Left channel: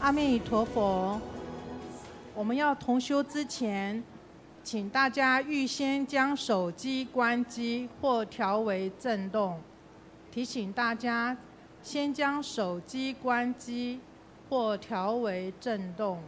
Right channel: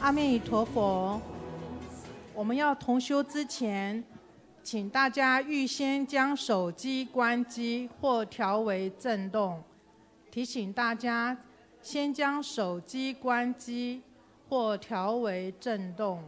阿弥陀佛。我们要同修之前，请大家预先将手机关机或调为震动。提醒大家，先将手机关机或调为震动。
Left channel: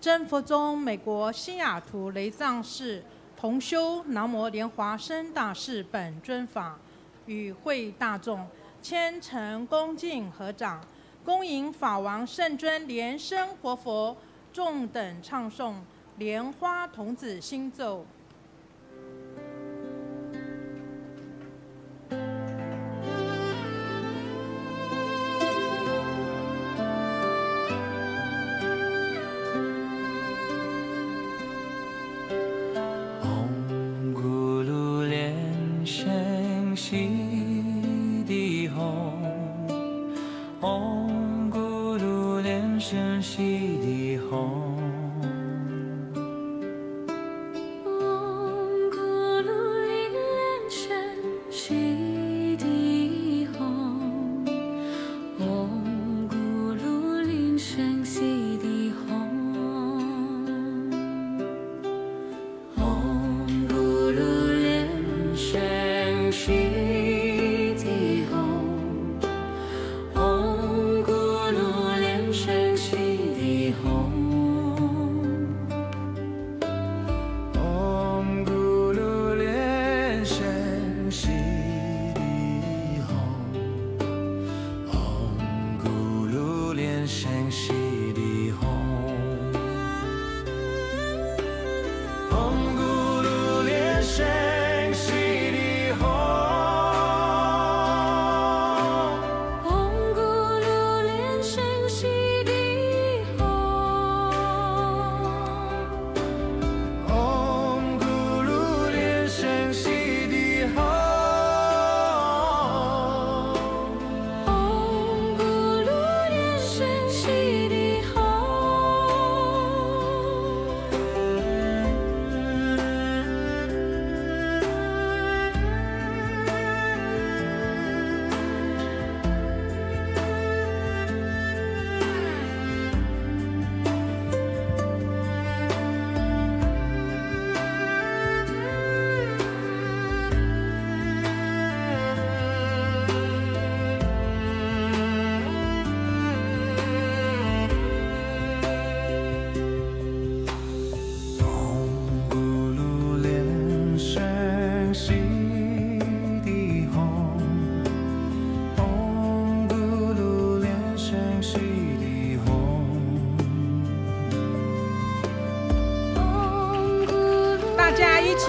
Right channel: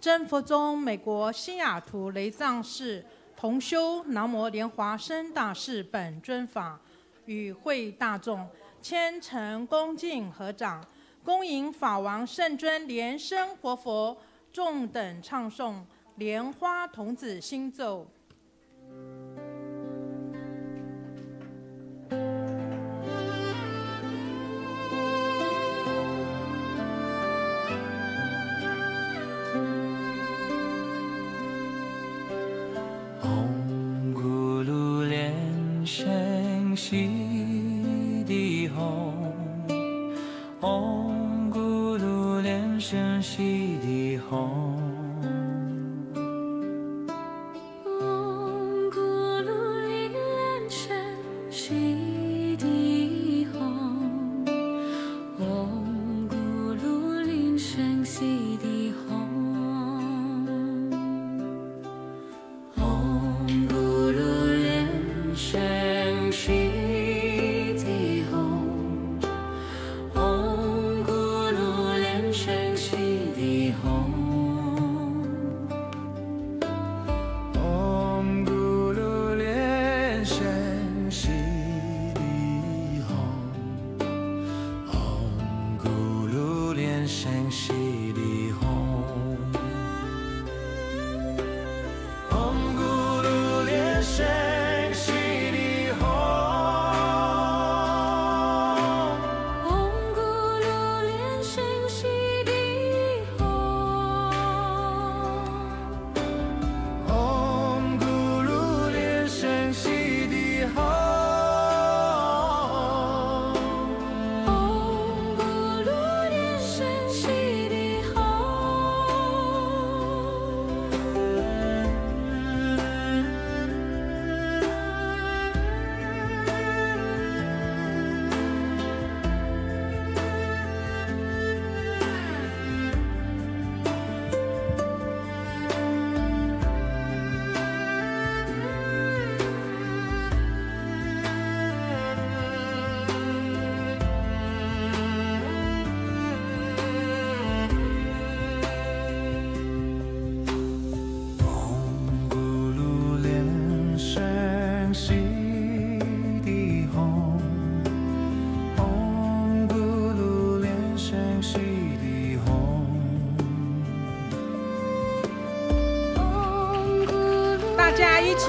真佛宗美国西雅图雷藏寺同修南无莲华生大士本尊法，与会大众虔诚恭敬合掌，恭迎法王圣尊莲生活佛，众等唱诵莲花童子心咒。西地吽，唵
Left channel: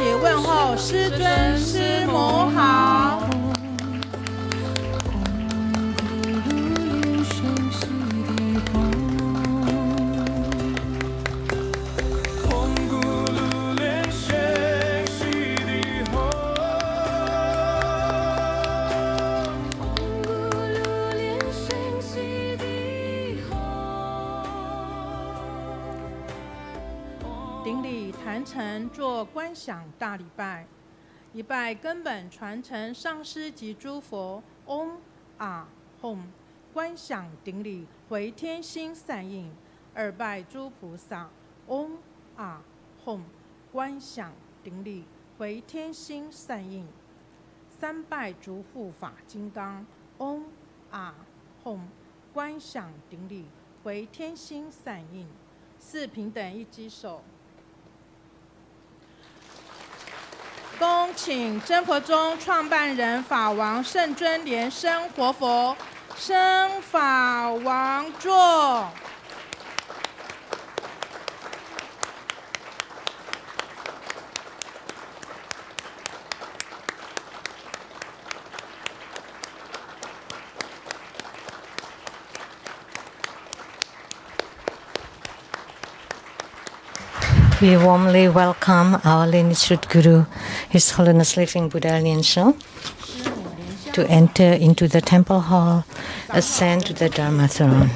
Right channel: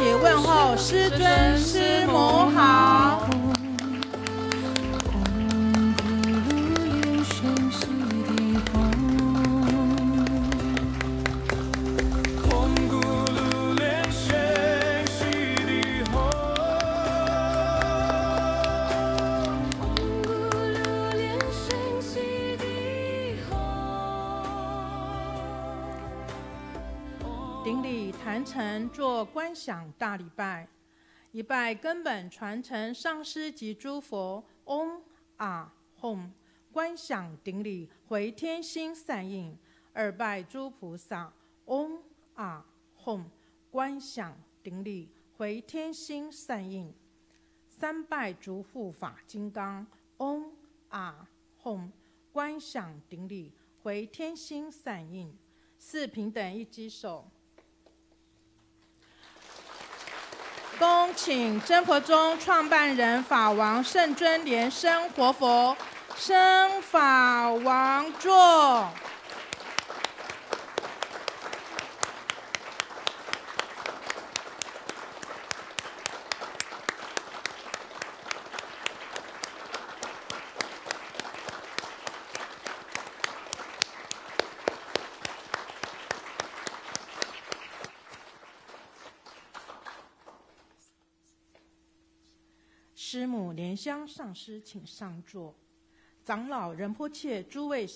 起问候师尊师母好。顶礼坛城做观想大礼拜，一拜根本传承上师及诸佛，嗡啊吽，观想顶礼回天心散印；二拜诸菩萨，嗡啊吽，观想顶礼回天心散印；三拜诸护法金刚，嗡啊吽，观想顶礼回天心散印；四平等一击手。恭请真佛宗创办人法王圣尊莲生活佛升法王座。We warmly welcome our lineage Guru, His Holiness Living Buddha Lian Sheng, to enter into the temple hall, ascend to the Dharma throne.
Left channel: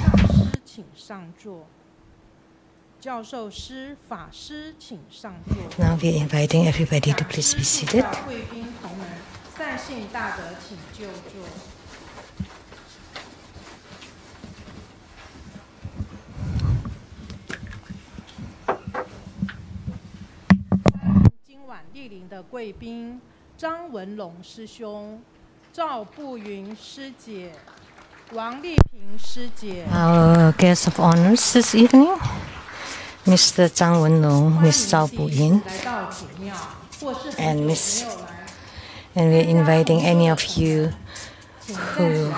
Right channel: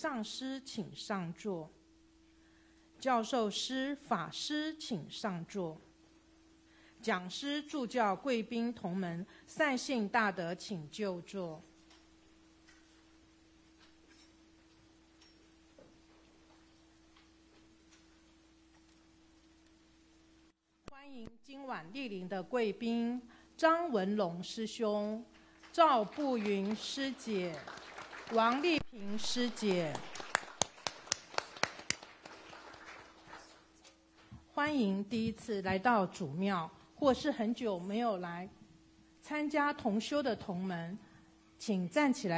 Now we are inviting everybody to please be seated. Our guests of honors this evening, Mr. Zhang Wenlong, Ms. Zhao Buyin, and we're inviting any of you who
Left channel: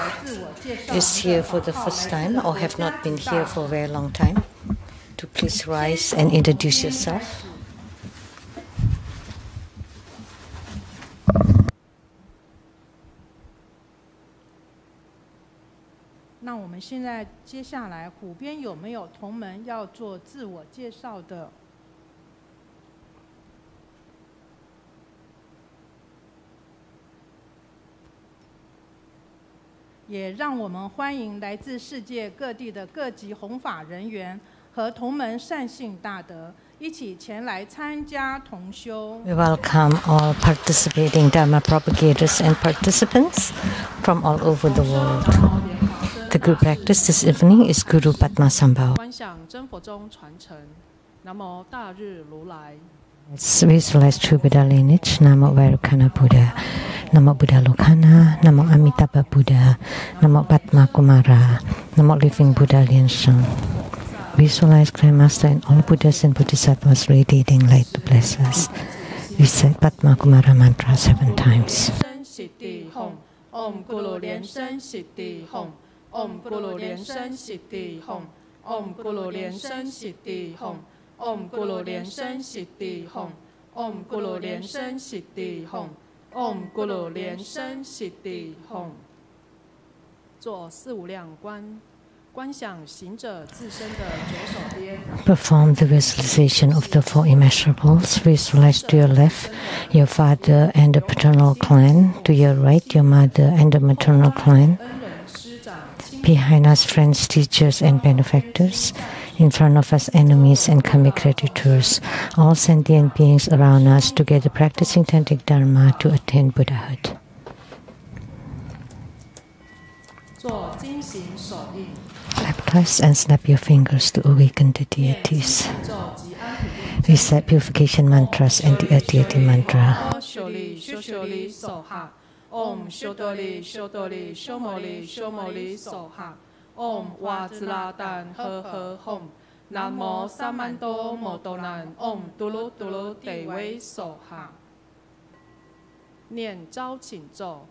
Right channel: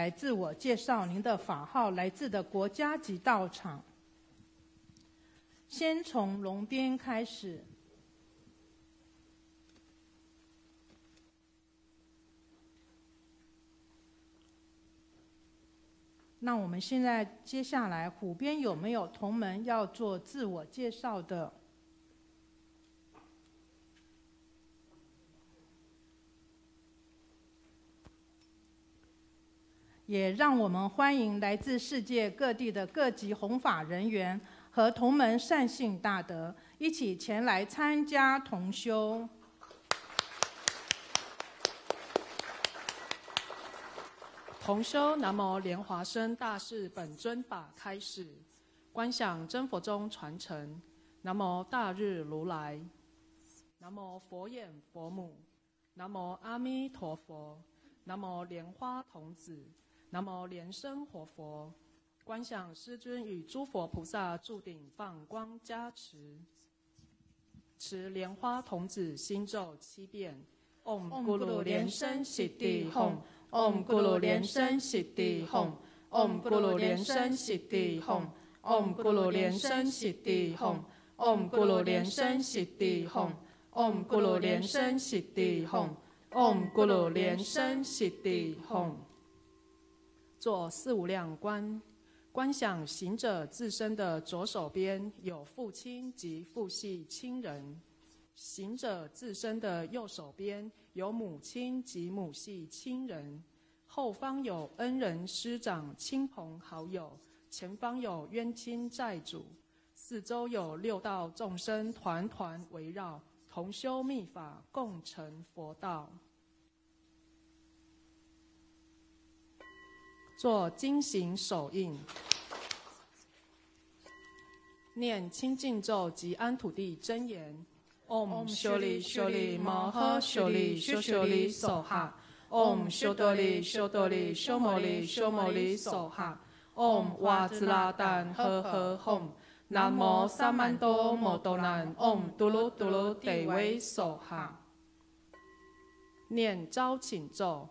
is here for the first time or have not been here for a very long time to please rise and introduce yourself. Now, 我们现在接下来，虎边有没有同门要做自我介绍的？也让我们欢迎来自世界各地的各级弘法人员和同门善信大德一起前来参加同修。We welcome all participating Dharma propagators and participants from all over the world. The group practice this evening is Guru Padmasambhava. 观想真佛宗传承，南无大日如来。Let's visualize true Buddha lineage. Namo Vairocana Buddha, Namo Buddha Lokana, Namo Amitabha Buddha, Namo Padma Kumara, Namo Living Buddha Lian Sheng. Visualize Grandmaster and all Buddhas and Bodhisattvas radiating light to bless us. Recite Padma Kumara mantra 7 times. Om Guru Lian Sheng Siddhi Hom. Om Guru Lian Sheng Siddhi Hom. Om Guru Lian Sheng Siddhi Hom. Om Guru Lian Sheng Siddhi Hom. Om Guru Lian Sheng Siddhi Hom. Om Guru Lian Sheng Siddhi Hom. 做四无量观。观想行者自身的左手边 Perform the visualization of the four immeasurables. Visualize to your left your father and the paternal clan, to your right your mother and the maternal clan, behind us friends, teachers and benefactors, in front of us enemies and karmic creditors, all sentient beings around us together practicing tantric dharma to attain Buddhahood. 做金行手印 Clap twice and snap your fingers to awaken the deities. Recite purification mantras and the deity mantra. Om Shodoli Shodoli Shomoli Shomoli Soha. Om Wazla Dan He He Hom. Namo Samando Modonan. Om Dulu Dulu Dewei Soha. 念招请咒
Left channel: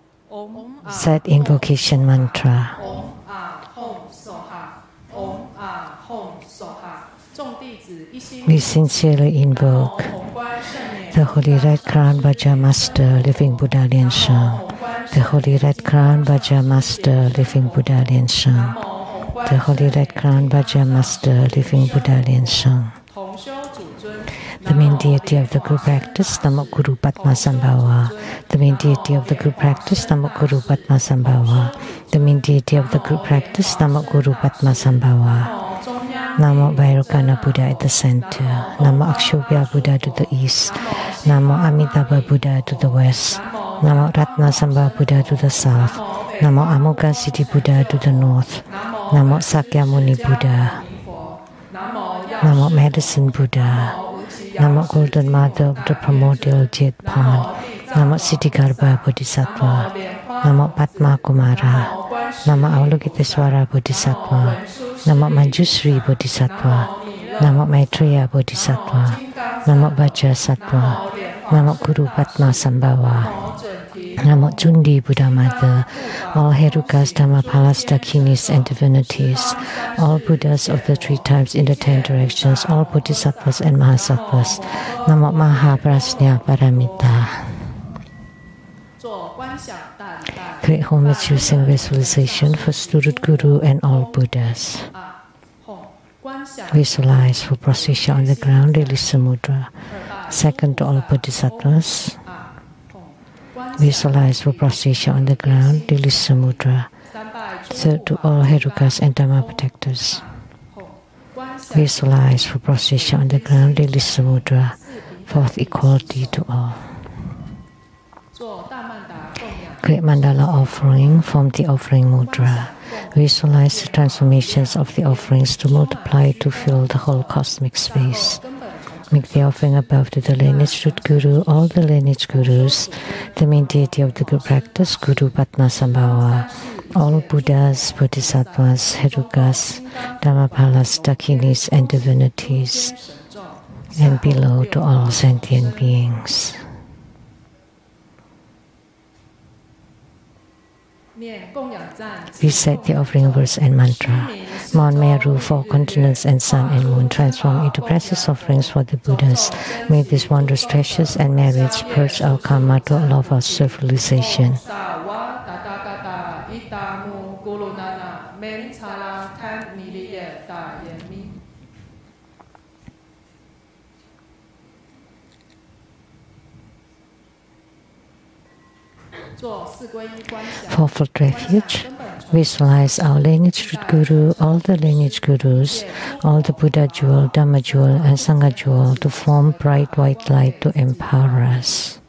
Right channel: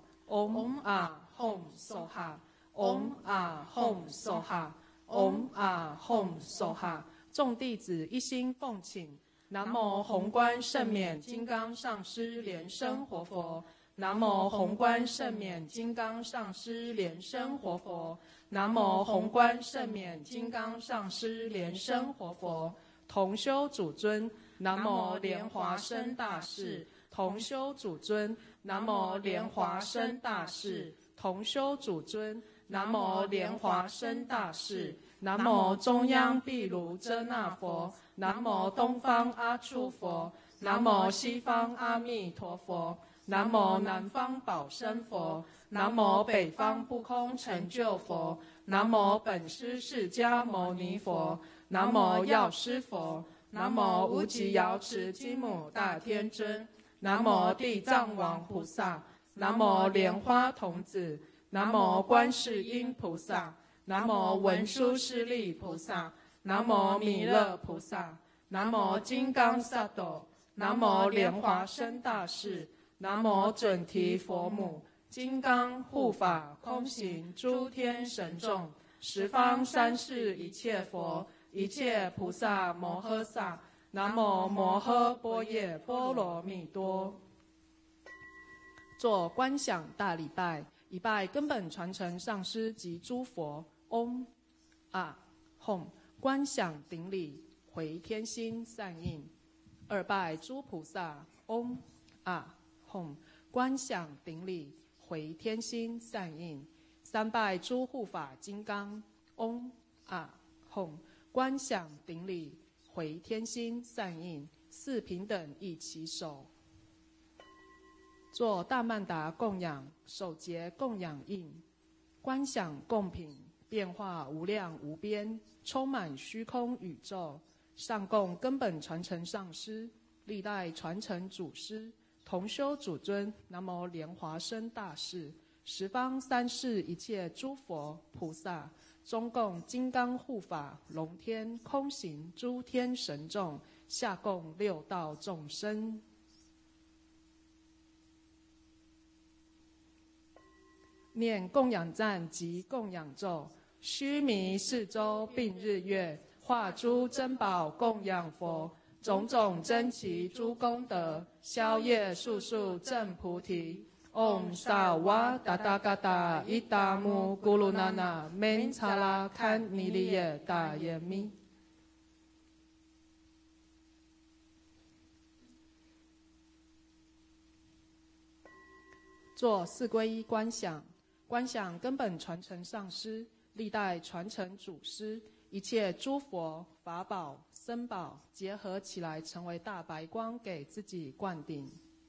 Said invocation mantra. Om Ah Hom Soha. Om Ah Hom Soha. We sincerely invoke the Holy Red Crown Vajra Master, Living Buddha Lian Sheng, the Holy Red Crown Vajra Master, Living Buddha Lian Sheng, the Holy Red Crown Vajra Master, Living Buddha Lian Sheng. The main deity of the group practice, Namo Guru Padmasambhava. The main deity of the group practice, Namo Guru Padmasambhava. The main deity of the group practice, Namo Guru Padmasambhava. Namo Vairocana Buddha at the center. Namo Akshobhya Buddha to the east. Namo Amitabha Buddha to the west. Namo Ratnasambhava Buddha to the south. Namo Amoga Siddhi Buddha to the north. Namo Sakyamuni Buddha. Namo Medicine Buddha. Namo Golden Mother of the Primordial Jet Pond. Namo Siddhigarbha Bodhisattva. Namo Padma Kumara. Namo Avalokiteswara Bodhisattva. Namo Manjusri Bodhisattva. Namo Maitreya Bodhisattva. Namo Vajrasattva. Namo Guru Padmasambhava. Namo Jundi Buddha Mother. All Herukas, Dhammapalas, Dakinis, and divinities. All Buddhas of the 3 times in the 10 directions, all Bodhisattvas and Mahasattvas. Namo Mahaprasnya Paramita. Great homage using visualization for student Guru and all Buddhas. Visualize for procession on the ground, release the mudra. Second to all Bodhisattvas. Visualize for procession on the ground, release the mudra. Third to all Herukas and Dhamma protectors. Visualize for procession on the ground, release the mudra. Fourth, equality to all. Great mandala offering from the offering mudra. Visualize the transformations of the offerings to multiply to fill the whole cosmic space. Make the offering above to the lineage root Guru, all the lineage Gurus, the main deity of the group practice, Guru Padmasambhava, all Buddhas, Bodhisattvas, Herukas, Dhammapalas, Dakinis, and divinities, and below to all sentient beings. Recite the offering verse and mantra. Mount Meru, 4 continents, and sun and moon transform into precious offerings for the Buddhas. May these wondrous treasures and merits purge our karma to allow our self-realization. Fourfold refuge. Visualize our lineage root Guru, all the lineage Gurus, all the Buddha jewel, Dhamma jewel, and Sangha jewel to form bright white light to empower us.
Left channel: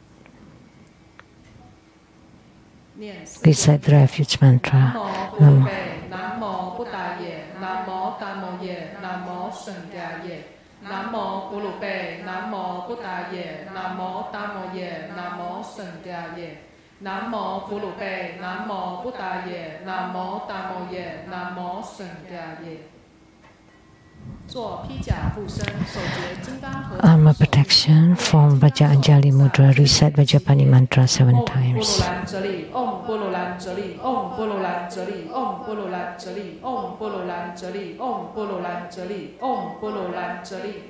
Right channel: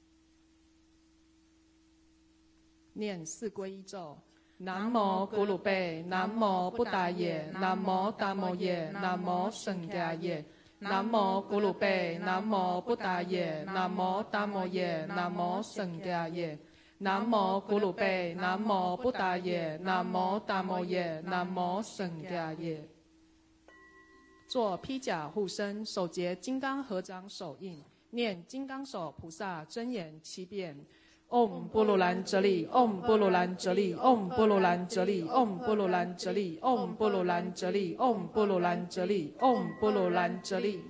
Recite the refuge mantra. Namo Buddhaye, Namo Dhammoye, Namo Sheng-Yen. Namo Gulupe, Namo Buddhaye, Namo Dhammoye, Namo Sheng-Yen. Namo Gulupe, Namo Buddhaye, Namo Dhammoye, Namo Sheng-Yen. Armor protection, form Vajra Anjali Mudra, recite Vajrapani mantra 7 times. Om Bululanjali, Om Bululanjali, Om Bululanjali, Om Bululanjali, Om Bululanjali, Om Bululanjali.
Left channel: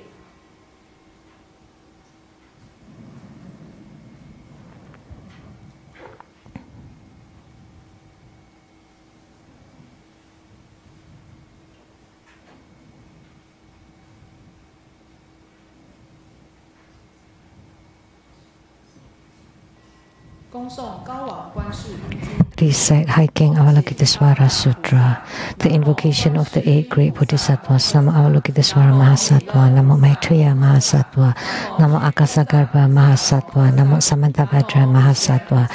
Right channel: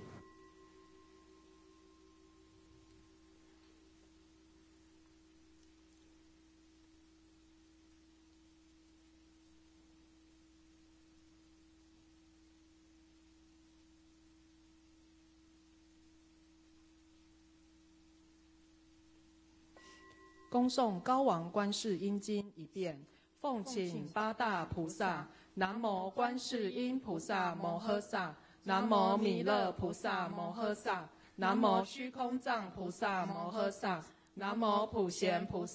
Recite High King Avalokiteswara Sutra, the invocation of the 8 great Bodhisattvas, Namo Avalokiteswara Mahasattva, Namo Maitreya Mahasattva, Namo Akasagarbha Mahasattva, Namo Samantabhadra Mahasattva,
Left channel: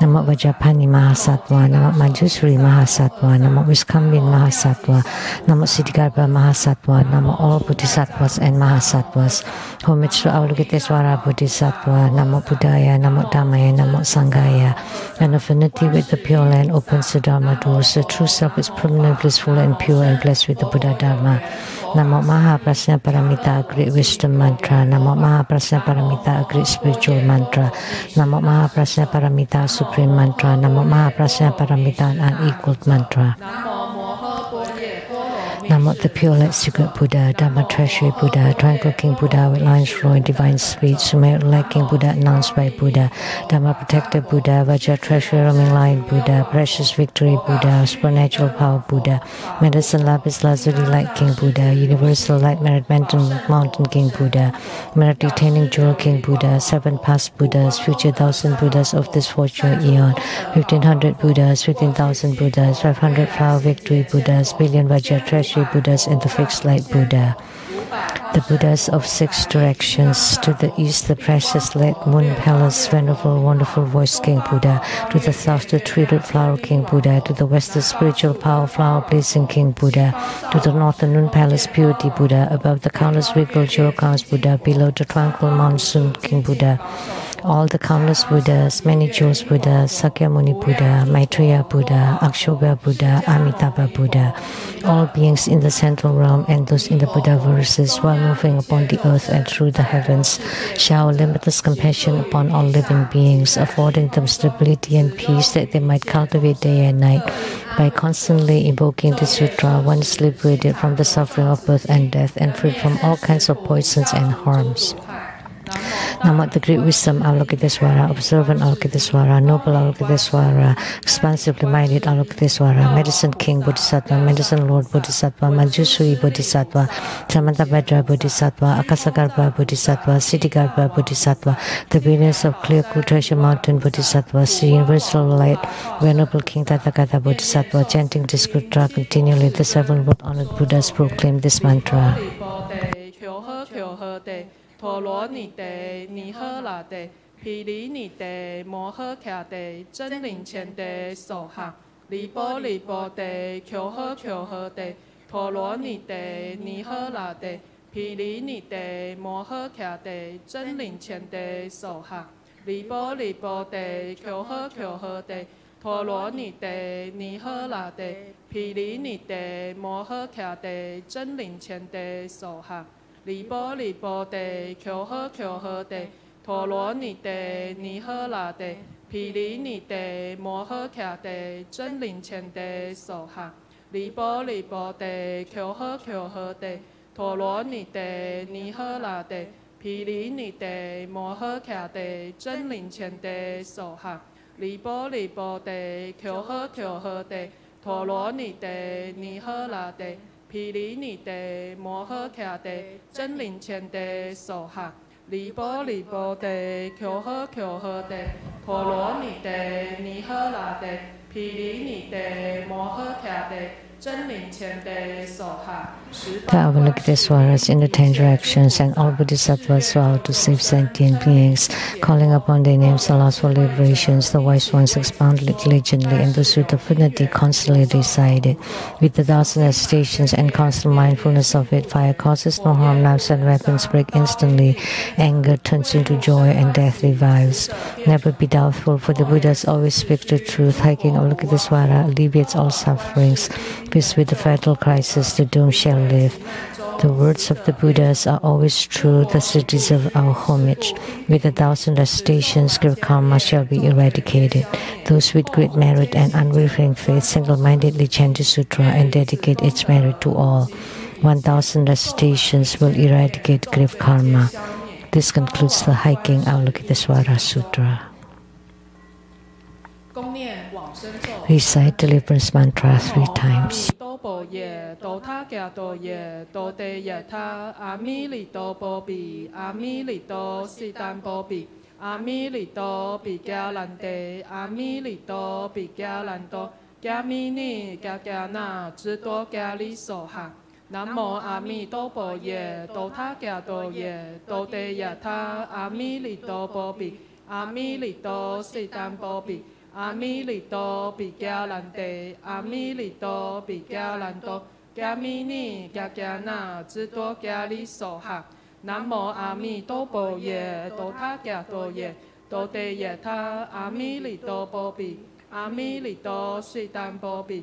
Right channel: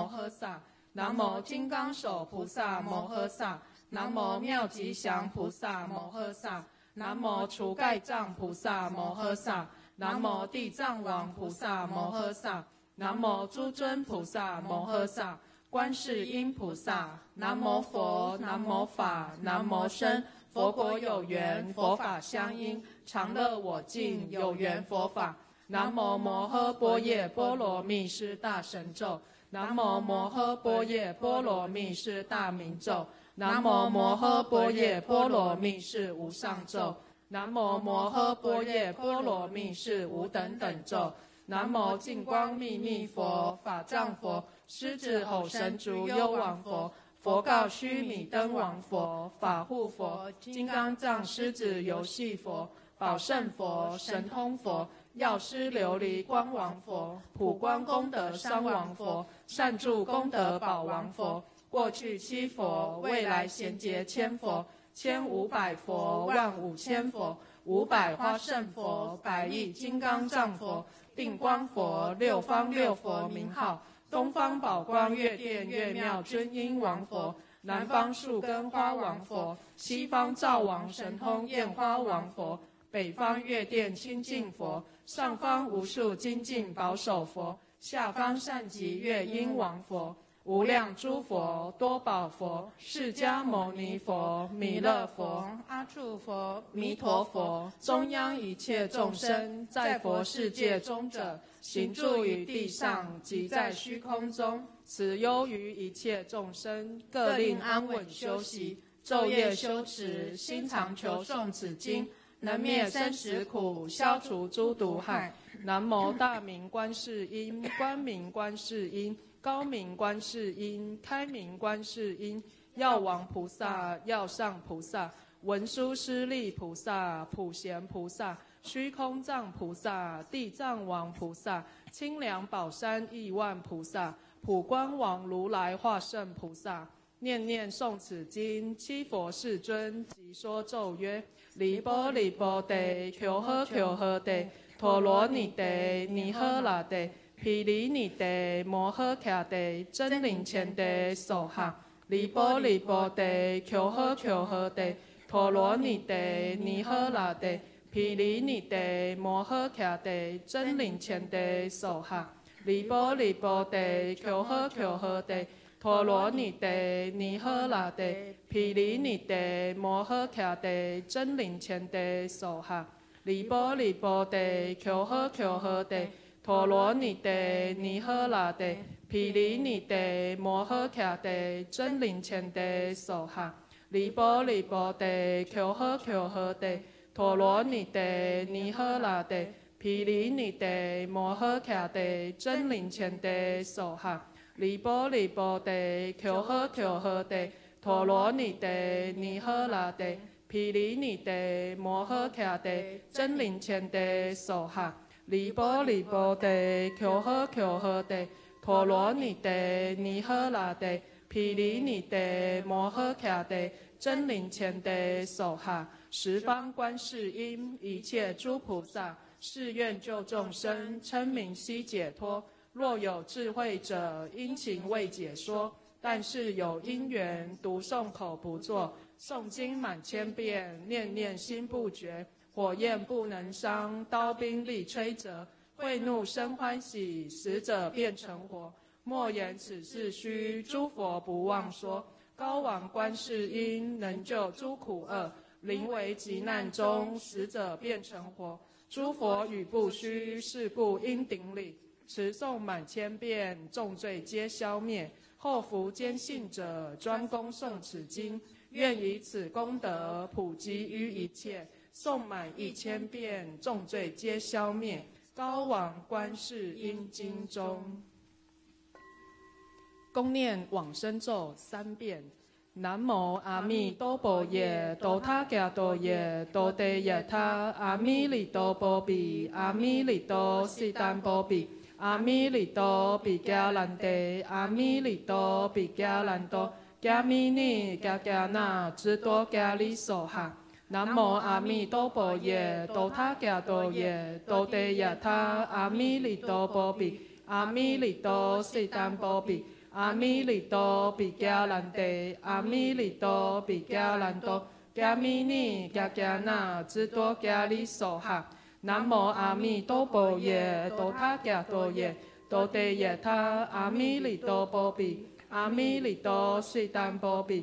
Namo Vajrapani Mahasattva, Namo Manjusri Mahasattva, Namo Viskambin Mahasattva, Namo Siddhigarbha Mahasattva, Namo all Bodhisattvas and Mahasattvas. Homage to Avalokiteswara Bodhisattva, Namo Buddhaya, Namo Dhammaya, Namo Sanghaya. An affinity with the Pure Land opens the Dharma doors. The true self is permanently blissful and pure and blessed with the Buddhadharma. Namo Mahaprasna Paramita, great wisdom mantra. Namo Mahaprasna Paramita, great spiritual mantra. Namo Mahaprasna Paramita, supreme mantra. Namo Mahaprasna Paramita, unequaled mantra. Namo the pure light secret Buddha, Dharma treasury Buddha, tranquil King Buddha with lines flowing divine speech, Sumer light King Buddha announced by Buddha, Dharma protector Buddha, Vajra treasury roaming light Buddha, precious victory Buddha, supernatural power Buddha, medicine lapis lazuli light King Buddha, universal light merit mountain King Buddha, merit retaining jewel King Buddha, 7 past Buddhas, future 1,000 Buddhas of this fortune eon, 1,500 Buddhas, 15,000 Buddhas, 500 flower victory Buddhas, billion Vajra treasury Buddhas, and the fixed light Buddha. The Buddhas of 6 directions, to the east the precious light moon palace, venerable wonderful voice King Buddha, to the south the tree-root flower King Buddha, to the west the spiritual power flower placing King Buddha, to the north the noon palace purity Buddha, above the countless regal jewel crowns Buddha, below the tranquil monsoon King Buddha, all the countless Buddhas, many jewels Buddha, Sakyamuni Buddha, Maitreya Buddha, Akshobhya Buddha, Amitabha Buddha, all beings in the central realm and those in the Buddha verses while moving upon the earth and through the heavens, shower limitless compassion upon all living beings, affording them stability and peace that they might cultivate day and night. By constantly invoking the sutra, one is liberated from the suffering of birth and death and freed from all kinds of poisons and harms. Namo the great wisdom Avalokitesvara, observant Avalokitesvara, noble Avalokitesvara, expansively minded Avalokitesvara, medicine king Bodhisattva, medicine lord Bodhisattva, Manjusri Bodhisattva, Samantabhadra Bodhisattva, Akasagarbha Bodhisattva, Siddhigarbha Bodhisattva, the brilliance of clear cool treasure mountain Bodhisattva, the universal light, venerable King Tathagata Bodhisattva, chanting this sutra continually, the 7 world honored Buddhas proclaim this mantra. Thô lỗ nì tề, nì hơ là tề, pì lý nì tề, mô hơ kha tề, chân linh chén tề, sổ hạ, lý bô tề, khiêu hơ tề, thô lỗ nì tề, nì hơ là tề, pì lý nì tề, mô hơ kha tề, chân linh chén tề, sổ hạ, lý bô tề, khiêu hơ tề, thô lỗ nì tề, nì hơ là tề, pì lý nì tề, mô hơ kha tề, chân linh chén tề, sổ hạ, lý bô tề, khiêu hơ tề, thô lỗ nì tề, nì hơ là tề, pì lý nì tề, mô hơ kha tề, chân linh chén tề, sổ hạ, lý bô tề, khiêu hơ tề, thô lỗ nì tề, nì hơ là tề, pì lý nì tề, mô hơ kha tề, chân linh chén tề, sổ hạ, lý bô tề, khiêu hơ tề, thô lỗ nì tề, nì hơ là tề, pì lý nì tề, mô hơ kha tề, chân linh chén tề, sổ hạ, lý bô tề, khiêu hơ tề, thô lỗ nì tề, nì hơ là tề, pì lý nì tề, mô hơ kha tề, chân linh chén tề, sổ hạ. The Avalokitesvaras in the 10 directions and all Bodhisattvas vow to save sentient beings, calling upon their names allows for liberations. The wise ones expound diligently, and those with affinity constantly recite it. With the 1,000 stations and constant mindfulness of it, fire causes no harm, knives and weapons break instantly, anger turns into joy, and death revives. Never be doubtful, for the Buddhas always speak the truth. Hiking Avalokitesvara alleviates all sufferings. Peace with the fatal crisis, the doomed shall live. The words of the Buddhas are always true, thus it deserves our homage. With 1,000 stations, grave karma shall be eradicated. Those with great merit and unwavering faith single-mindedly chant the sutra and dedicate its merit to all. 1,000 stations will eradicate grave karma. This concludes the Hiking Avalokitesvara Sutra. Recite deliverance mantra 3 times. Nam mô A Mi Đô Bồ Ye, Đô Tha Kya Đô Ye, Đô Te Yatha, A Mi Li Đô Bồ Bì, A Mi Li Đô Si Tam Bồ Bì, A Mi Li Đô Bì Kya Lan Te, A Mi Li Đô Bì Kya Lan Đô, Kya Mi Ni Kya Kya Na, Chư Đô Kya Li So Ha. Nam mô A Mi Đô Bồ Ye, Đô Tha Kya Đô Ye, Đô Te Yatha, A Mi Li Đô Bồ Bì, A Mi Li Đô Si Tam Bồ Bì,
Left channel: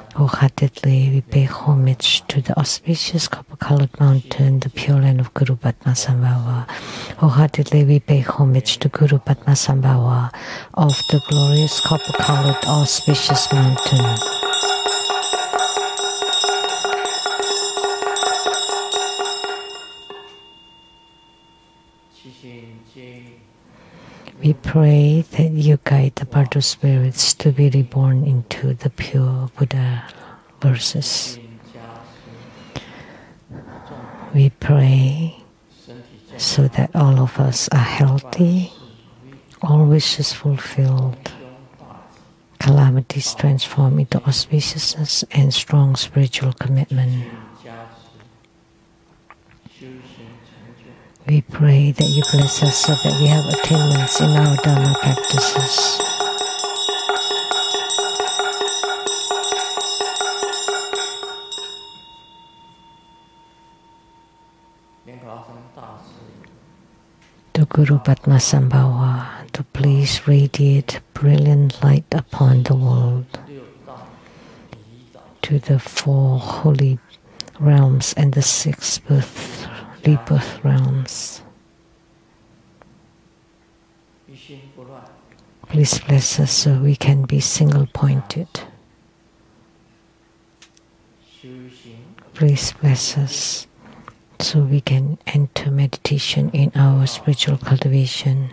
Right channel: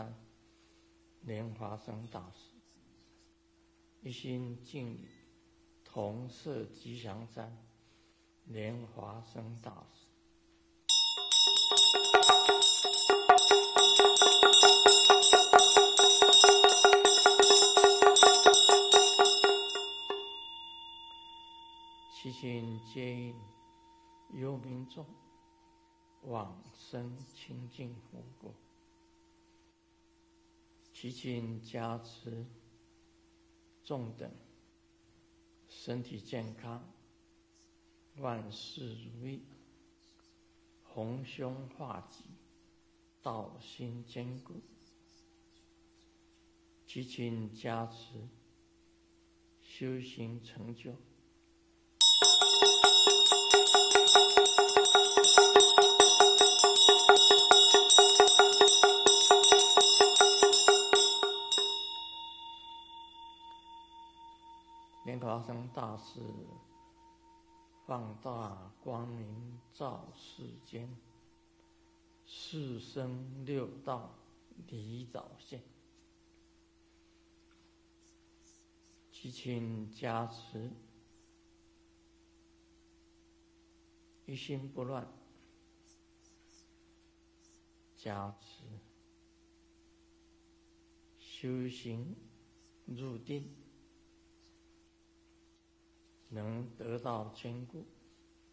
Wholeheartedly we pay homage to the auspicious copper-colored mountain, the pure land of Guru Padmasambhava. Wholeheartedly we pay homage to Guru Padmasambhava of the glorious copper-colored auspicious mountain. We pray that you guide the Bardo spirits to be reborn into the pure Buddha verses. We pray so that all of us are healthy, all wishes fulfilled, calamities transformed into auspiciousness and strong spiritual commitment. We pray that you bless us so that we have attainments in our Dharma practices. To Guru Padmasambhava, to please radiate brilliant light upon the world, to the 4 holy realms and the 6 rebirth realms. Please bless us so we can be single-pointed. Please bless us so we can enter meditation in our spiritual cultivation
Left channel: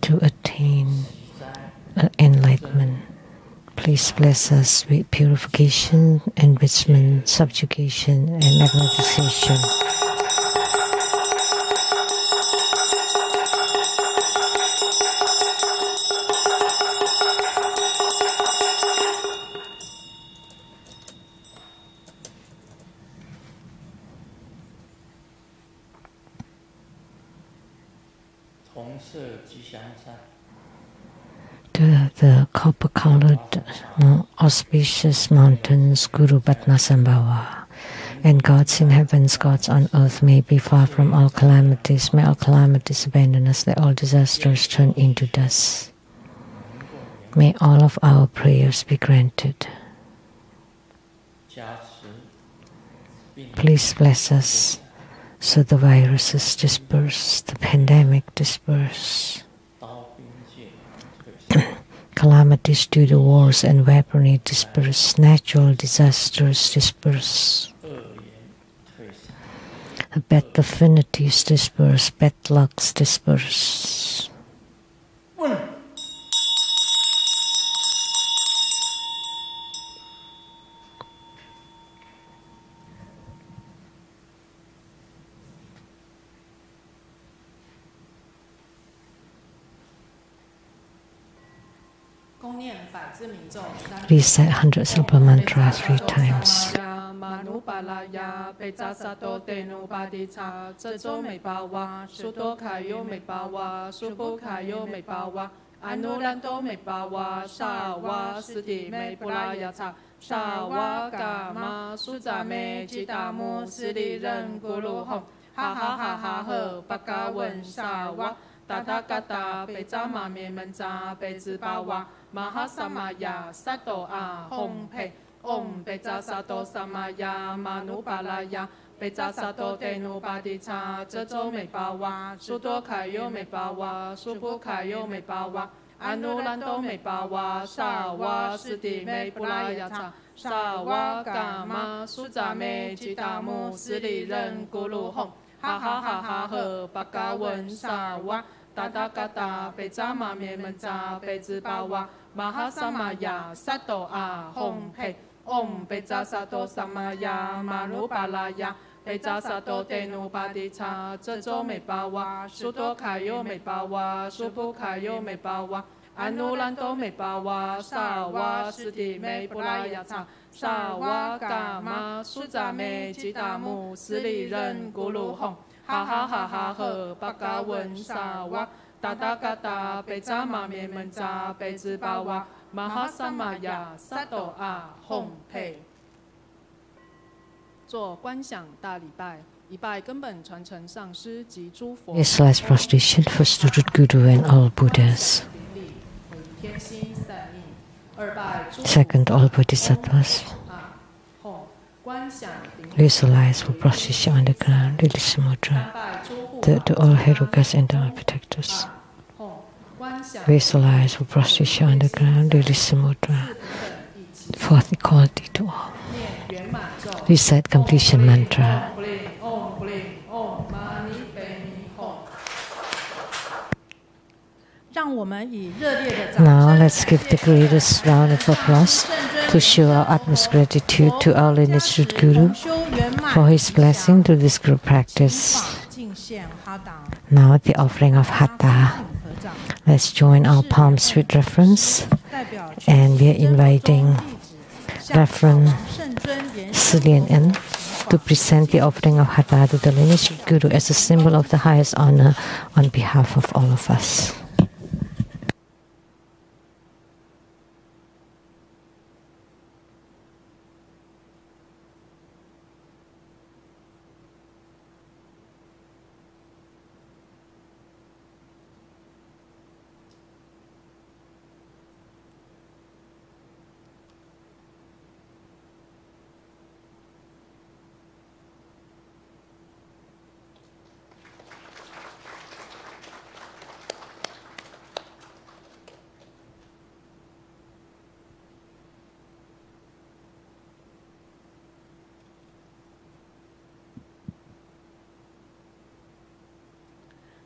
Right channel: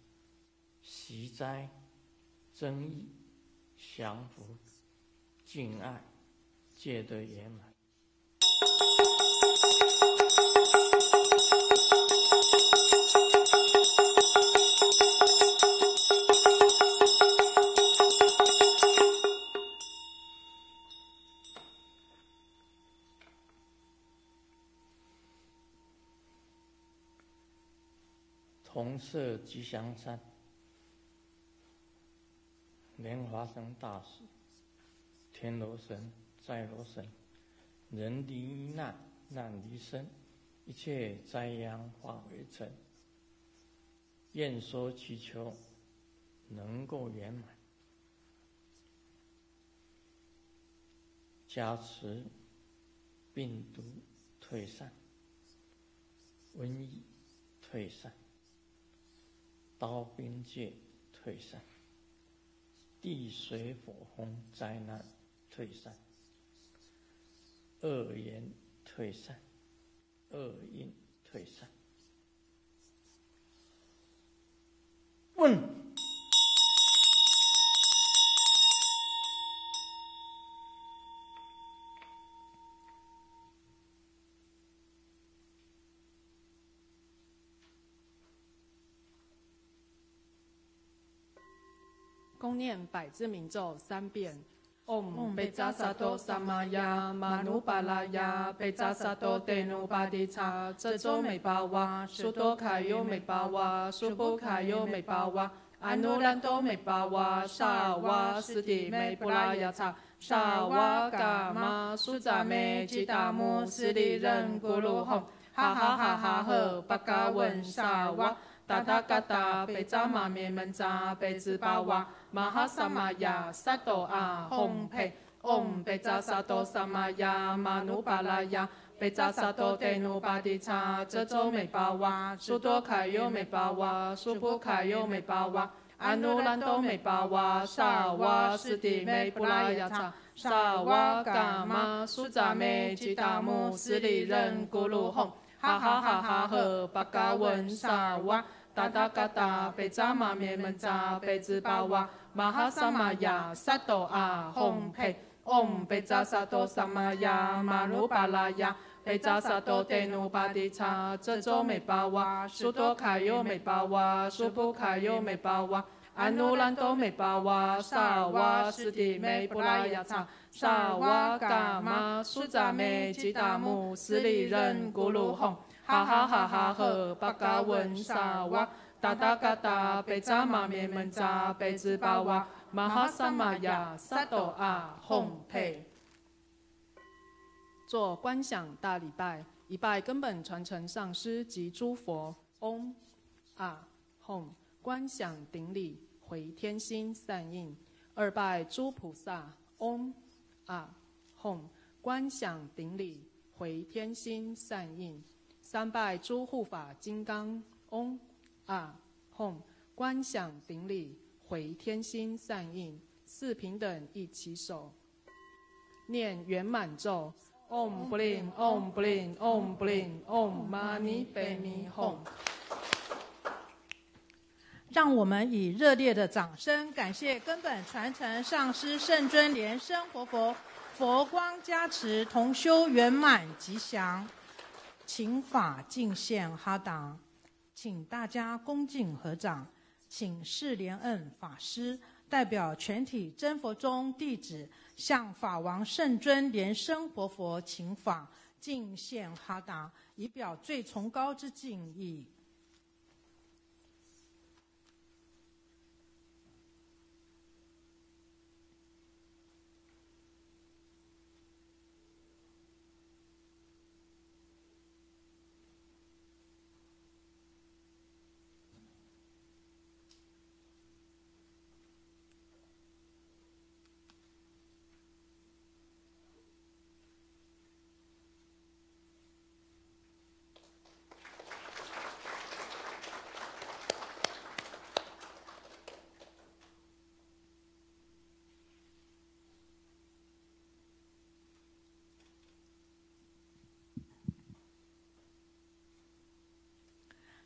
to attain enlightenment. Please bless us with purification, enrichment, subjugation, and magnetization. To the copper-colored auspicious mountains, Guru Padmasambhava, and gods in heavens, gods on earth, may be far from all calamities. May all calamities abandon us. Let all disasters turn into dust. May all of our prayers be granted. Please bless us so the viruses disperse, the pandemic disperse. Calamities due to wars and weaponry disperse, natural disasters disperse. Bad affinities disperse, bad lucks disperse. Recite 100 Silpa Mantra 3 times. Anulanto me bawa, sawa, siti me pulayata, sawa, gama, suza me, jitamu, siri ren guru hong, ha ha ha ha he, bakawen sawa, tathagata, pejama me menza, pejibawa, mahasamaya, sato a, hong pe, om peja sato samaya, manupalaya, peja sato tenu padicha, jejo me bawa, sudo kayo me bawa, subu kayo me bawa, anulanto me bawa, sawa, siti me pulayata, sawa, gama, suza me, jitamu, siri ren guru hong, ha ha ha ha he, bakawen sawa, tathagata, pejama me menza, pejibawa, mahasamaya, sato a, hong pe, om peja sato samaya, manupalaya, peja sato tenu padicha, jejo me bawa, sudo kayo me bawa, subu kayo me bawa, anulanto me bawa, sawa, siti me pulayata, sawa, gama, suza me, jitamu, siri ren guru hong, ha ha ha ha he, bakawen sawa, tathagata, pejama me menza, pejibawa, mahasamaya, sato a, hong pe。做观想大礼拜，一拜根本传承上师及诸佛。This last prostration for Sutra Guru and all Buddhas. 灵力回天心散印， Second, all Bodhisattvas. Visualize for position on the ground, release mudra. Third, to all Herukas and Dharma protectors. Visualize for position on the ground, release mudra. Fourth, equality to all. Recite completion mantra. Now let's give the greatest round of applause to show our utmost gratitude to our lineage Guru for his blessing to this group practice. Now the offering of Hatha. Let's join our palms with reverence, and we are inviting Reverend Lian to present the offering of Hatha to the lineage Guru as a symbol of the highest honor on behalf of all of us.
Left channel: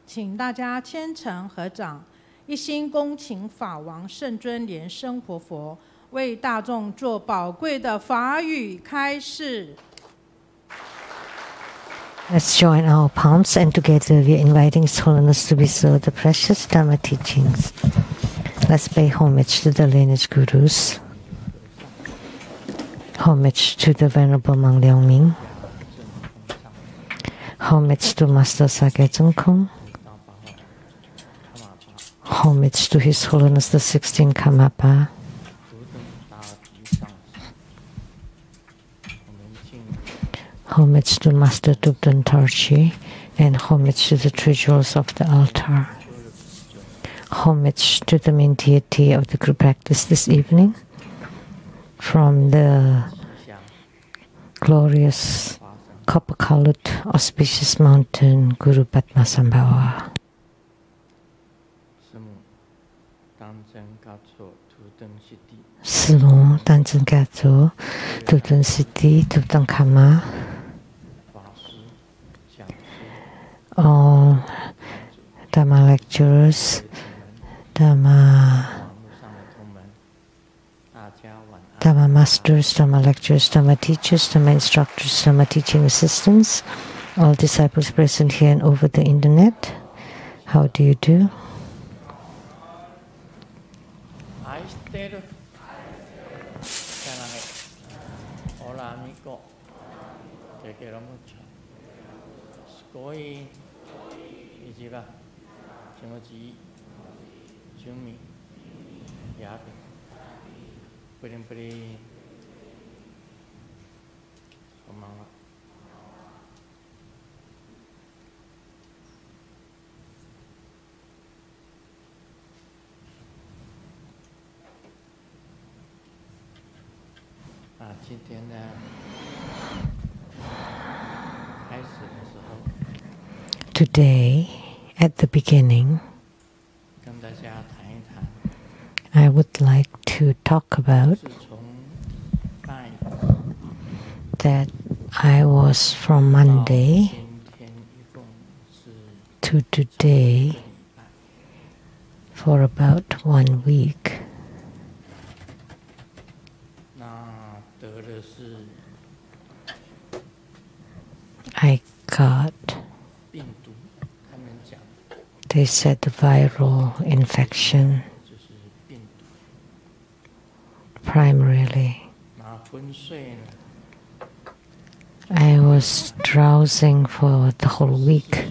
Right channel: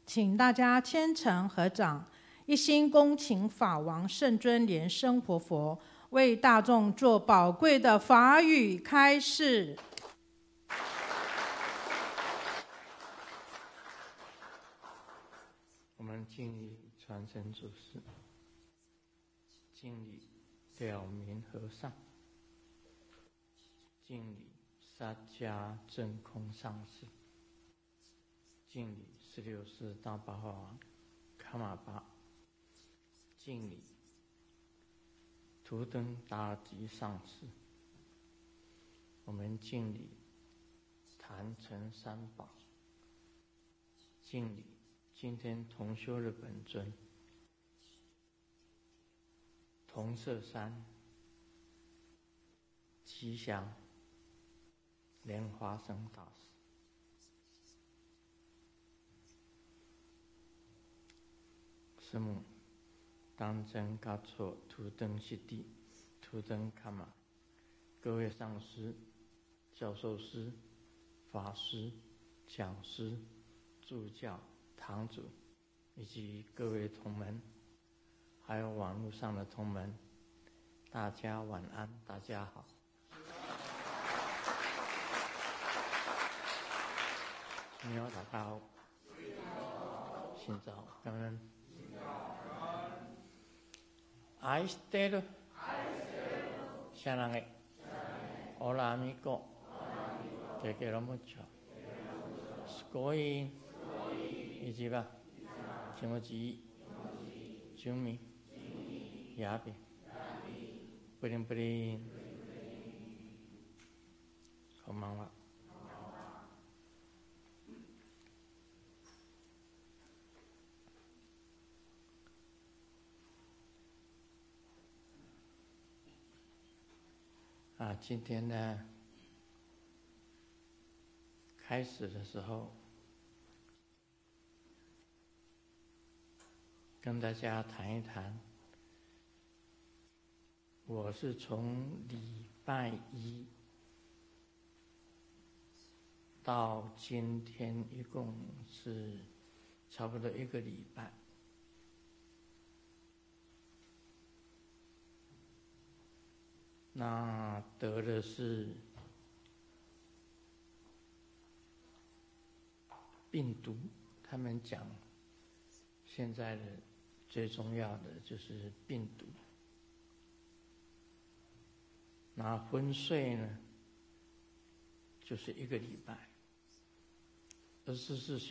请大家虔诚合掌，一心恭请法王圣尊莲生活佛为大众做宝贵的法语开示。Let's join our palms, and together we are inviting His Holiness to bestow the precious Dharma teachings. Let's pay homage to the lineage Gurus. Homage to the Venerable Mang Liang-ming. Homage to Master Sakyamuni. Homage to His Holiness the 16th Karmapa. Homage to Master Dubdan Tarchi, and homage to the three jewels of the altar. Homage to the main deity of the group practice this evening from the glorious copper-colored auspicious mountain Guru Padmasambhava. Simo Tanzen Gato, Dubdan Siddhi, Dubdan Kama, all Dharma lecturers, Dharma masters, Dharma lecturers, Dharma teachers, Dharma instructors, Dharma teaching assistants, all disciples present here and over the internet. How do you do? Hola amigo, te quiero mucho. Scoy, Ijiba, Chimoji, Jumi, Yabi, Prim, Komawa. Today, at the beginning, I would like to talk about that I was from Monday to today for about 1 week. I got, they said, viral infection, primarily. I was drowsing for the whole week,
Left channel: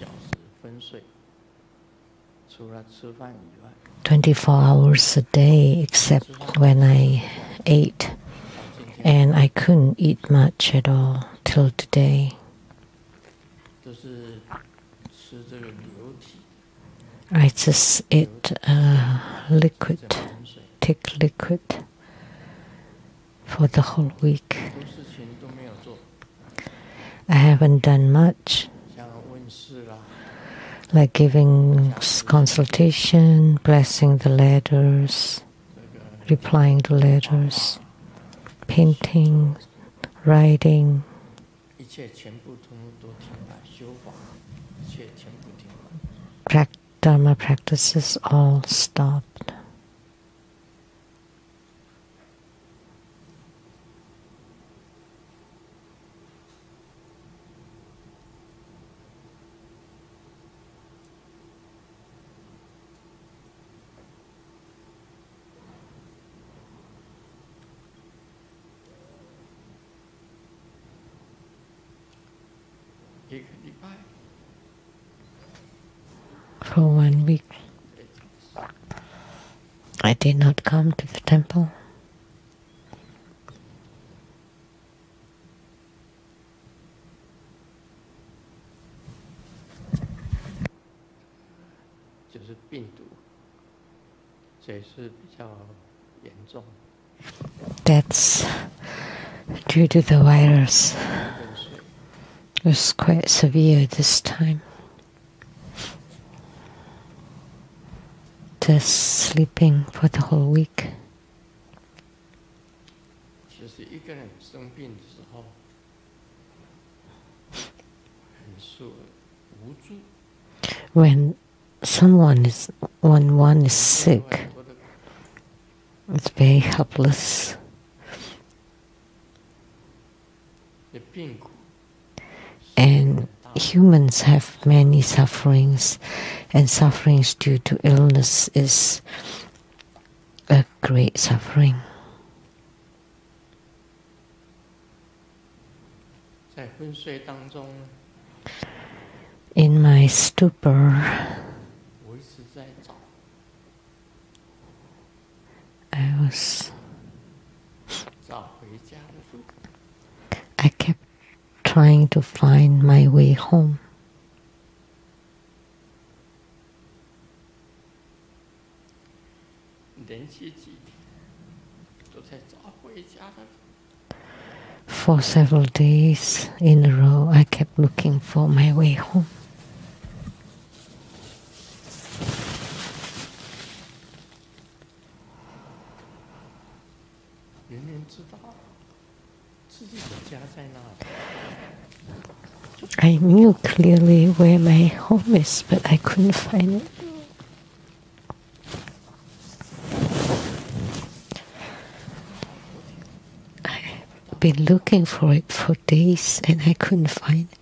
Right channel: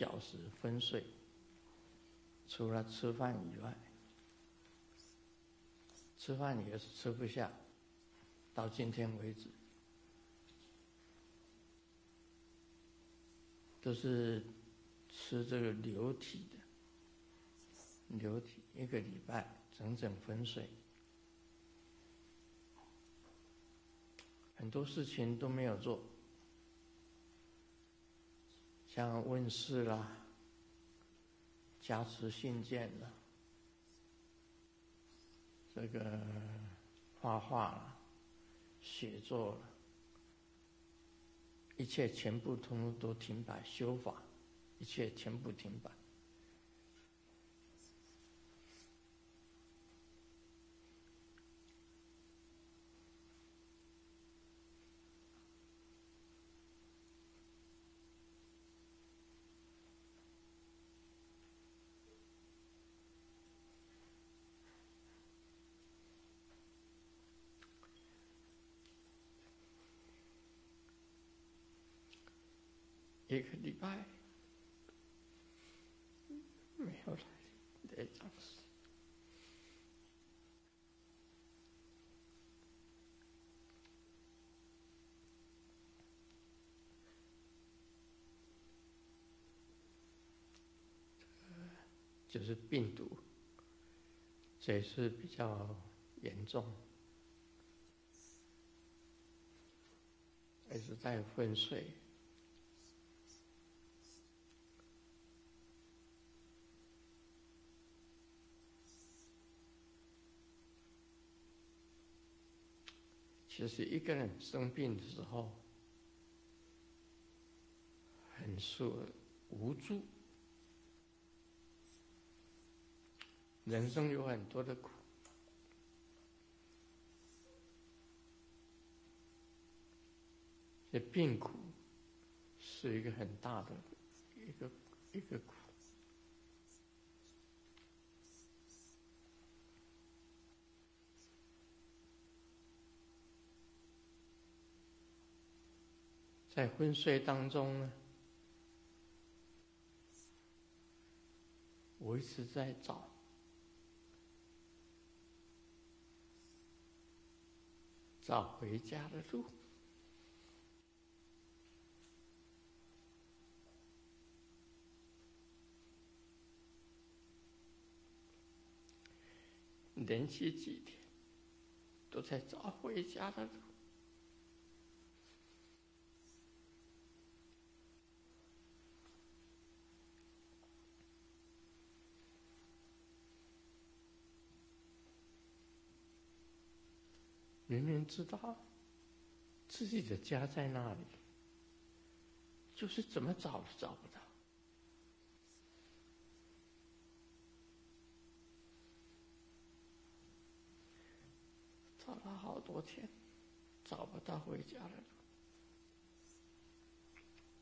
24 hours a day, except when I ate. And I couldn't eat much at all till today. I just ate liquid, thick liquid, for the whole week. I haven't done much, like giving consultation, blessing the letters, replying to letters, painting, writing. Dharma practices all stopped. For 1 week, I did not come to the temple. That's due to the virus. It was quite severe this time. Just sleeping for the whole week. When one is sick, it's very helpless. And humans have many sufferings, and sufferings due to illness is a great suffering. In my stupor, I kept trying to find my way home. For several days in a row, I kept looking for my way home. I knew clearly where my home is, but I couldn't find it. I've been looking for it for days and I couldn't find it.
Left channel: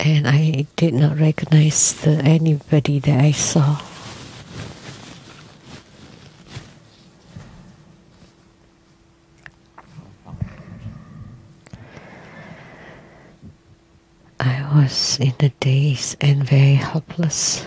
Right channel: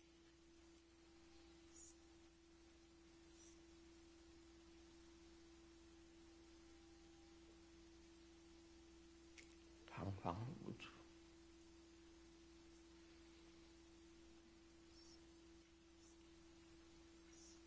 And I did not recognize anybody that I saw. I was in a daze and very helpless.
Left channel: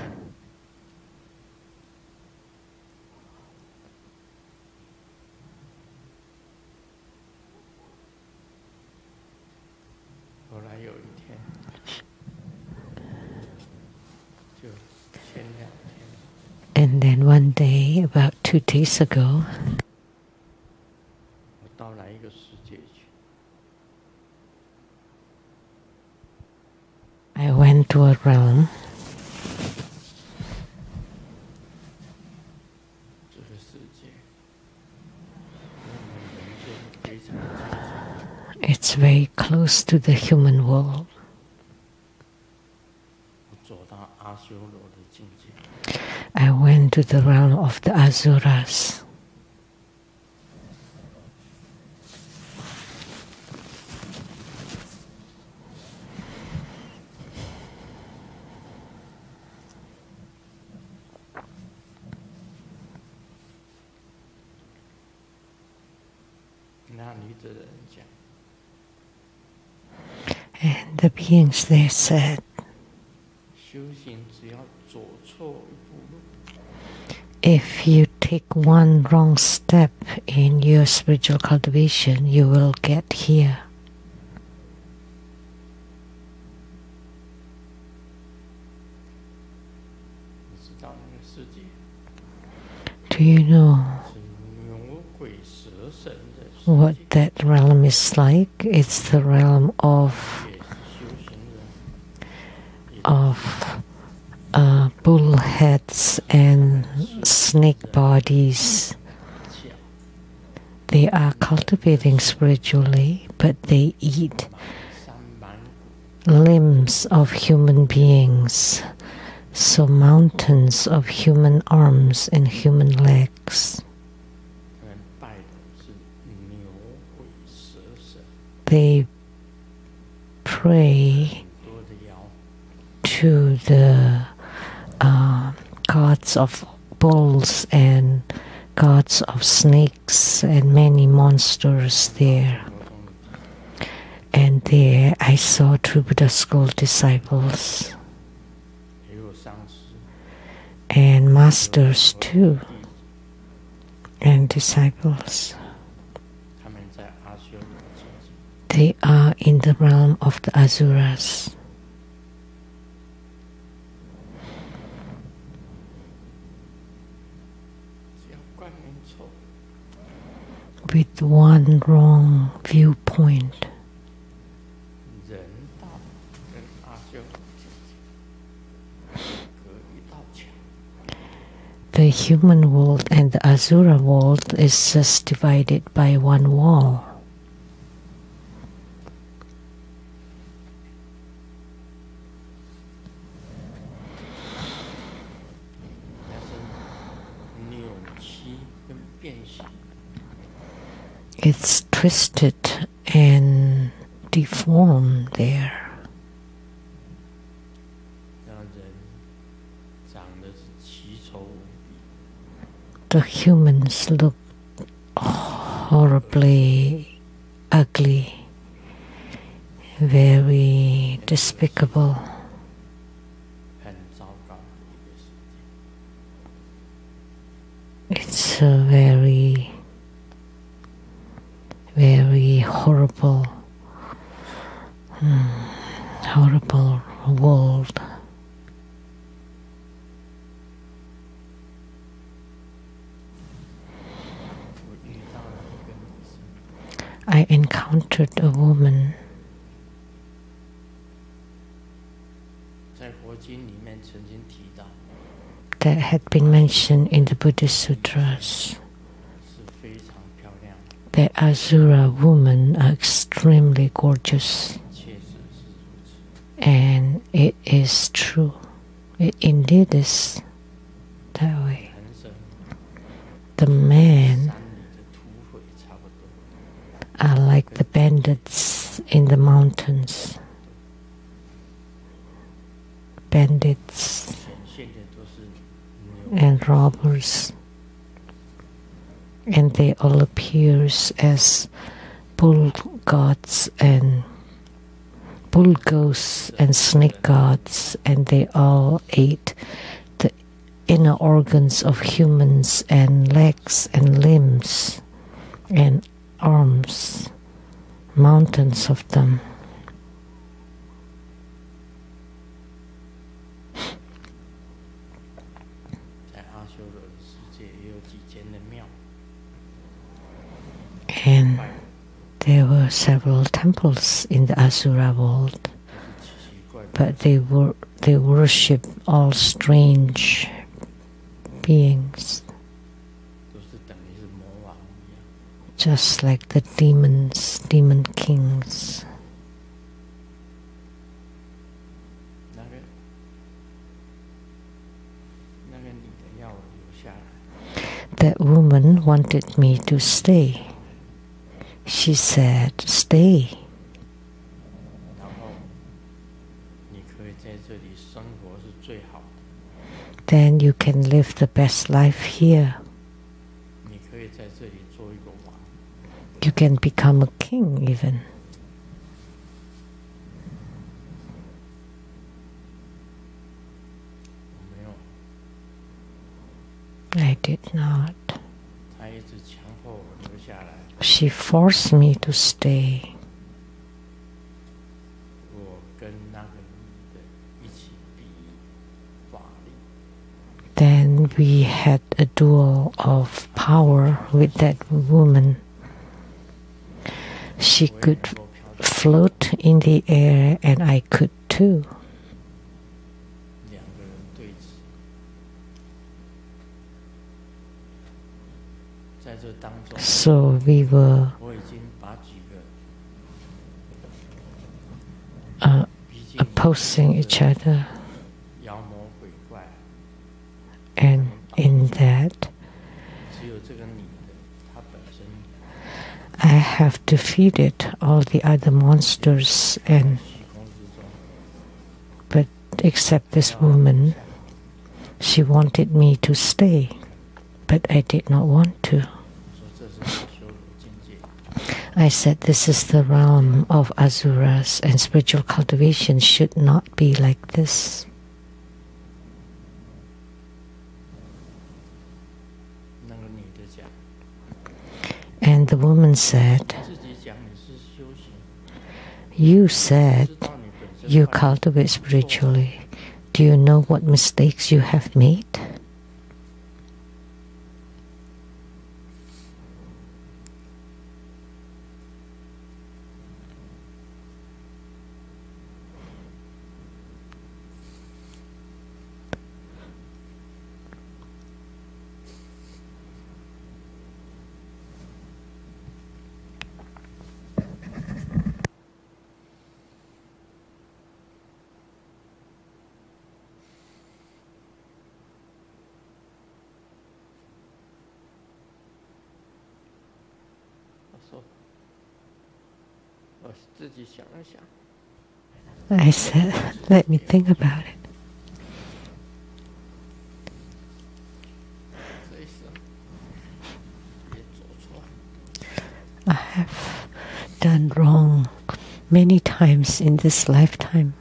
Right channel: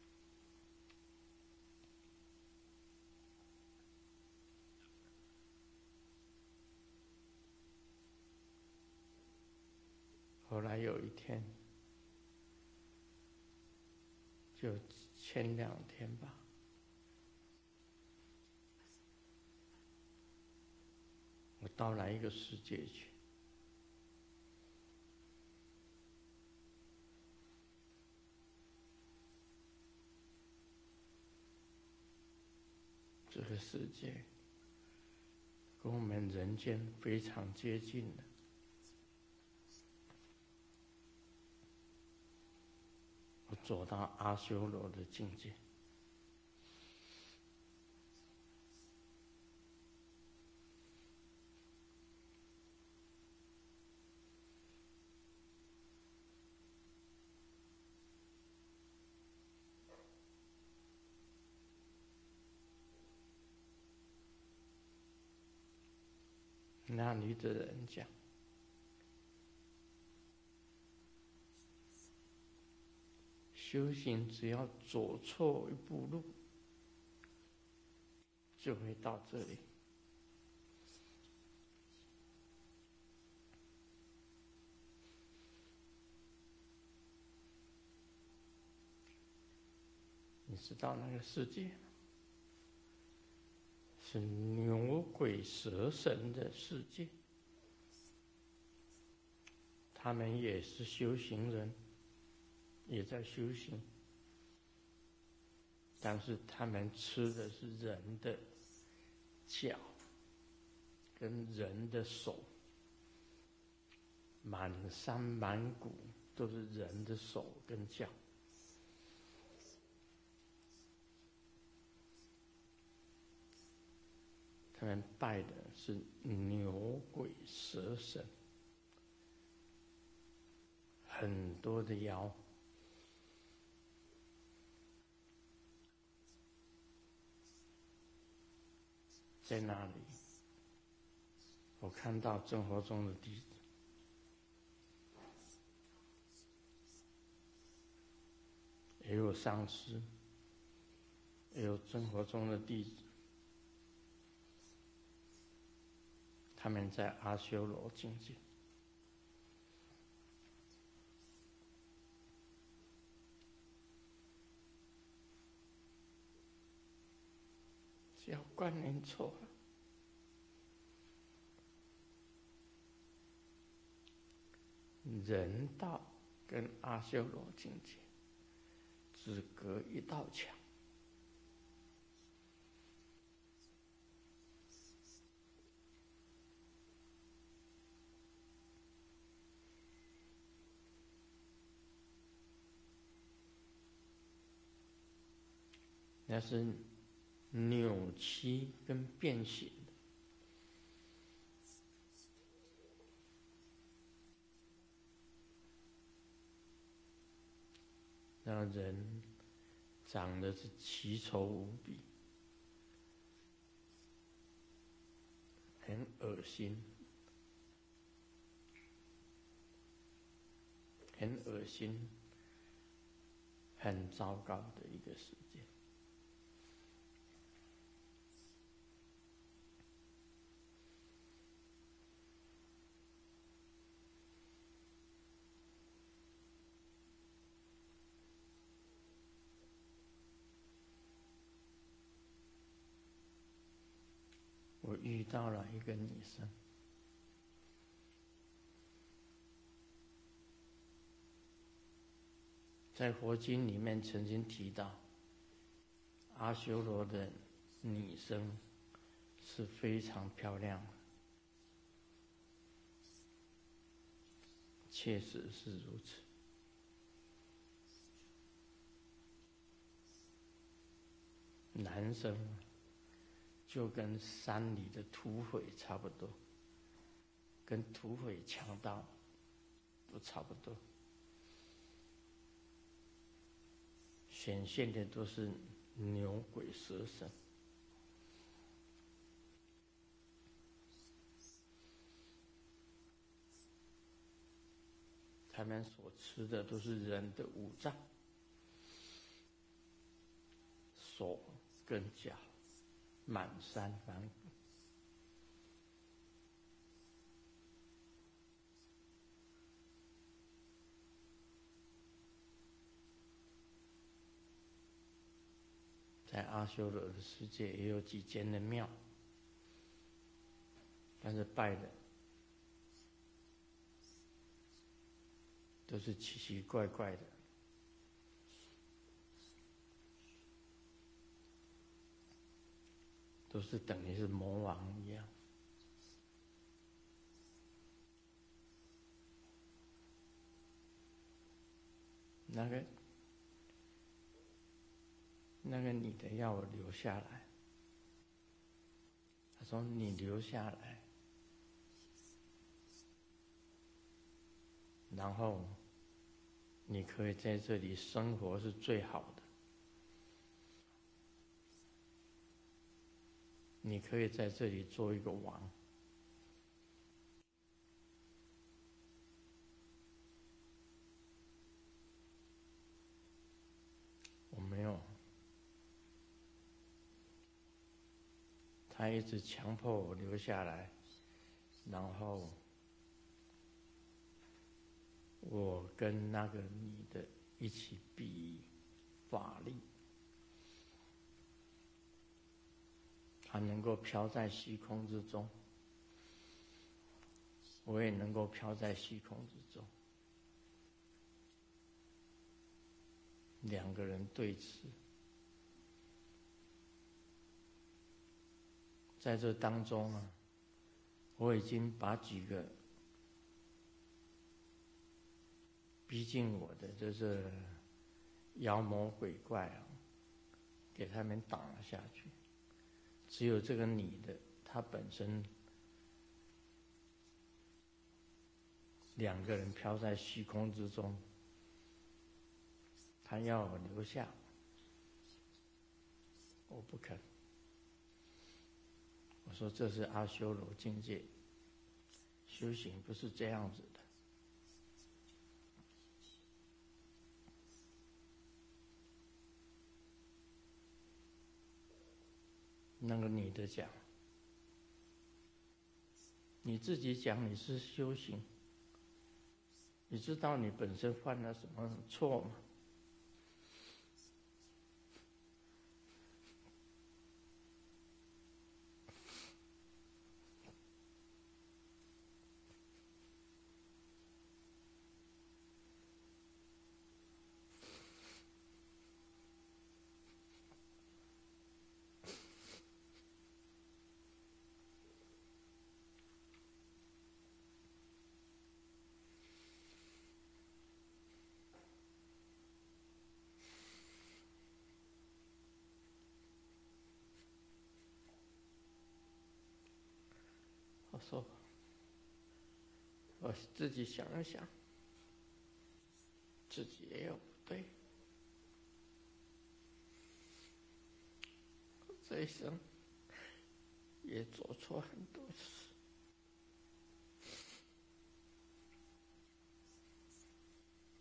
And then one day, about 2 days ago, I went to a realm it's very close to the human world. I went to the realm of the Asuras. And the beings there said, if you take one wrong step in your spiritual cultivation, you will get here. Do you know what that realm is like? It's the realm of bullheads and snake bodies. They are cultivating spiritually, but they eat limbs of human beings, so mountains of human arms and human legs. They pray to the gods of bulls and gods of snakes and many monsters there. And there I saw true Buddha school disciples and masters too, and disciples. They are in the realm of the Asuras. With one wrong viewpoint. The human world and the Asura world is just divided by one wall. It's twisted and deformed there. The humans look horribly ugly, very despicable. It's a very, very horrible, horrible world. I encountered a woman. That had been mentioned in the Buddhist Sutras. The Asura women are extremely gorgeous. And it is true. It indeed is that way. The men are like the bandits in the mountains. Bandits and robbers. And they all appear as bull gods and bull ghosts and snake gods, and they all ate the inner organs of humans and legs and limbs and arms, mountains of them. And there were several temples in the Asura world, but they worship all strange beings, just like the demons, demon kings. That woman wanted me to stay. She said, stay. Then you can live the best life here. You can become a king even. I did not. She forced me to stay. Then when we had a duel of power with that woman. She could float in the air, and I could too. So we were opposing each other. And in that, I have defeated all the other monsters, but except this woman, she wanted me to stay, but I did not want to. I said this is the realm of asuras, and spiritual cultivation should not be like this. And the woman said, you said you cultivate spiritually. Do you know what mistakes you have made? I said, let me think about it. I have done wrong many times in this lifetime.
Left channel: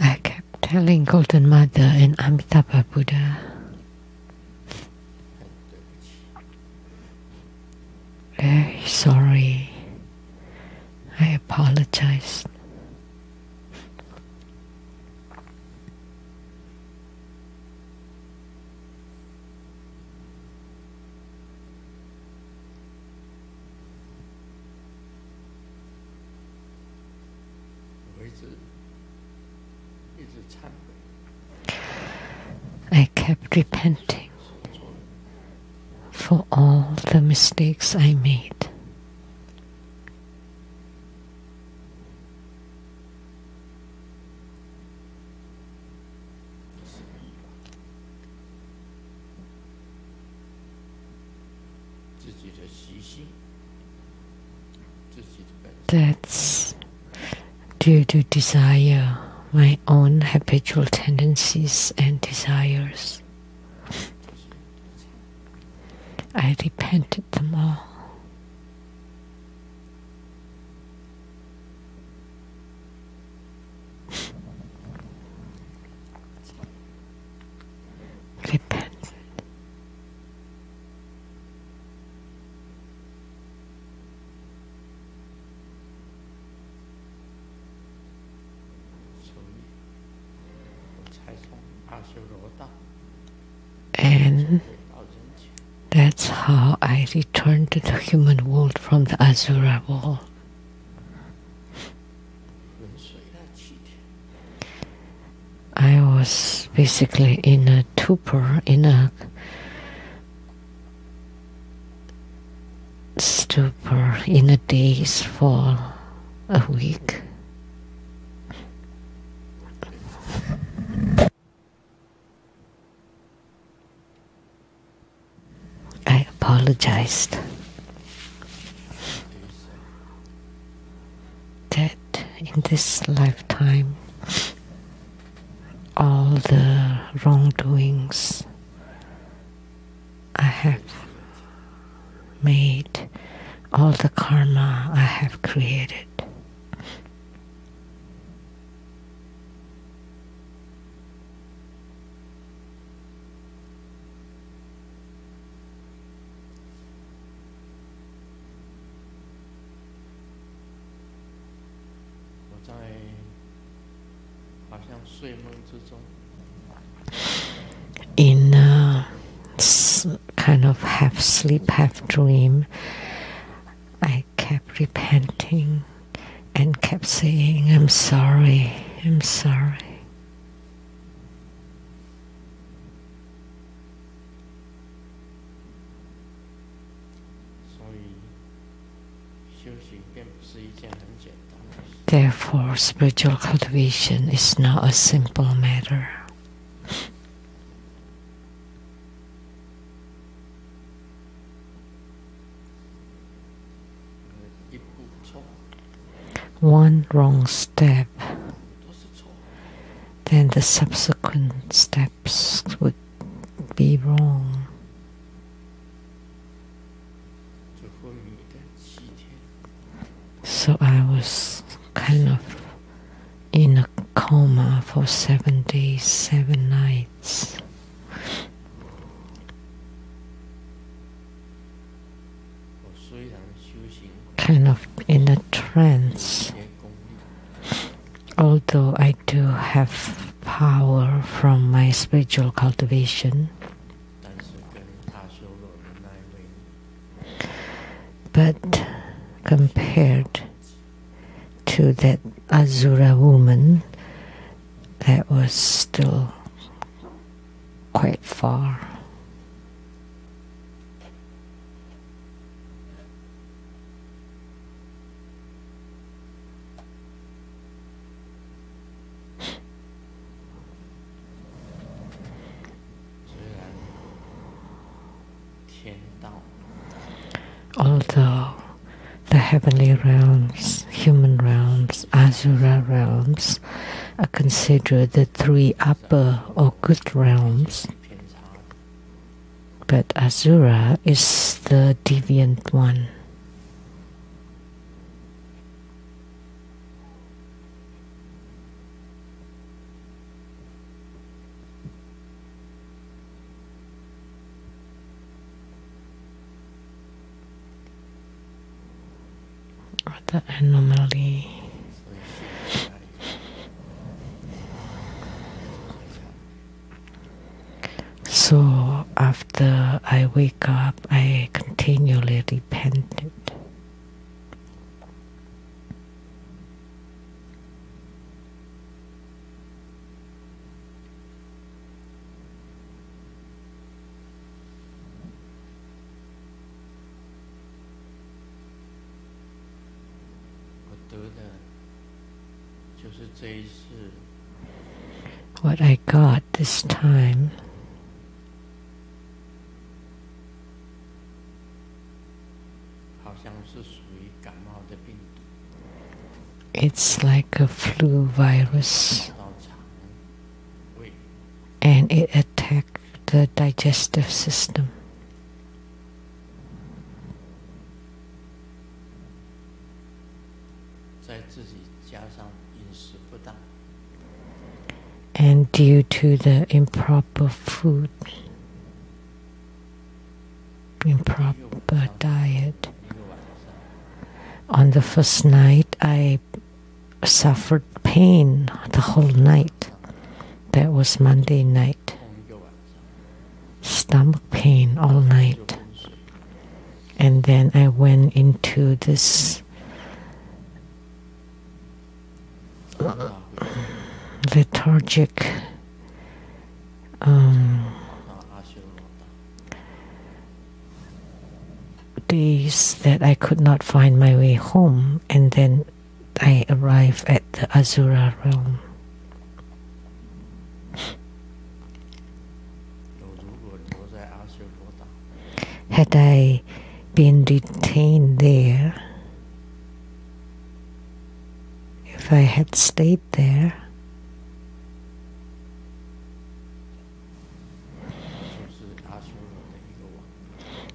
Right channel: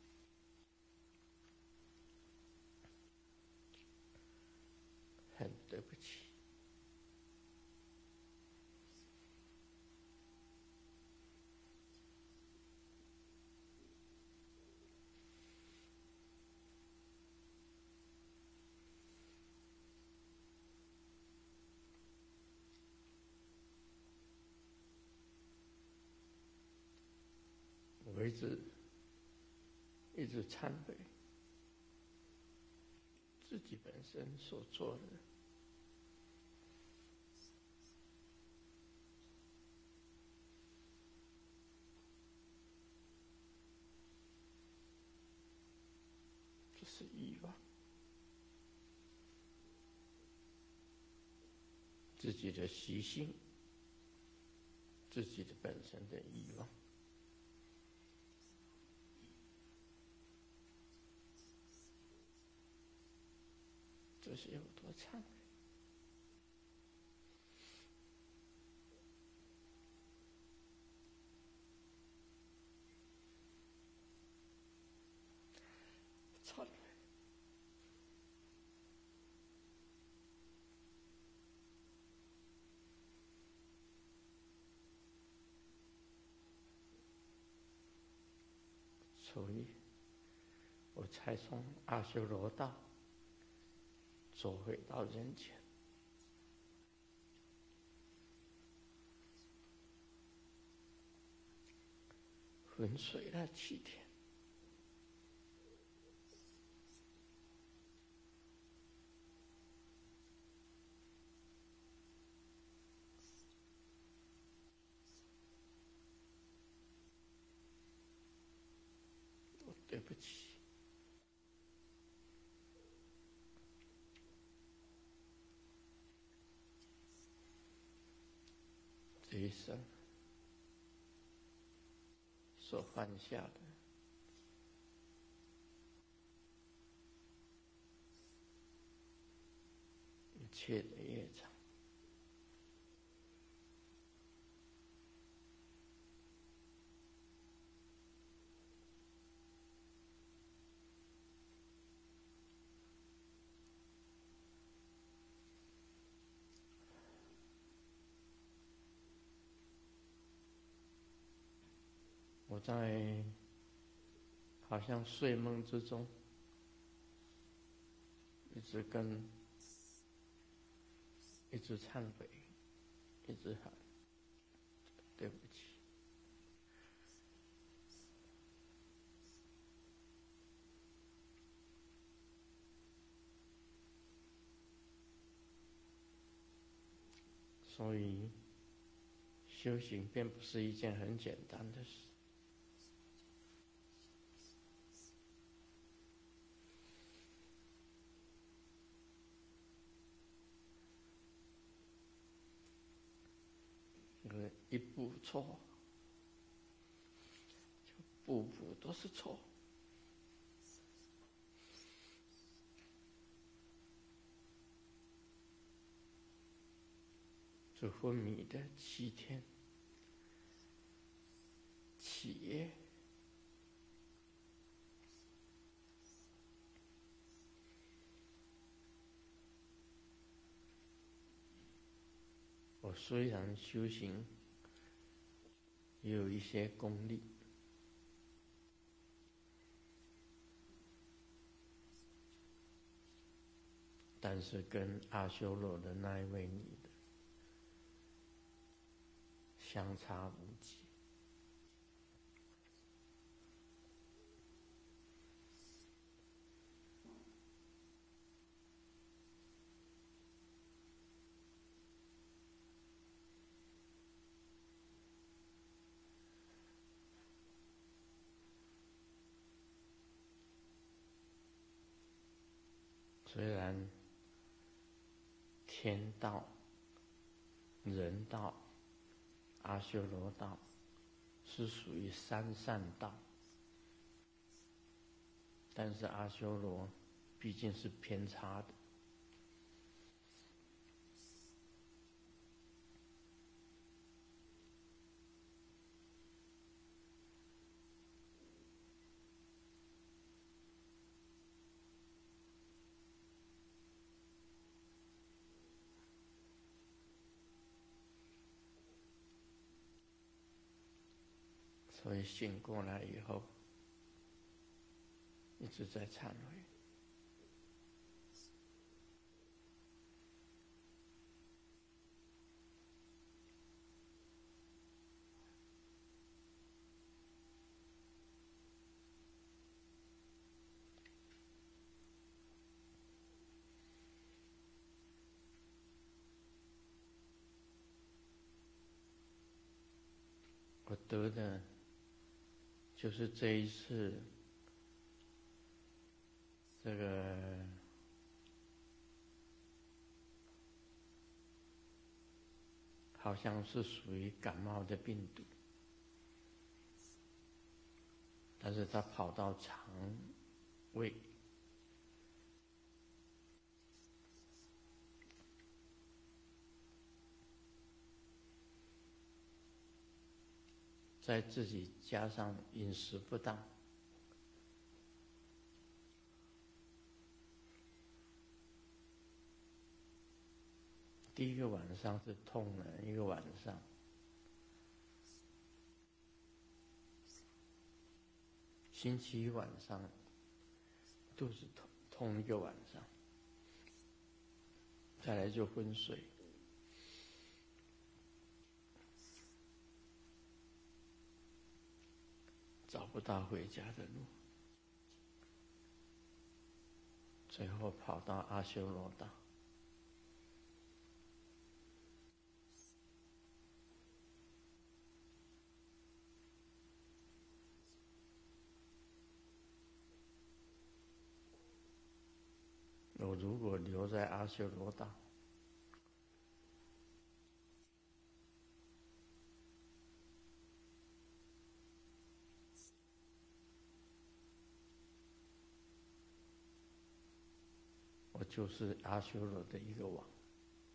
I kept telling Golden Mother and Amitabha Buddha, very sorry, I apologized. I kept repenting for all the mistakes I made. That's due to desire, my own habitual tendencies and desires. I repented them all. Repent. And that's how I returned to the human world from the Asura world. I was basically in a stupor, in a daze for a week. I apologized that in this lifetime all the wrongdoings I have made all the karma I have created. In a kind of half sleep, half dream, I kept repenting and kept saying, I'm sorry, I'm sorry. Therefore, spiritual cultivation is not a simple matter. One wrong step, then the subsequent steps would be wrong. So I was kind of in a coma for 7 days, 7 nights. Kind of in a trance. Although I do have power from my spiritual cultivation, but compared to that Asura woman, that was still quite far. Although the heavenly realms, human realms, Asura realms are considered the 3 upper or good realms, but Asura is the deviant one. The anomaly. So after I wake up, I continually repented. What I got this time it's like a flu virus, and it attacked the digestive system. And due to the improper food, improper diet, on the first night I suffered pain the whole night. That was Monday night. Stomach pain all night. And then I went into this lethargic days that I could not find my way home, and then I arrived at the Asura realm. Had I been detained there, if I had stayed there,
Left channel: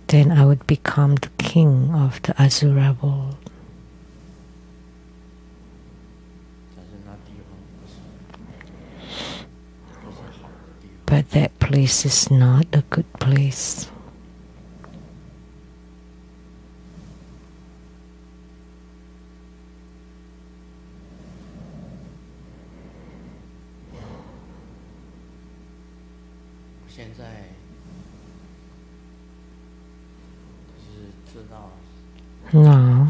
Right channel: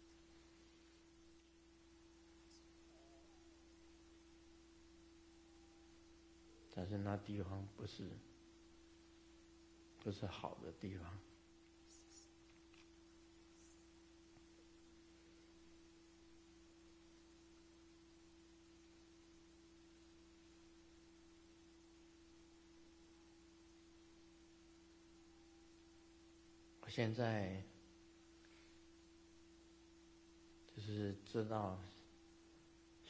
then I would become the king of the Asura world. But that place is not a good place. Now,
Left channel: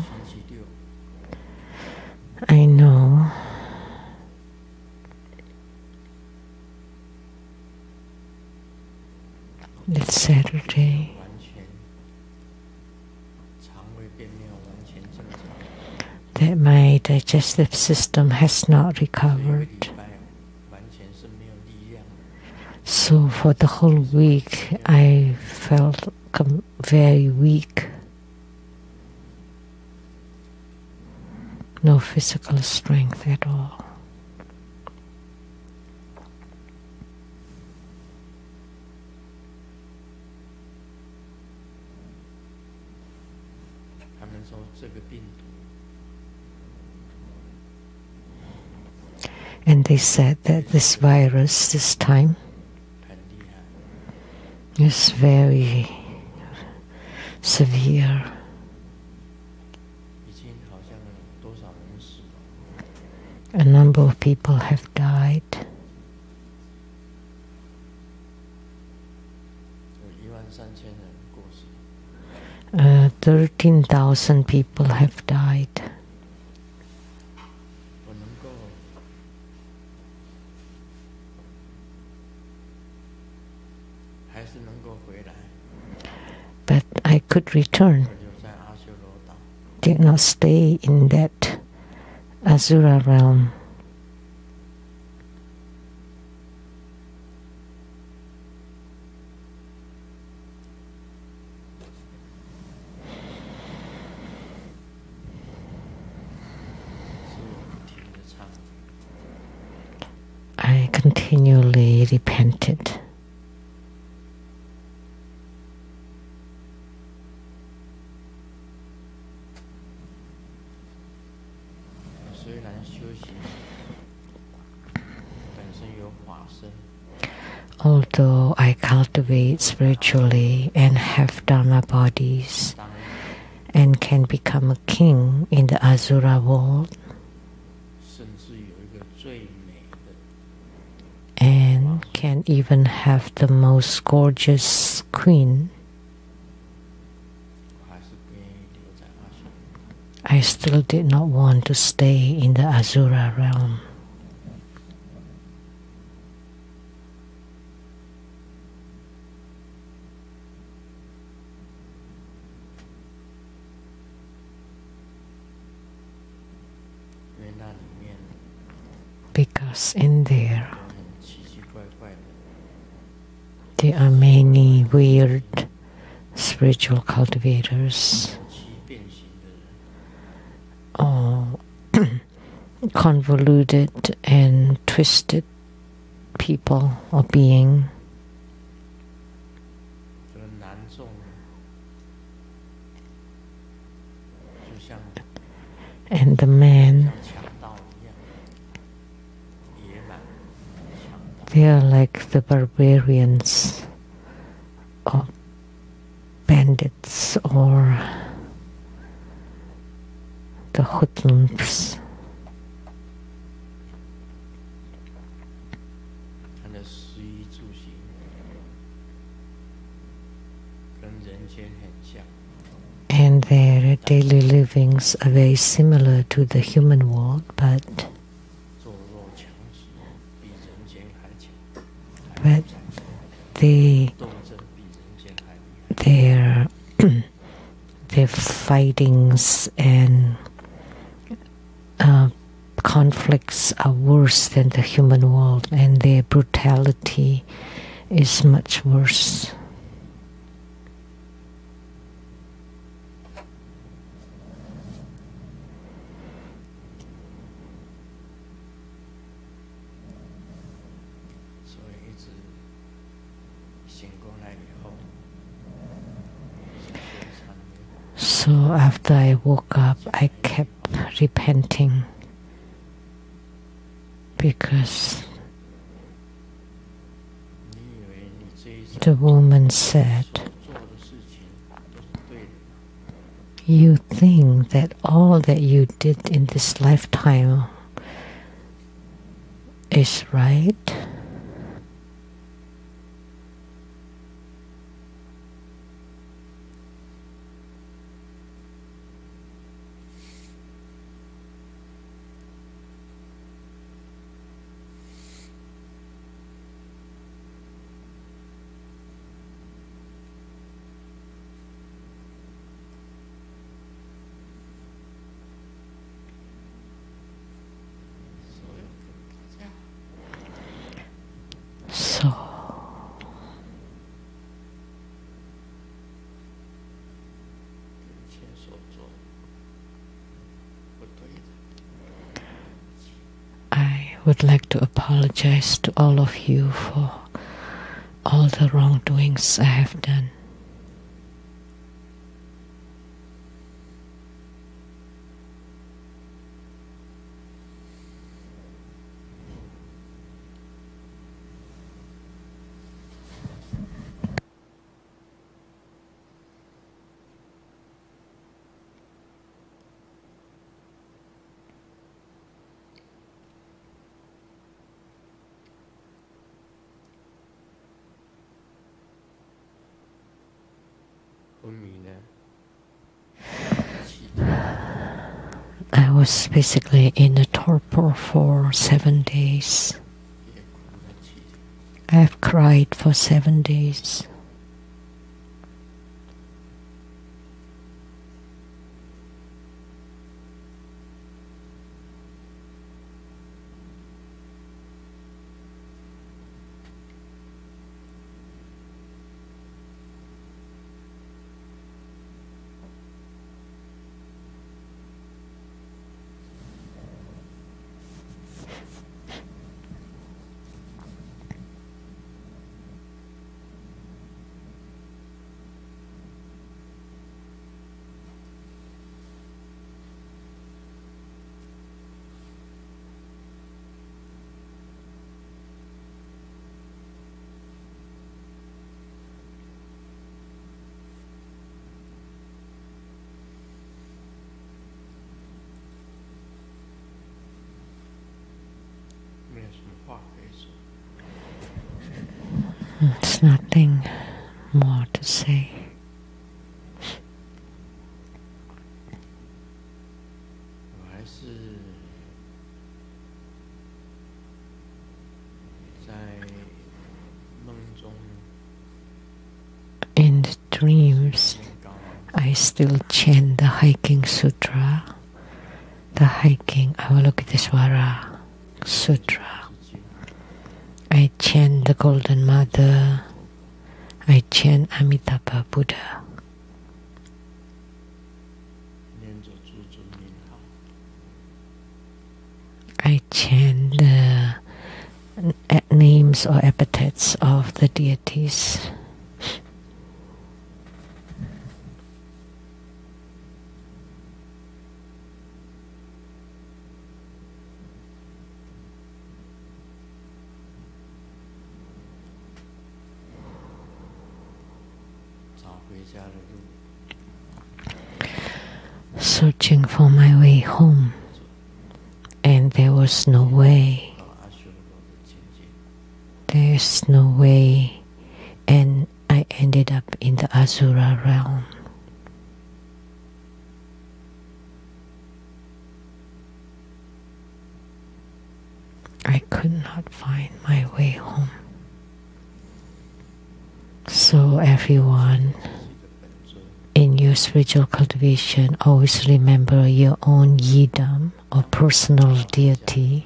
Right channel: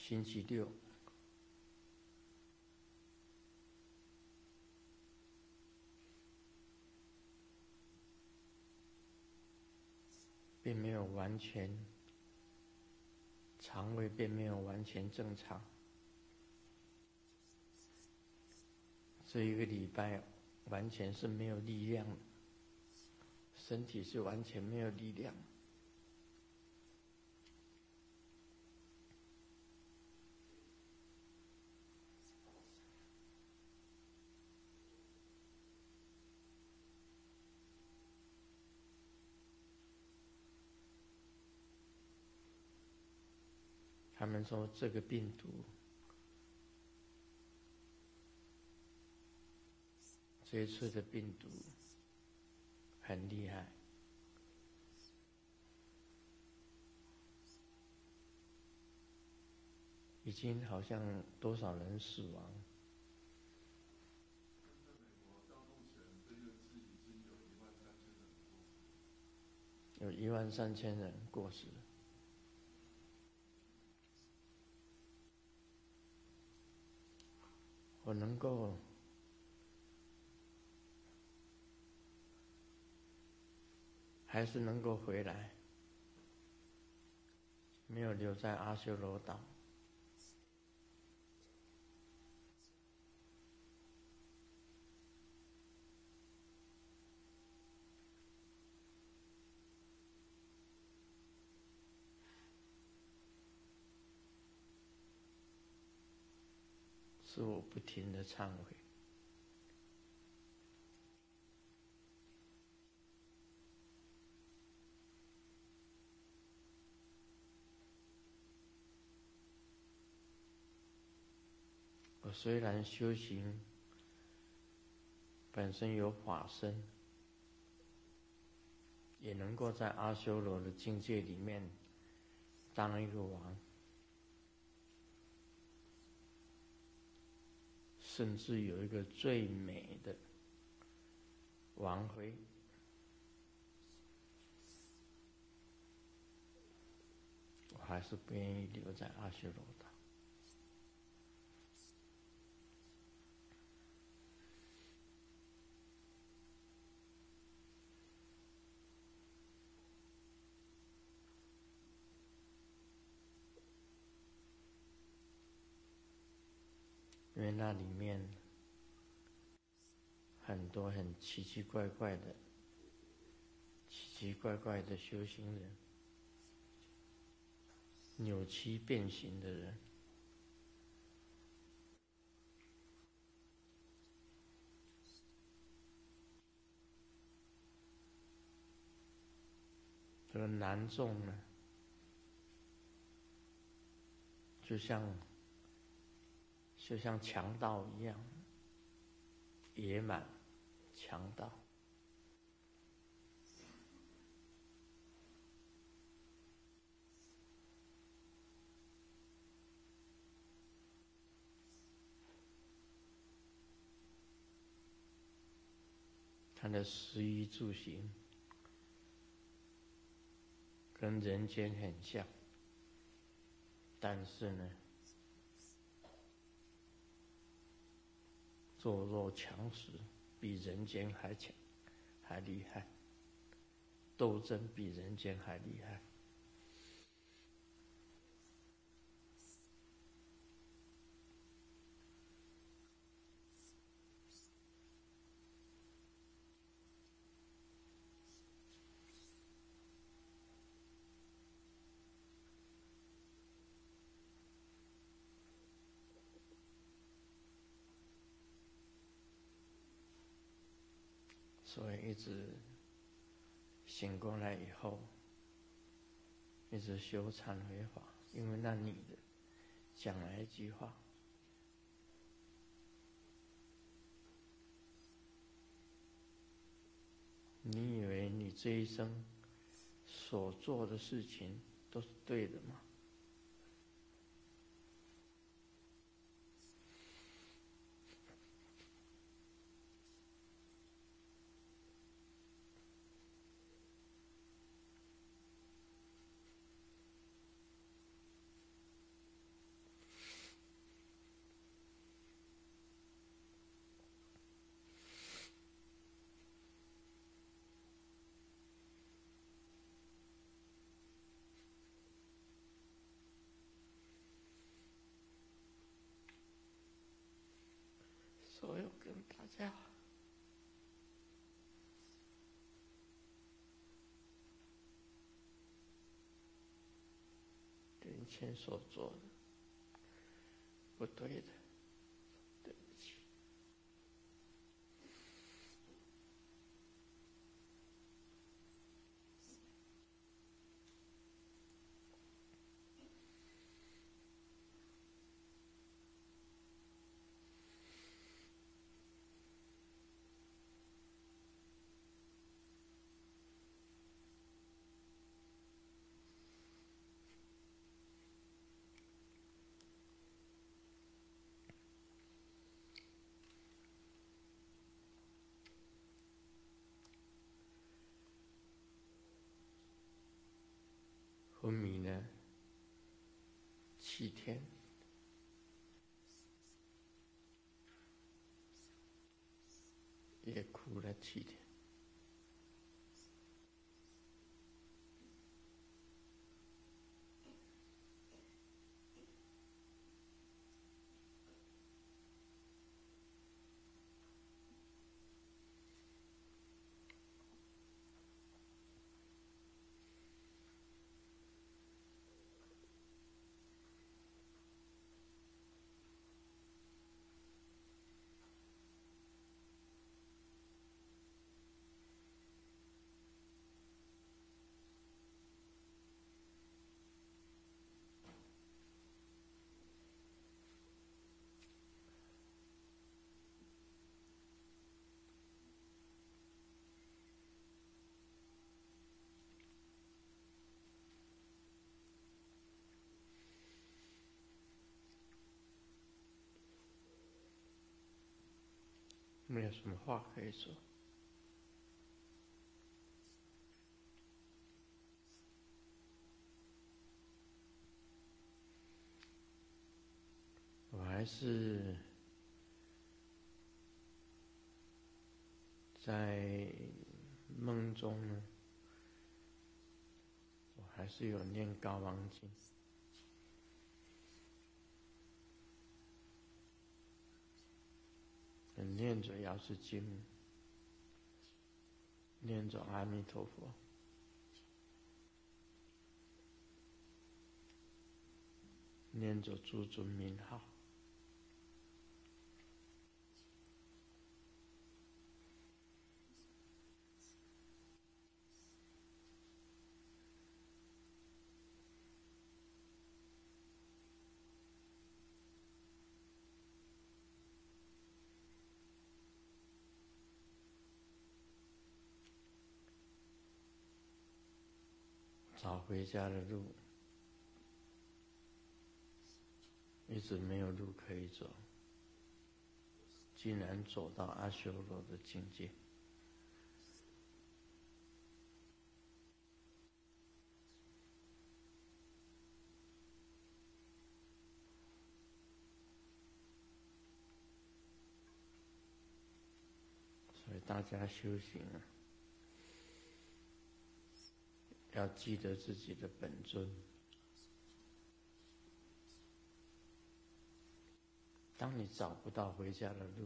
I know it's Saturday. That my digestive system has not recovered. So for the whole week, I felt very weak. No physical strength at all. And they said that this virus this time is very severe. A number of people have died. 13,000 people have died. But I could return. Did not stay in that Asura realm. I continually repented. Although I cultivate spiritually and have Dharma bodies and can become a king in the Asura world, and can even have the most gorgeous queen, I still did not want to stay in the Asura realm. Because in there are many weird spiritual cultivators, convoluted and twisted people or being. And the man, they are like the barbarians or bandits or the hoodlums. And their daily livings are very similar to the human world, but their fightings and conflicts are worse than the human world, and their brutality is much worse. So after I woke up, I kept repenting because the woman said, "You think that all that you did in this lifetime is right?" So I would like to apologize to all of you for all the wrongdoings I have done. I was basically in a torpor for 7 days. I have cried for 7 days. There's nothing more to say. In the dreams, I still chant the hiking sutra, the hiking Avalokitesvara Sutra. I chant the Golden Mother. I chant Amitabha Buddha. I chant the names or epithets of the deities. Searching for my way home, and there was no way. There's no way, and I ended up in the Asura realm. I could not find my way home. So everyone, in your spiritual cultivation, always remember your own yidam or personal deity.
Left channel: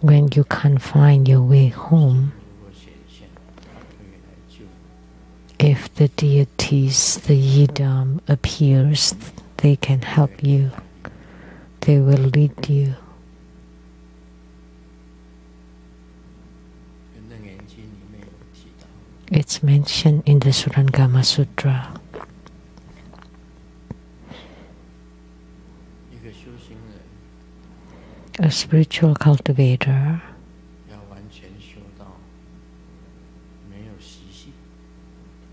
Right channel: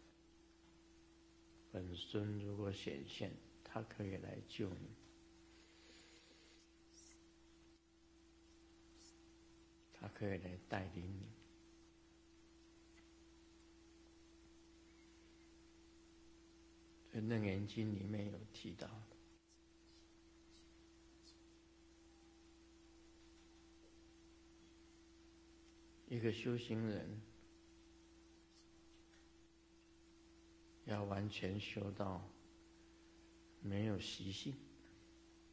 When you can't find your way home, if the deities, the yidam appears, they can help you. They will lead you. It's mentioned in the Surangama Sutra. A spiritual cultivator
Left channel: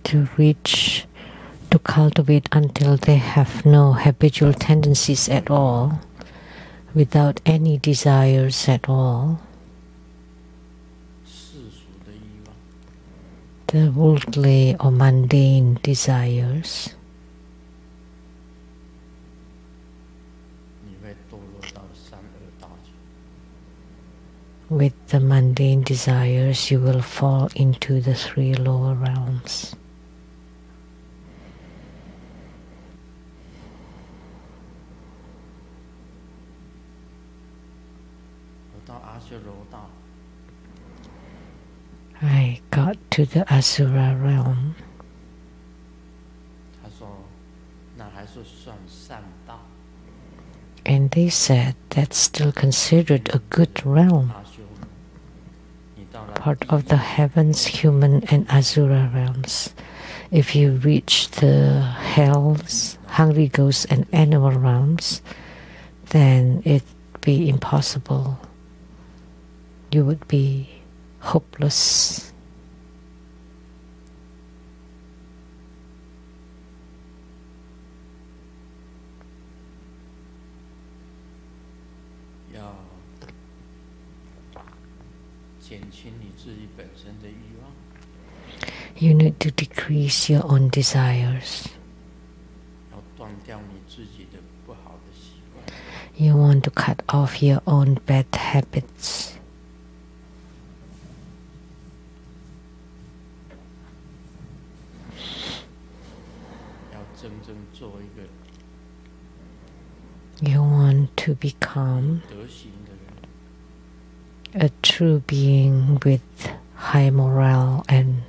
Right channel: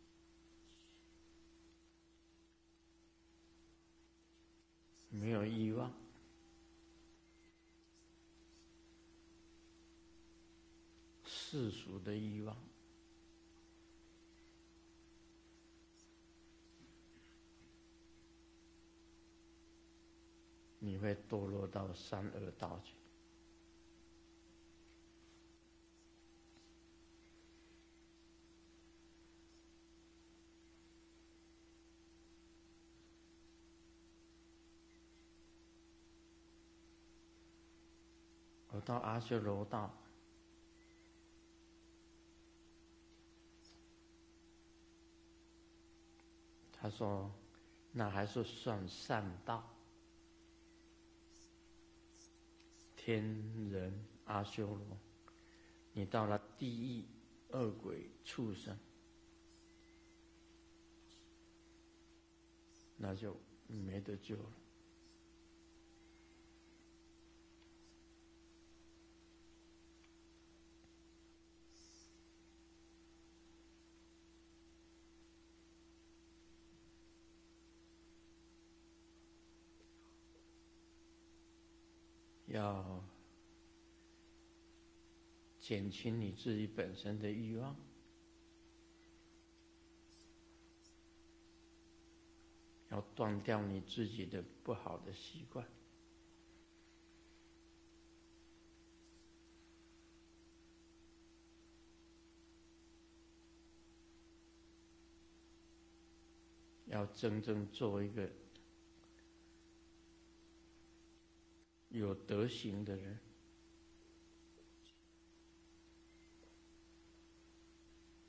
to cultivate until they have no habitual tendencies at all, without any desires at all. The worldly or mundane desires. With the mundane desires, you will fall into the 3 lower realms. I got to the Asura realm. And they said that's still considered a good realm, part of the heavens, human and Asura realms. If you reach the hells, hungry ghosts and animal realms, then it'd be impossible. You would be hopeless. You need to decrease your own desires. You want to cut off your own bad habits. You want to become a true being with high morale and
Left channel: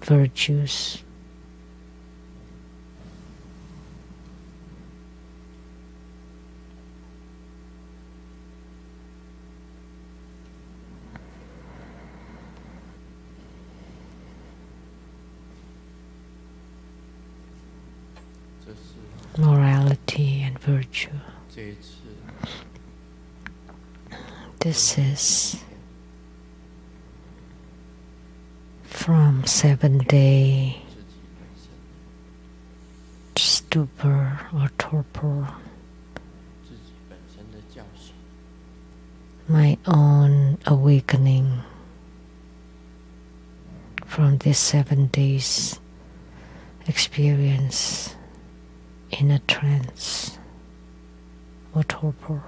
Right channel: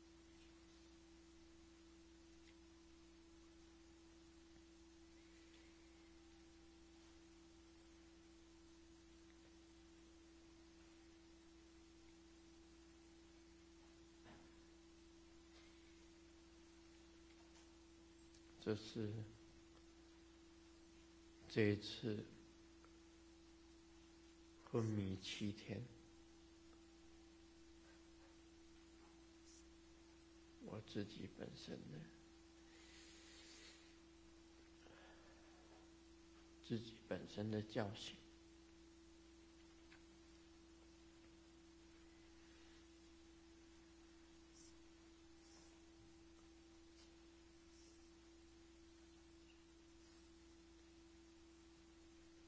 virtues. Morality and virtue. This is from 7-day stupor or torpor, my own awakening from this 7 days experience in a trance or torpor.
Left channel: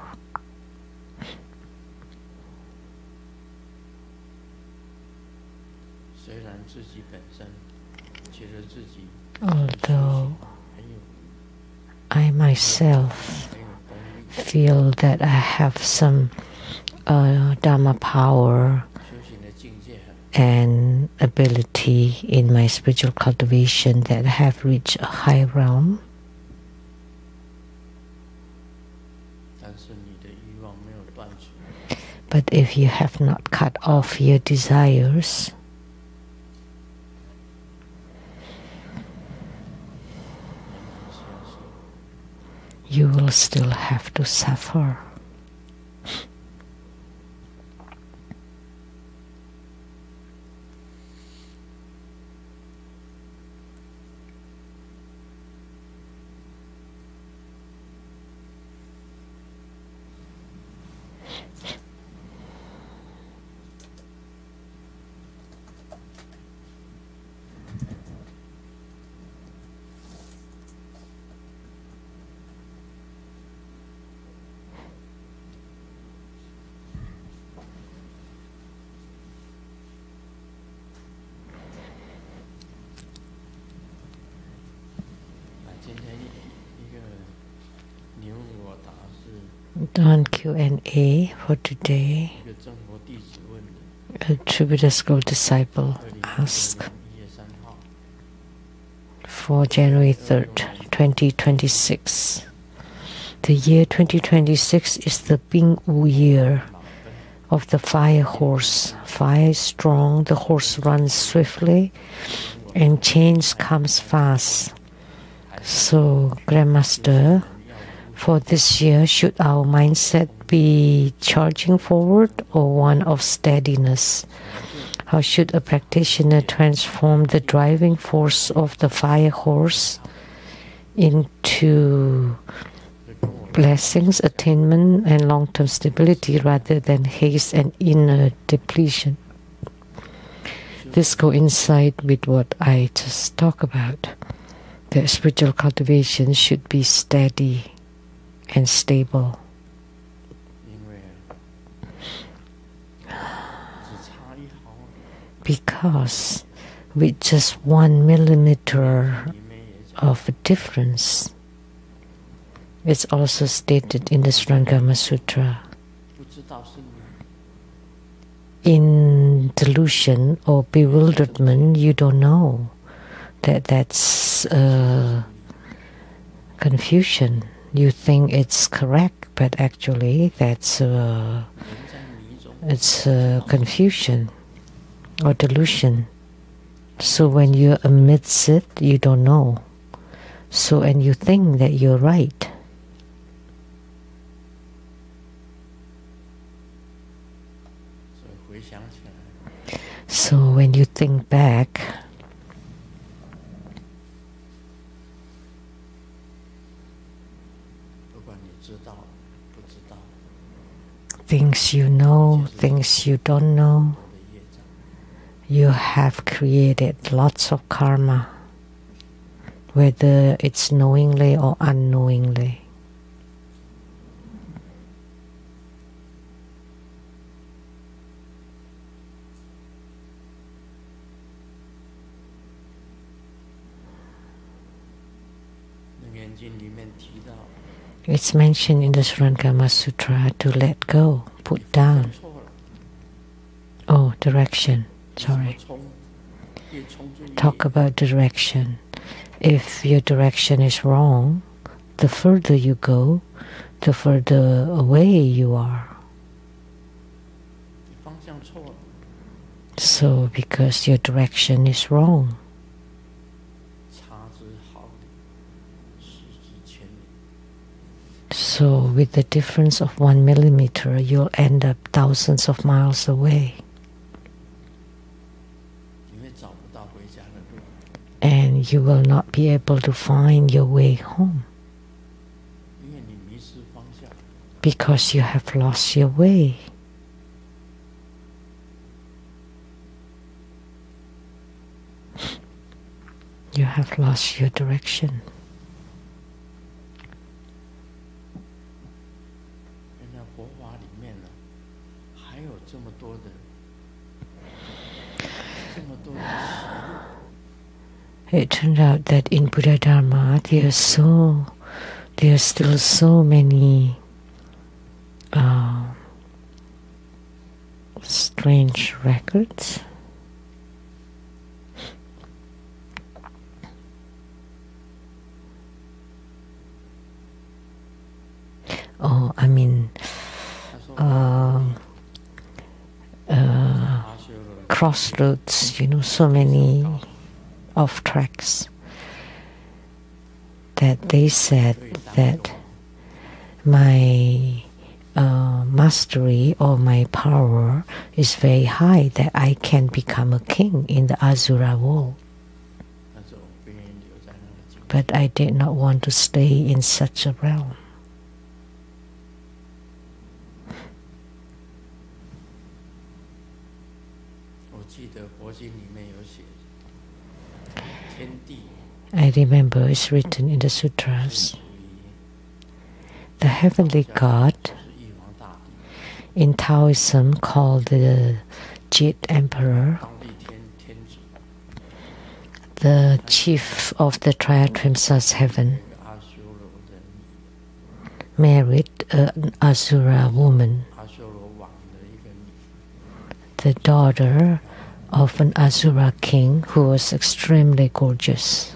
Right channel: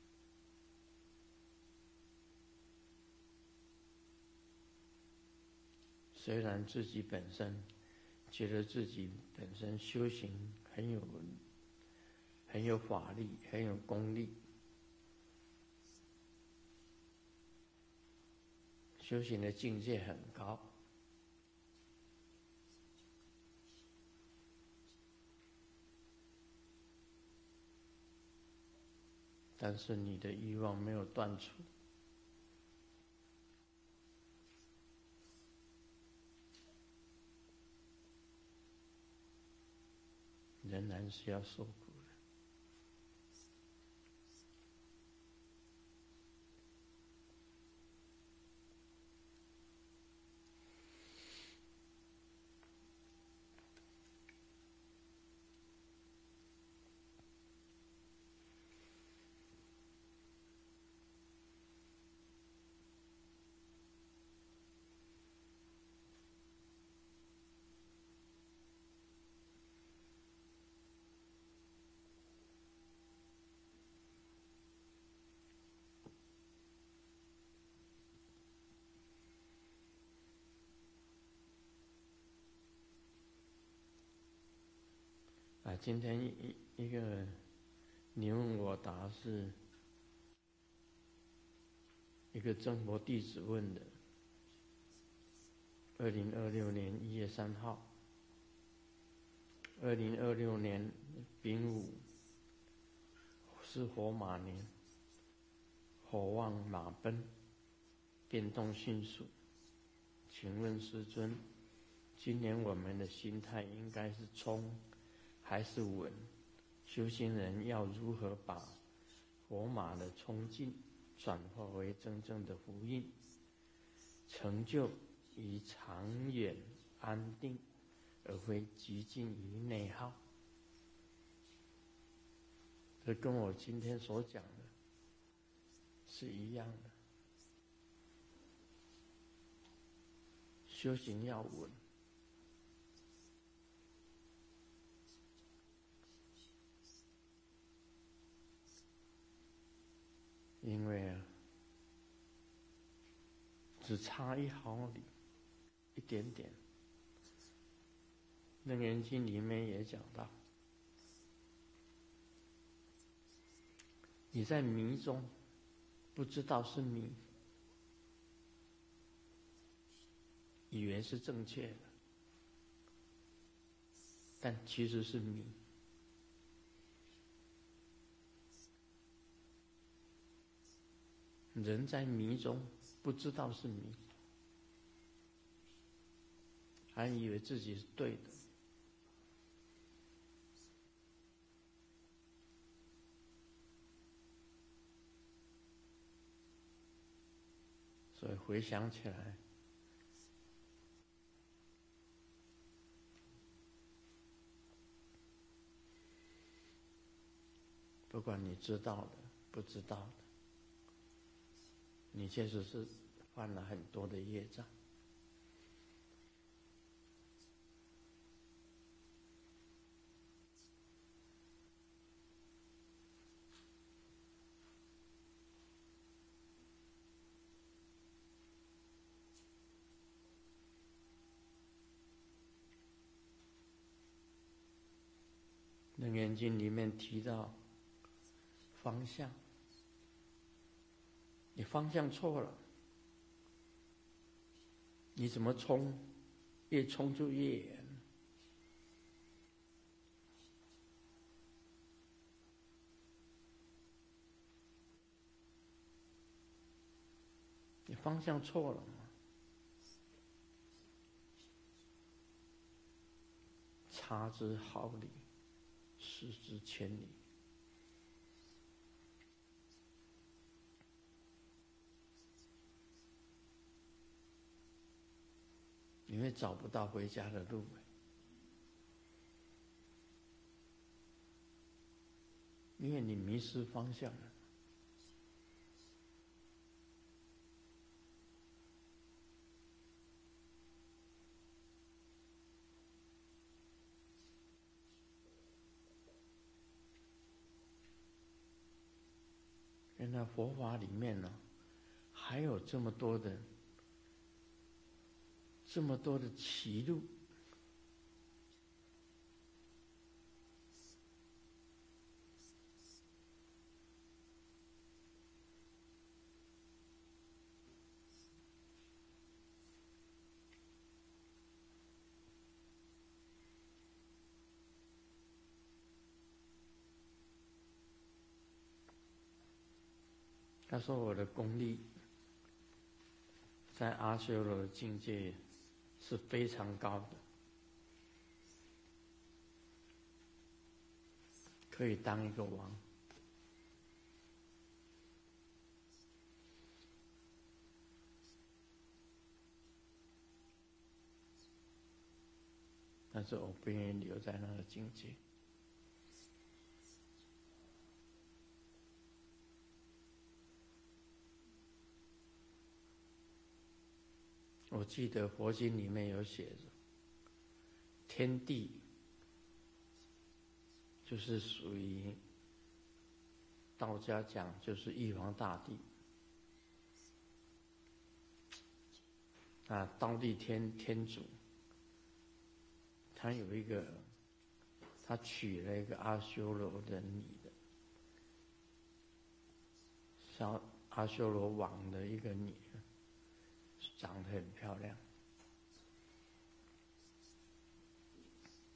Although I myself feel that I have some Dharma power and ability in my spiritual cultivation, that I have reached a high realm, but if you have not cut off your desires, you will still have to suffer. On Q&A for today, a true Buddha school disciple asked for January 3rd, 2026. The year 2026 is the Bing Wu year of the fire horse. Fire is strong, the horse runs swiftly, and change comes fast. So, Grandmaster, For this year, should our mindset be charging forward or one of steadiness? How should a practitioner transform the driving force of the fire horse into blessings, attainment, and long-term stability rather than haste and inner depletion? This coincides with what I just talked about. The spiritual cultivation should be steady and stable. Because with just 1 millimeter of a difference, it's also stated in the Surangama Sutra. In delusion or bewilderment, you don't know that that's confusion. You think it's correct, but actually that's it's confusion or delusion. So when you're amidst it, you don't know. So and you think that you're right. So when you think back, things you know, things you don't know, you have created lots of karma, whether it's knowingly or unknowingly. It's mentioned in the Surangama Sutra to let go, put down. Oh, direction. Sorry. Talk about direction. If your direction is wrong, the further you go, the further away you are. So, because your direction is wrong. So, with the difference of 1 millimeter, you'll end up thousands of miles away. And you will not be able to find your way home. Because you have lost your way. You have lost your direction. It turned out that in Buddhadharma there are still so many strange records. Oh, I mean, crossroads, you know, so many off tracks that they said that my mastery or my power is very high, that I can become a king in the Asura world. But I did not want to stay in such a realm. I remember it's written in the sutras. The heavenly God, in Taoism called the Jit Emperor, the chief of the Triad-Trimsas heaven, married an Asura woman, the daughter of an Asura king who was extremely gorgeous.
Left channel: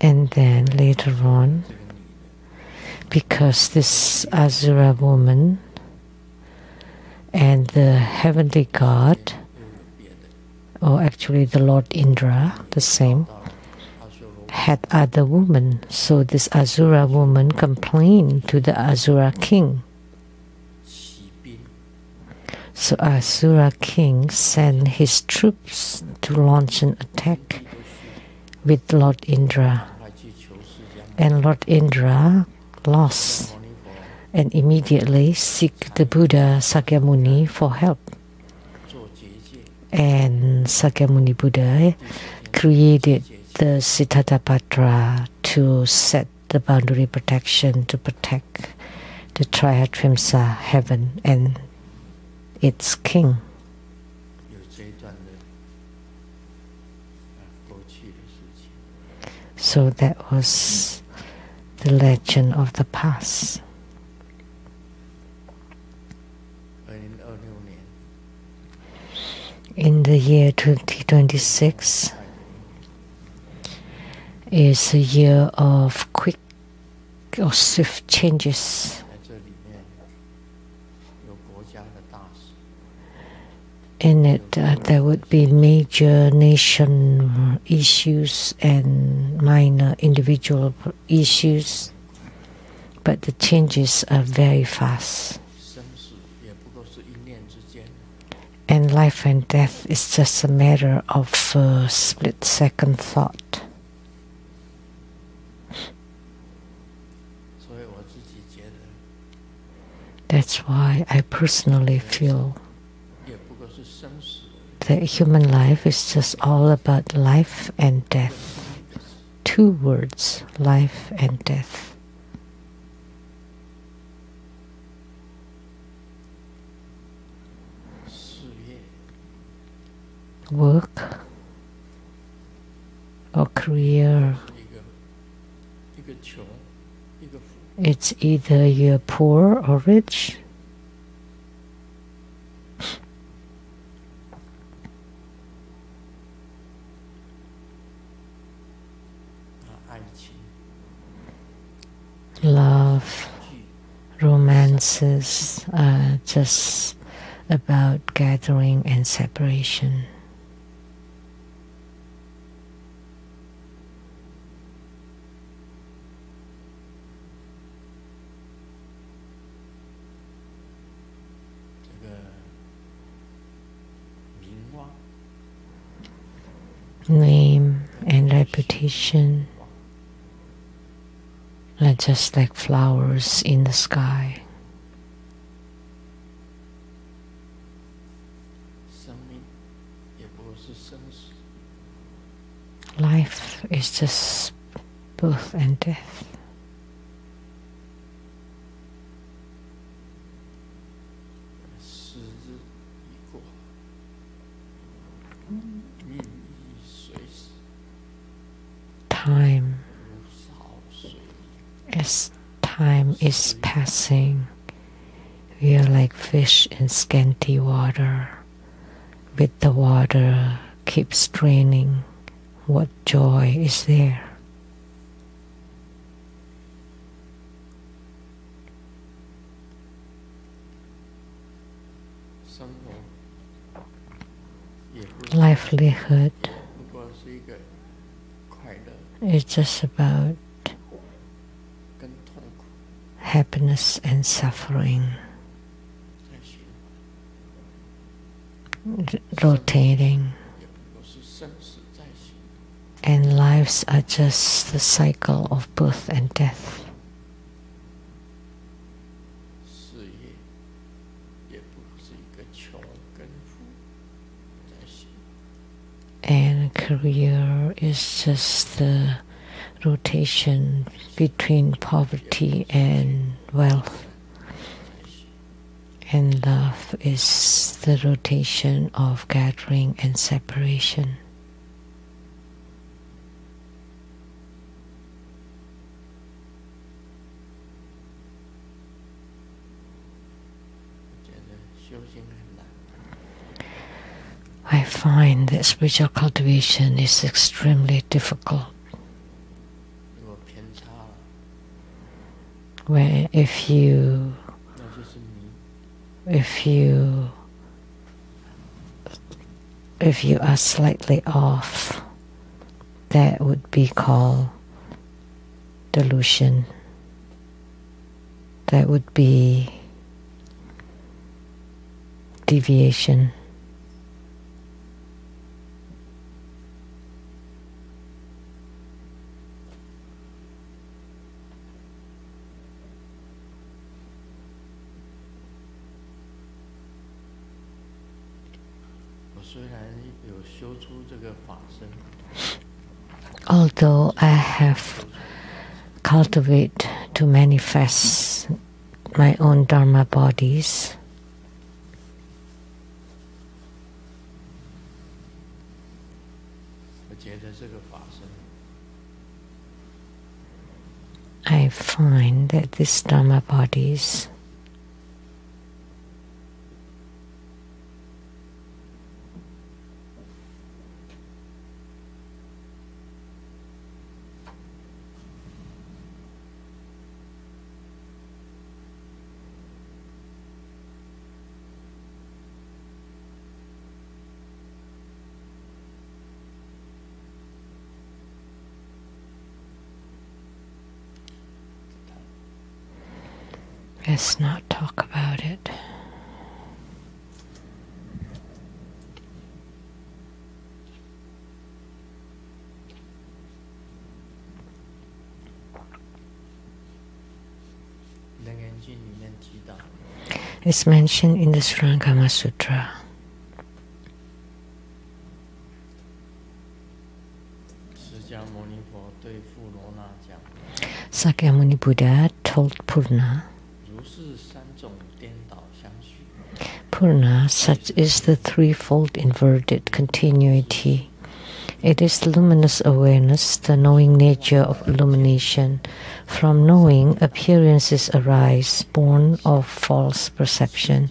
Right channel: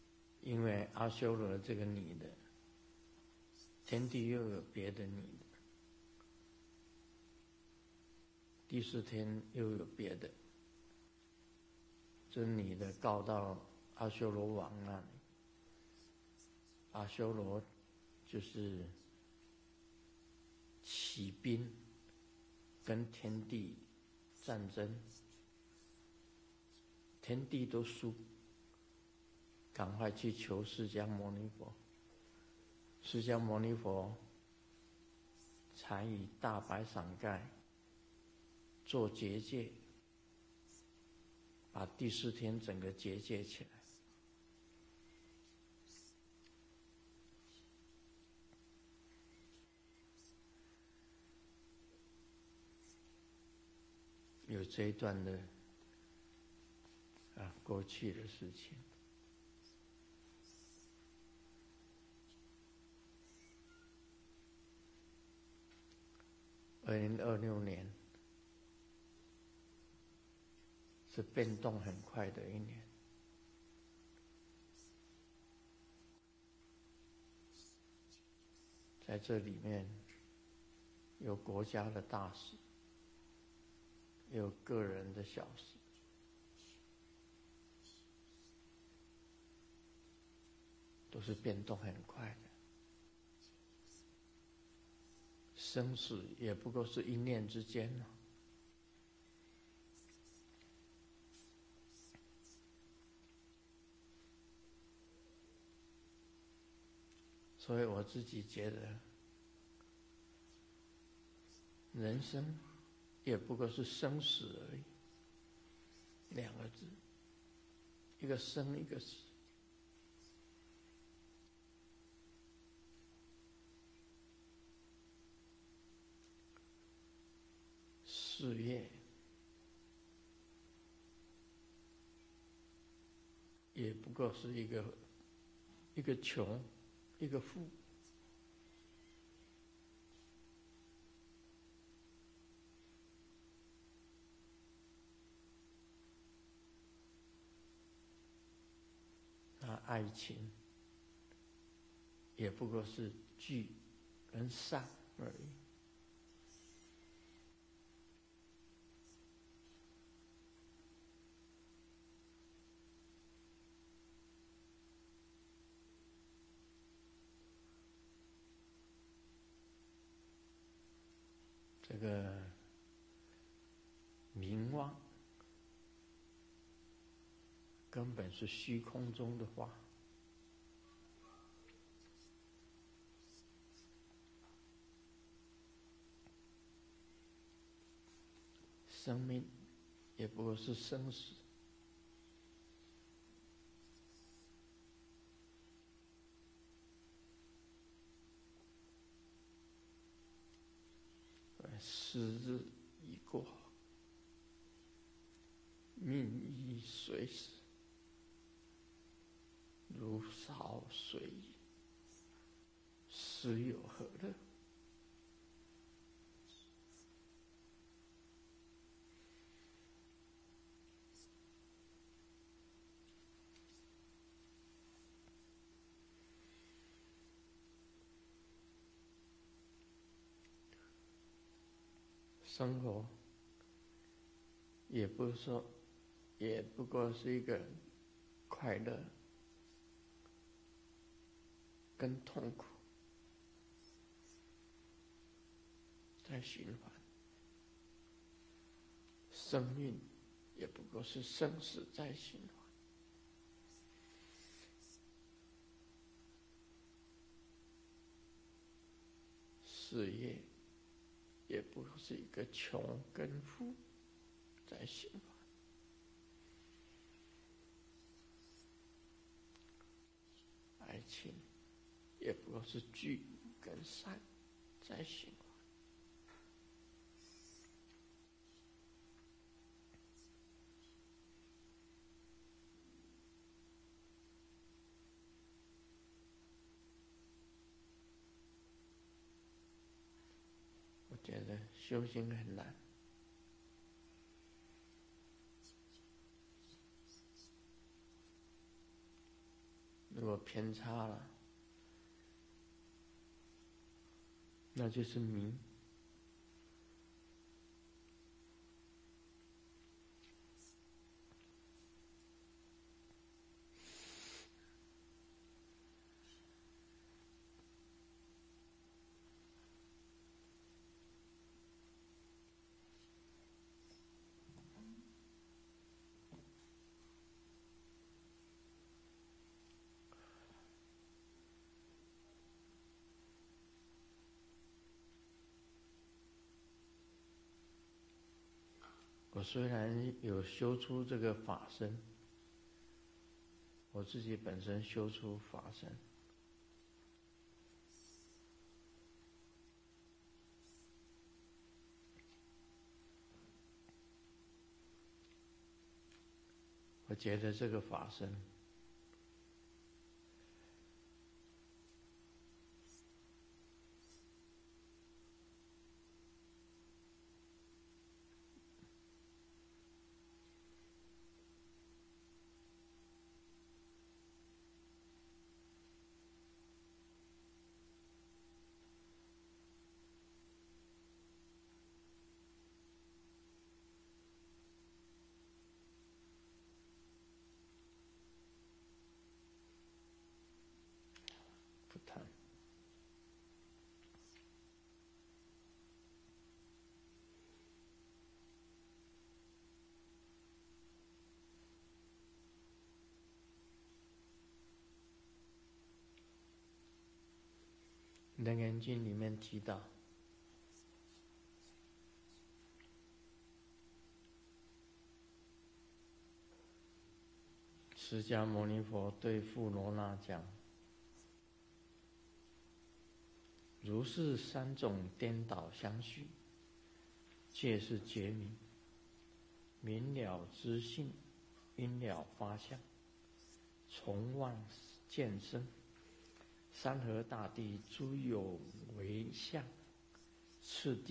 And then later on, because this Asura woman and the heavenly god, or actually the Lord Indra, the same, had other women. So this Asura woman complained to the Asura king. So Asura king sent his troops to launch an attack with Lord Indra. And Lord Indra lost and immediately seek the Buddha Sakyamuni for help. And Sakyamuni Buddha created the Siddhartha to set the boundary protection to protect the Trihastrimsa heaven and its king. So that was the legend of the past. In the year 2026 is a year of quick or swift changes. In it, there would be major nation issues and minor individual issues, but the changes are very fast. And life and death is just a matter of a split-second thought. That's why I personally feel that human life is just all about life and death. 2 words, life and death. Work or career, it's either you're poor or rich. Love, romances are just about gathering and separation. Name and reputation are just like flowers in the sky. Life is just birth and death. Time, as time is passing, we are like fish in scanty water. With the water keeps draining, what joy is there? Livelihood is just about happiness and suffering, rotating, and lives are just the cycle of birth and death. And career is just the rotation between poverty and wealth. And love is the rotation of gathering and separation. I find that spiritual cultivation is extremely difficult. where if you are slightly off, that would be called delusion. That would be deviation. Although I have cultivated to manifest my own Dharma bodies, I find that these Dharma bodies let's not talk about it. It's mentioned in the Surangama Sutra. Sakyamuni Buddha told Purna, Purna, such is the threefold inverted continuity. It is luminous awareness, the knowing nature of illumination. From knowing, appearances arise, born of false perception.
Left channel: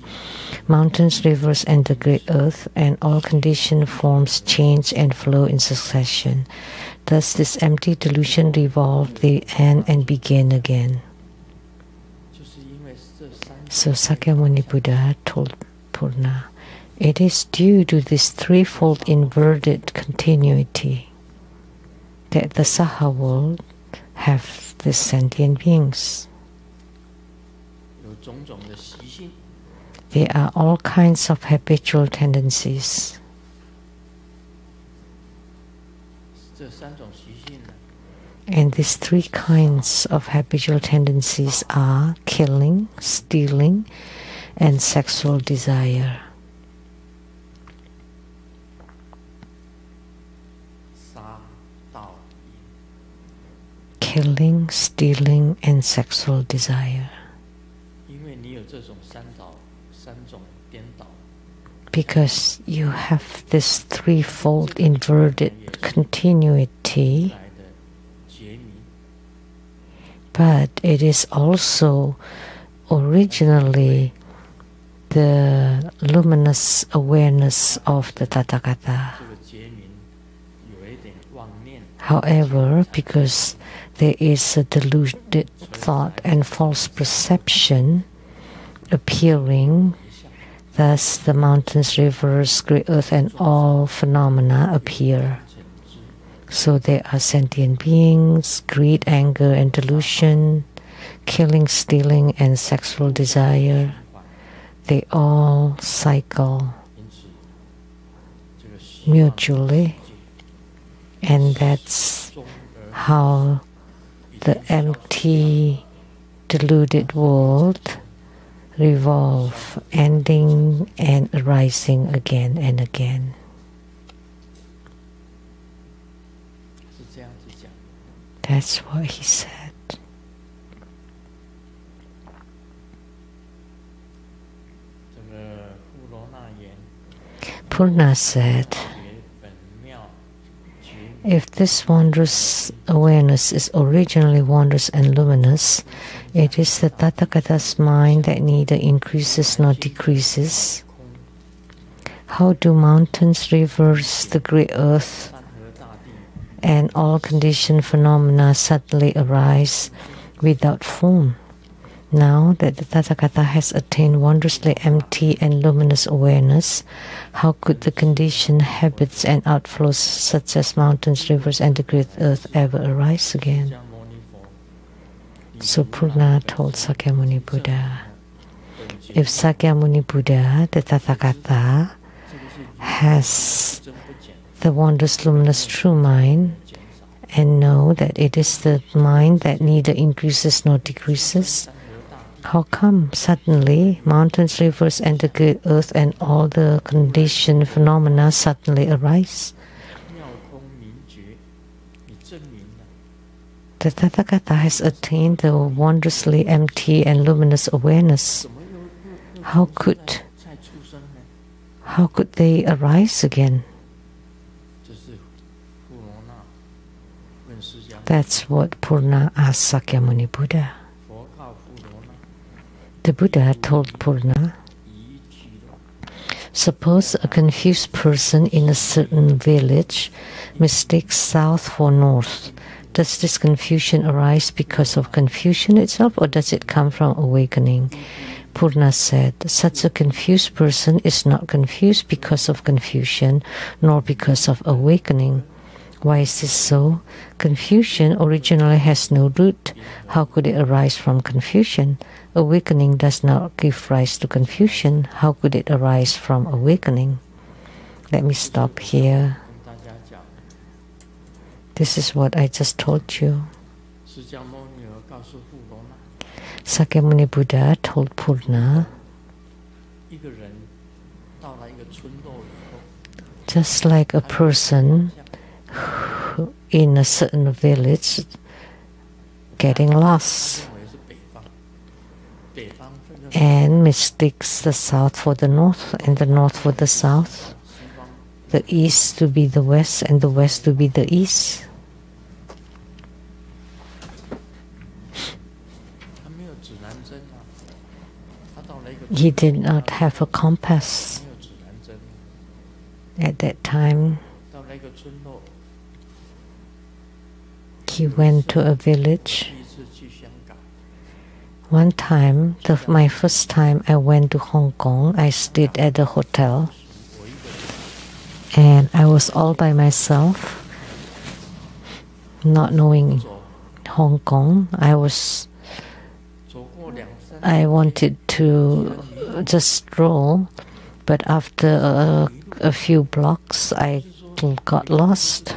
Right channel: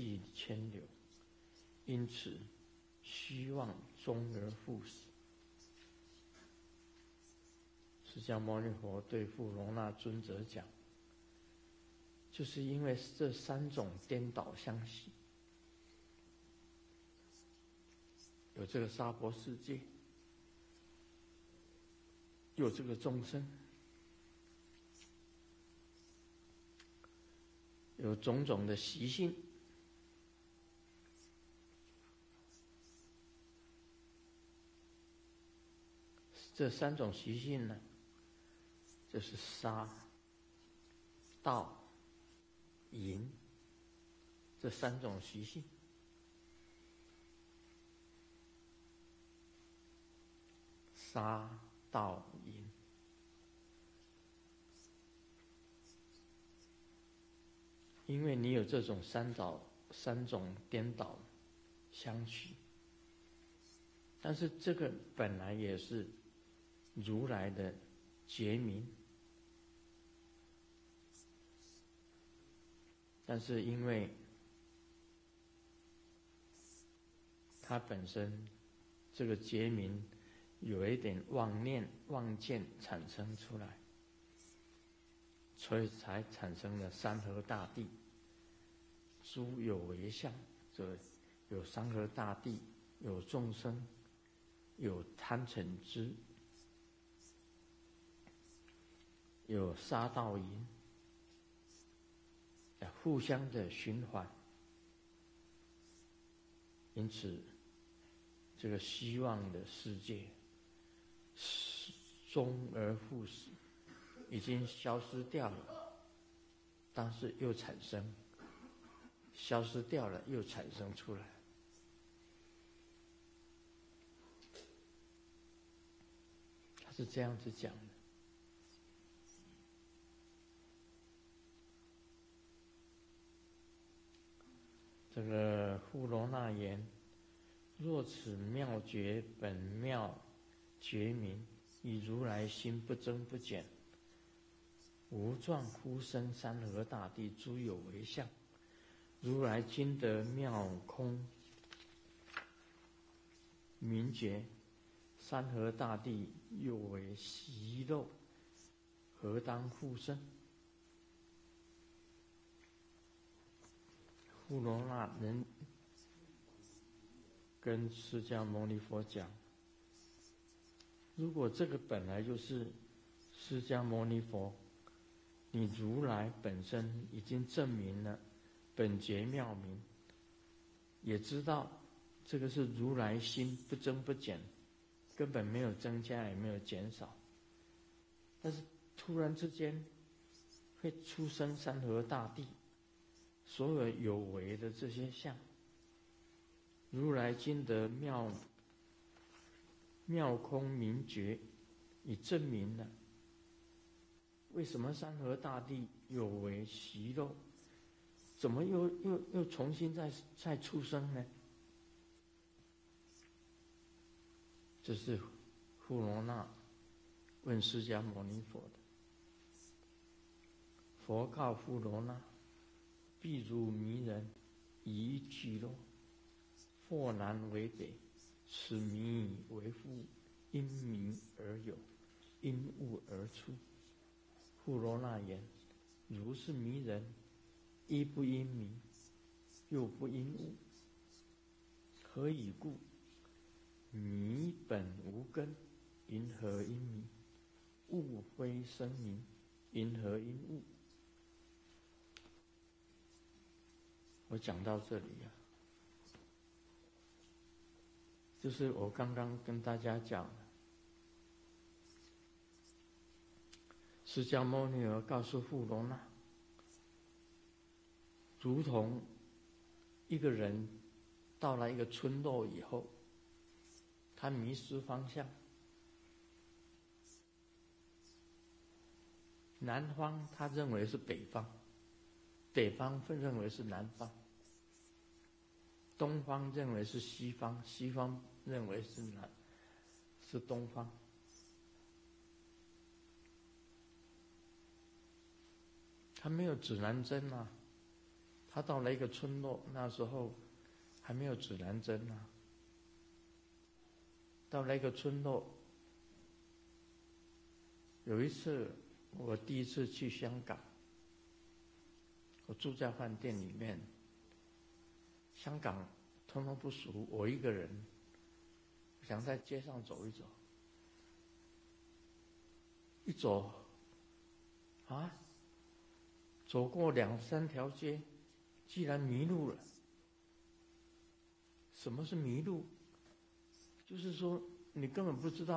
Mountains, rivers, and the great earth, and all conditioned forms change and flow in succession. Thus this empty delusion revolve, they end and begin again. So Sakyamuni Buddha told Purna, it is due to this threefold inverted continuity that the Saha world have the sentient beings. There are all kinds of habitual tendencies. And these three kinds of habitual tendencies are killing, stealing, and sexual desire. Killing, stealing, and sexual desire. Because you have this threefold inverted continuity, but it is also originally the luminous awareness of the Tathagata. However, because there is a deluded thought and false perception appearing, thus the mountains, rivers, great earth, and all phenomena appear. So there are sentient beings, greed, anger, and delusion, killing, stealing, and sexual desire. They all cycle mutually, and that's how the empty, deluded world revolve, ending and arising again and again. That's what he said. Purna said, if this wondrous awareness is originally wondrous and luminous, it is the Tathagata's mind that neither increases nor decreases. How do mountains, rivers, the great earth, and all conditioned phenomena suddenly arise without form? Now that the Tathagata has attained wondrously empty and luminous awareness, how could the conditioned habits and outflows such as mountains, rivers, and the great earth ever arise again? So Purna told Sakyamuni Buddha, if Sakyamuni Buddha, the Tathagata, has the wondrous luminous true mind, and know that it is the mind that neither increases nor decreases, how come suddenly mountains, rivers, and the great earth and all the conditioned phenomena suddenly arise? The Tathagata has attained the wondrously empty and luminous awareness. How could they arise again? That's what Purna asked Sakyamuni Buddha. The Buddha told Purna, suppose a confused person in a certain village mistakes south for north. Does this confusion arise because of confusion itself, or does it come from awakening? Purna said, such a confused person is not confused because of confusion, nor because of awakening. Why is this so? Confusion originally has no root. How could it arise from confusion? Awakening does not give rise to confusion. How could it arise from awakening? Let me stop here. This is what I just told you. Sakyamuni Buddha told Purna, just like a person in a certain village getting lost and mistakes the south for the north and the north for the south, the east to be the west and the west to be the east. He did not have a compass at that time. He went to a village. One time, my first time I went to Hong Kong, I stayed at a hotel and I was all by myself, not knowing Hong Kong. I wanted to just stroll, but after a few blocks I got lost.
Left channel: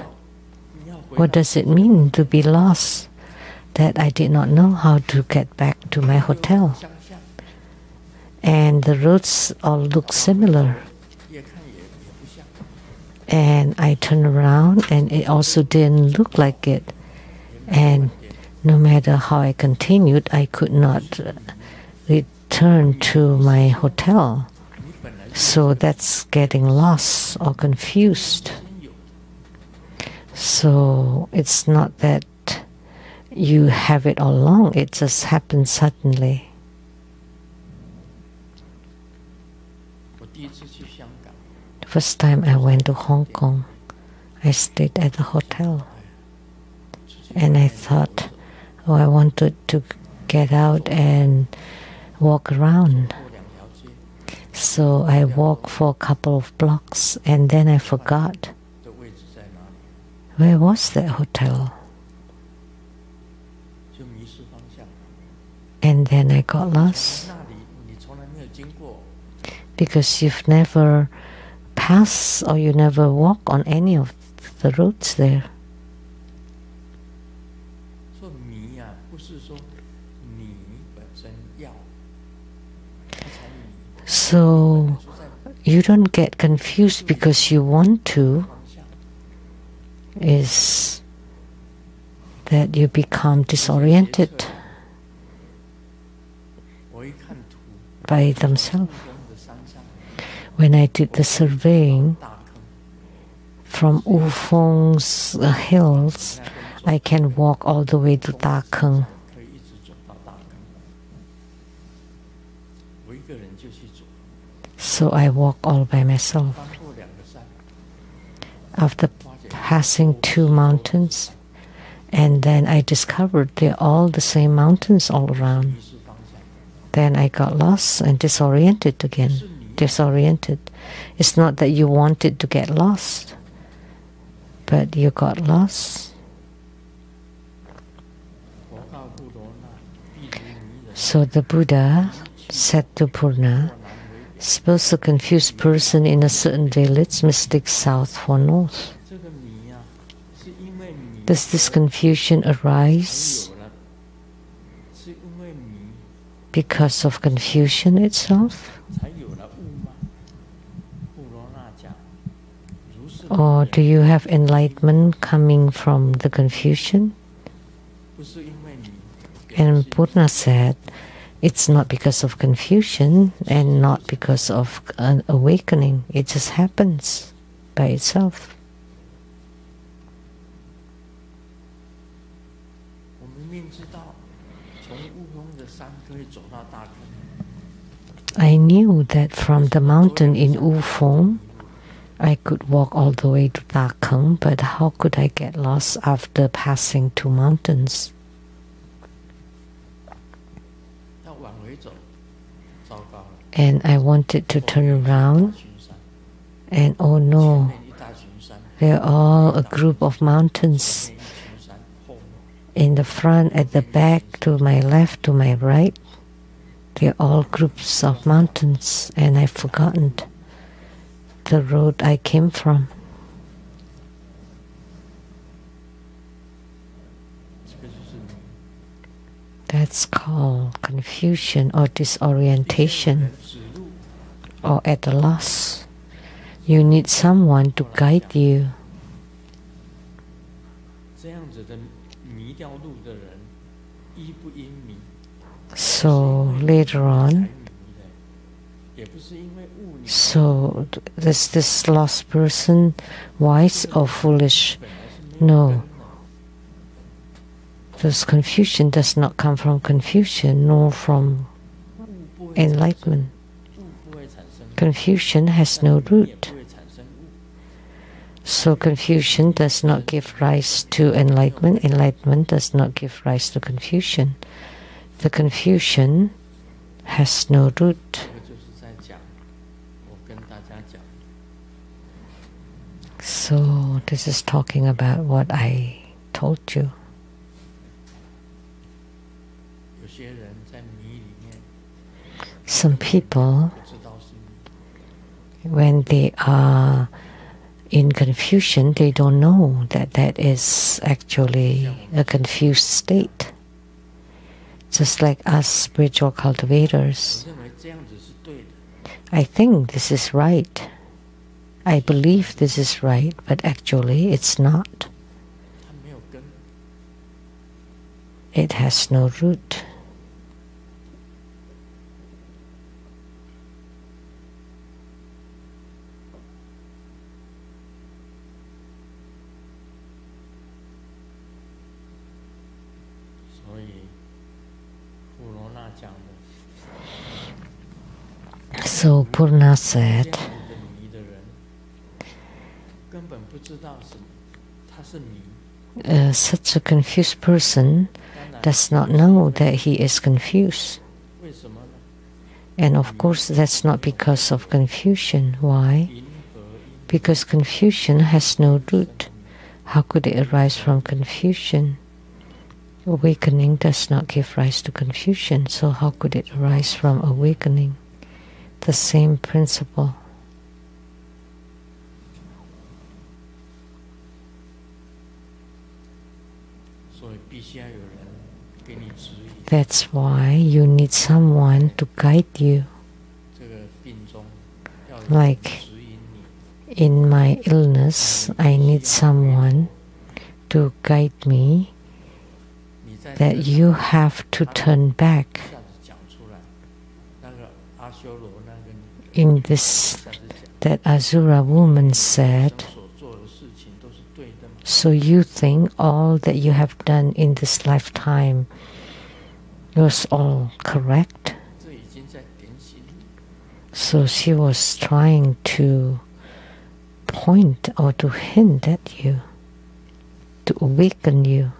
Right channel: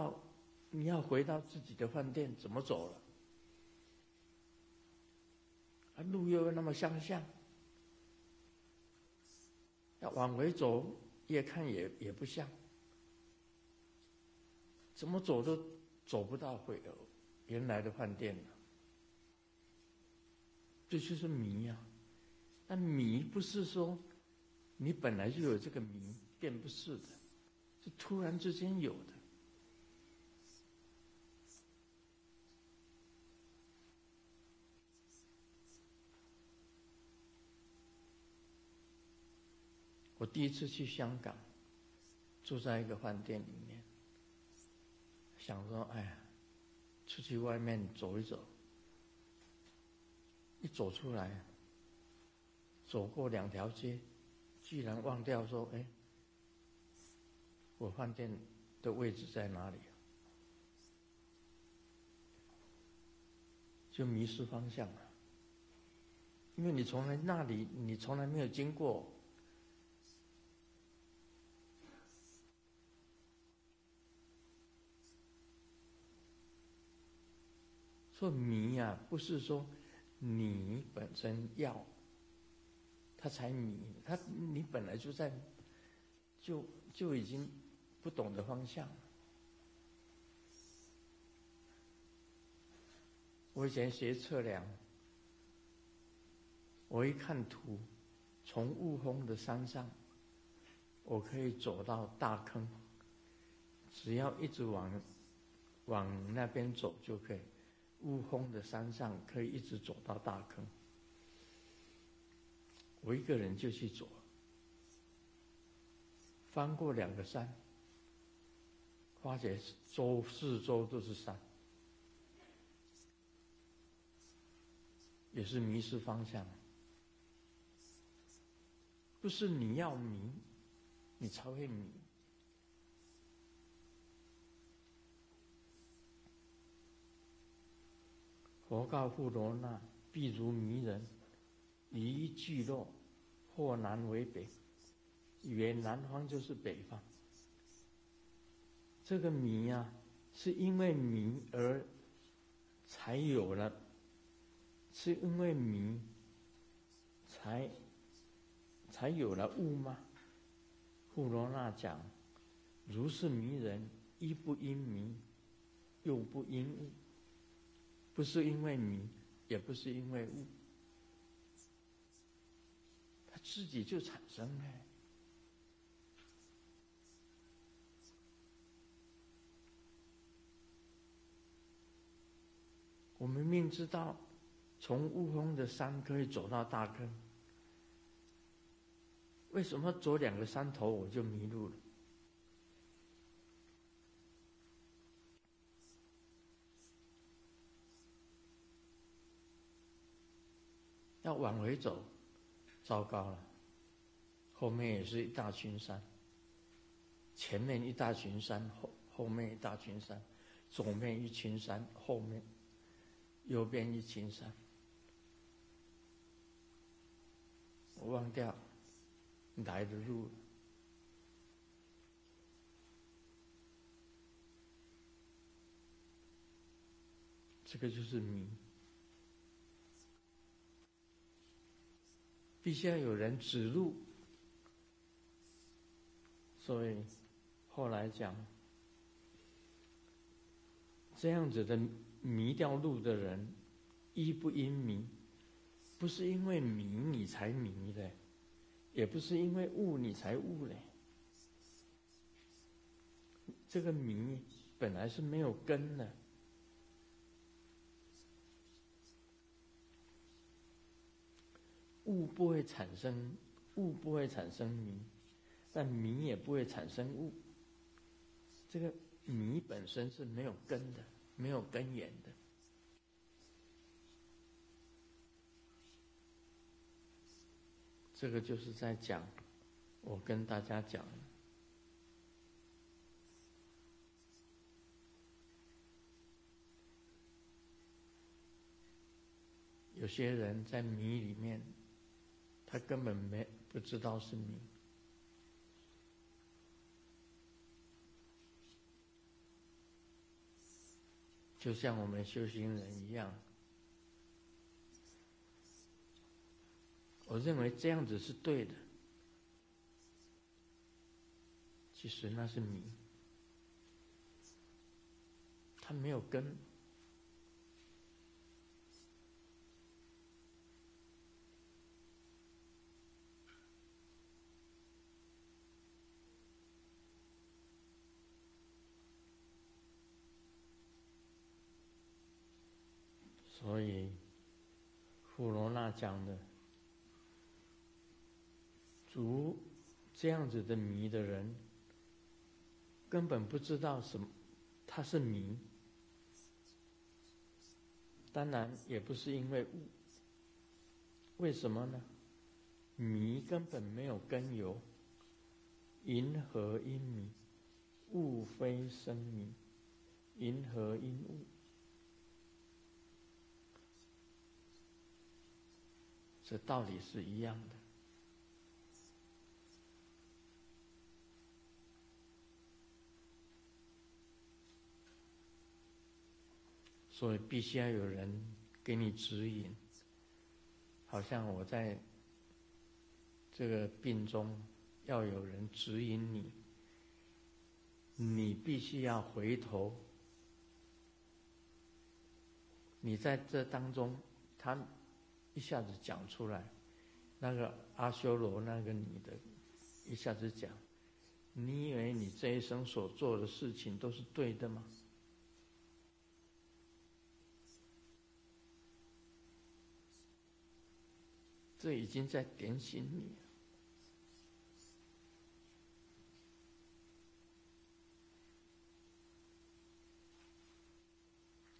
What does it mean to be lost? That I did not know how to get back to my hotel. And the roads all look similar. And I turned around and it also didn't look like it. And no matter how I continued, I could not return to my hotel. So that's getting lost or confused. So it's not that you have it all along, it just happened suddenly. The first time I went to Hong Kong, I stayed at the hotel. And I thought, oh, I wanted to get out and walk around. So I walked for a couple of blocks and then I forgot. Where was that hotel? And then I got lost. Because you've never passed or you never walk on any of the roads there. So you don't get confused because you want to. Is that you become disoriented by themselves. When I did the surveying from Wufeng's hills, I can walk all the way to Da Keng. So I walk all by myself. After passing 2 mountains, And then I discovered they're all the same mountains all around. Then I got lost and disoriented again. Disoriented. It's not that you wanted to get lost, but you got lost. So the Buddha said to Purna, suppose a confused person in a certain village mistakes south for north. Does this confusion arise because of confusion itself? Or do you have enlightenment coming from the confusion? And Purna said, it's not because of confusion and not because of an awakening. It just happens by itself. I knew that from the mountain in Wu I could walk all the way to Takeng, but how could I get lost after passing two mountains? And I wanted to turn around, and oh no, they're all a group of mountains. In the front, at the back, to my left, to my right, they're all groups of mountains, and I've forgotten the road I came from. That's called confusion or disorientation, or at a loss. You need someone to guide you. So later on, so is this lost person wise or foolish? No. This confusion does not come from confusion nor from enlightenment. Confusion has no root. So confusion does not give rise to enlightenment. Enlightenment does not give rise to confusion. The confusion has no root. So this is talking about what I told you. Some people, when they are in confusion, they don't know that that is actually a confused state. Just like us spiritual cultivators. I think this is right. I believe this is right, but actually it's not. It has no root. So Purna said, such a confused person does not know that he is confused. And of course that's not because of confusion. Why? Because confusion has no root. How could it arise from confusion? Awakening does not give rise to confusion, so how could it arise from awakening? The same principle. That's why you need someone to guide you. Like in my illness, I need someone to guide me that you have to turn back. In this, that Asura woman said, so you think all that you have done in this lifetime was all correct? So she was trying to point or to hint at you, to awaken you.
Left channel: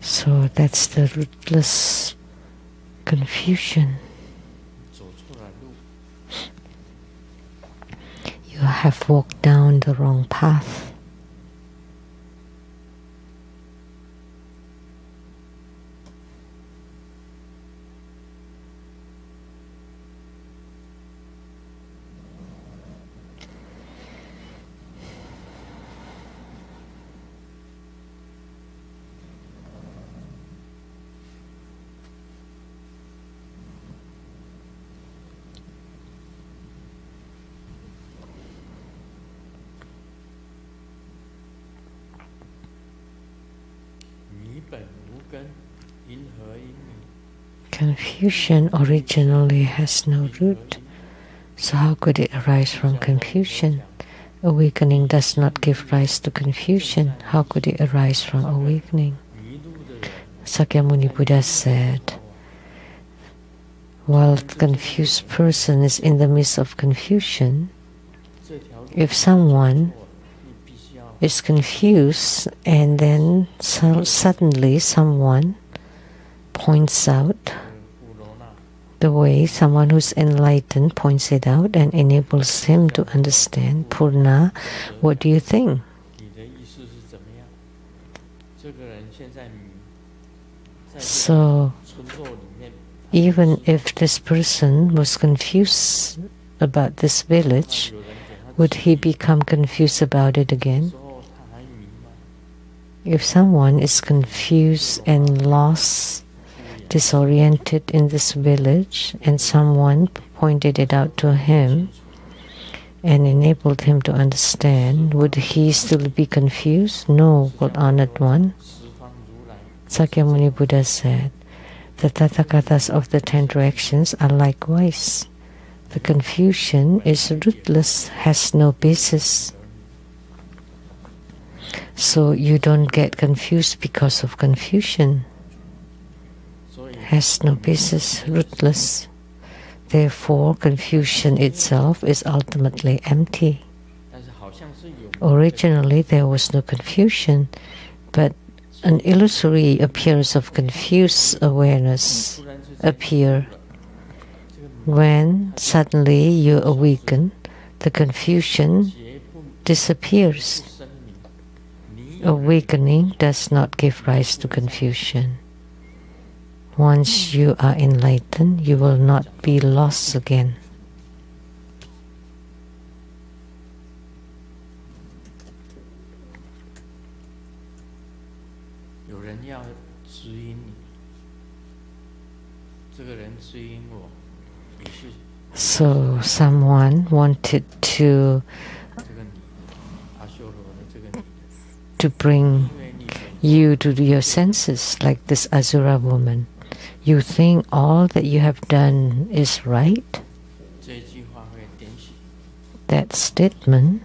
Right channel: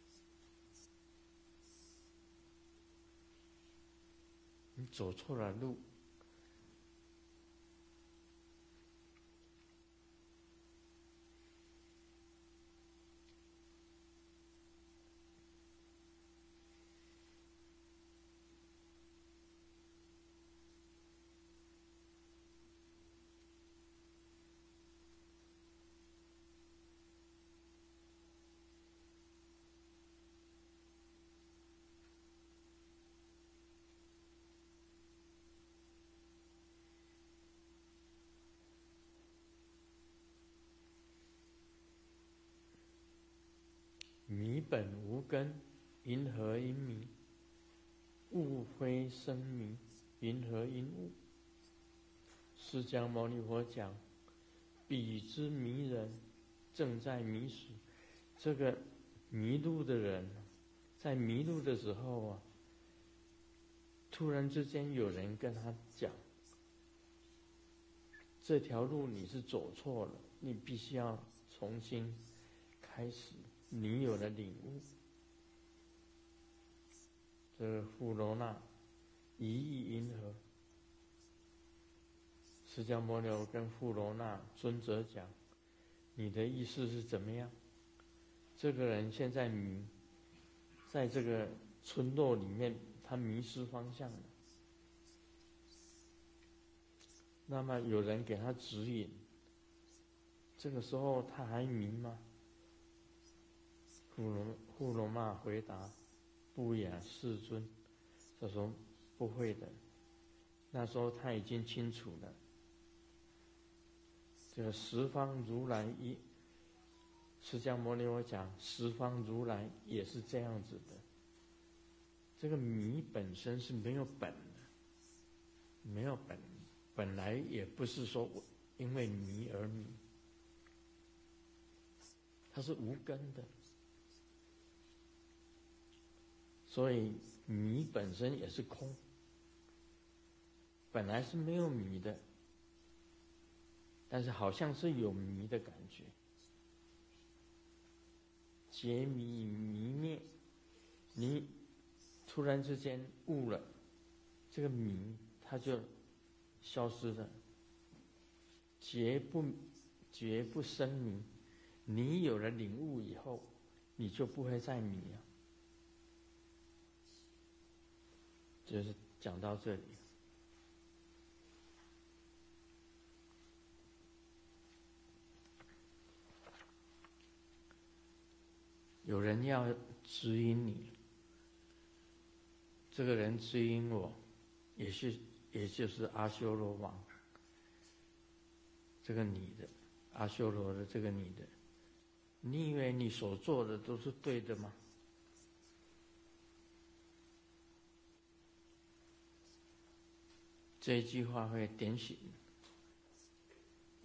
So that's the rootless confusion. You have walked down the wrong path. Confusion originally has no root, so how could it arise from confusion? Awakening does not give rise to confusion. How could it arise from awakening? Sakyamuni Buddha said, while the confused person is in the midst of confusion, if someone is confused and then suddenly someone points out the way, someone who's enlightened points it out and enables him to understand, Purna, what do you think? So, even if this person was confused about this village, would he become confused about it again? If someone is confused and lost, disoriented in this village, and someone pointed it out to him and enabled him to understand, would he still be confused? No, good honored one. Sakyamuni Buddha said, the Tathagatas of the 10 directions are likewise. The confusion is rootless, has no basis. So you don't get confused because of confusion. Has no basis, rootless. Therefore, confusion itself is ultimately empty. Originally, there was no confusion, but an illusory appearance of confused awareness appears. When suddenly you awaken, the confusion disappears. Awakening does not give rise to confusion. Once you are enlightened, you will not be lost again. So someone wanted to bring you to your senses, like this Asura woman. You think all that you have done is right? That statement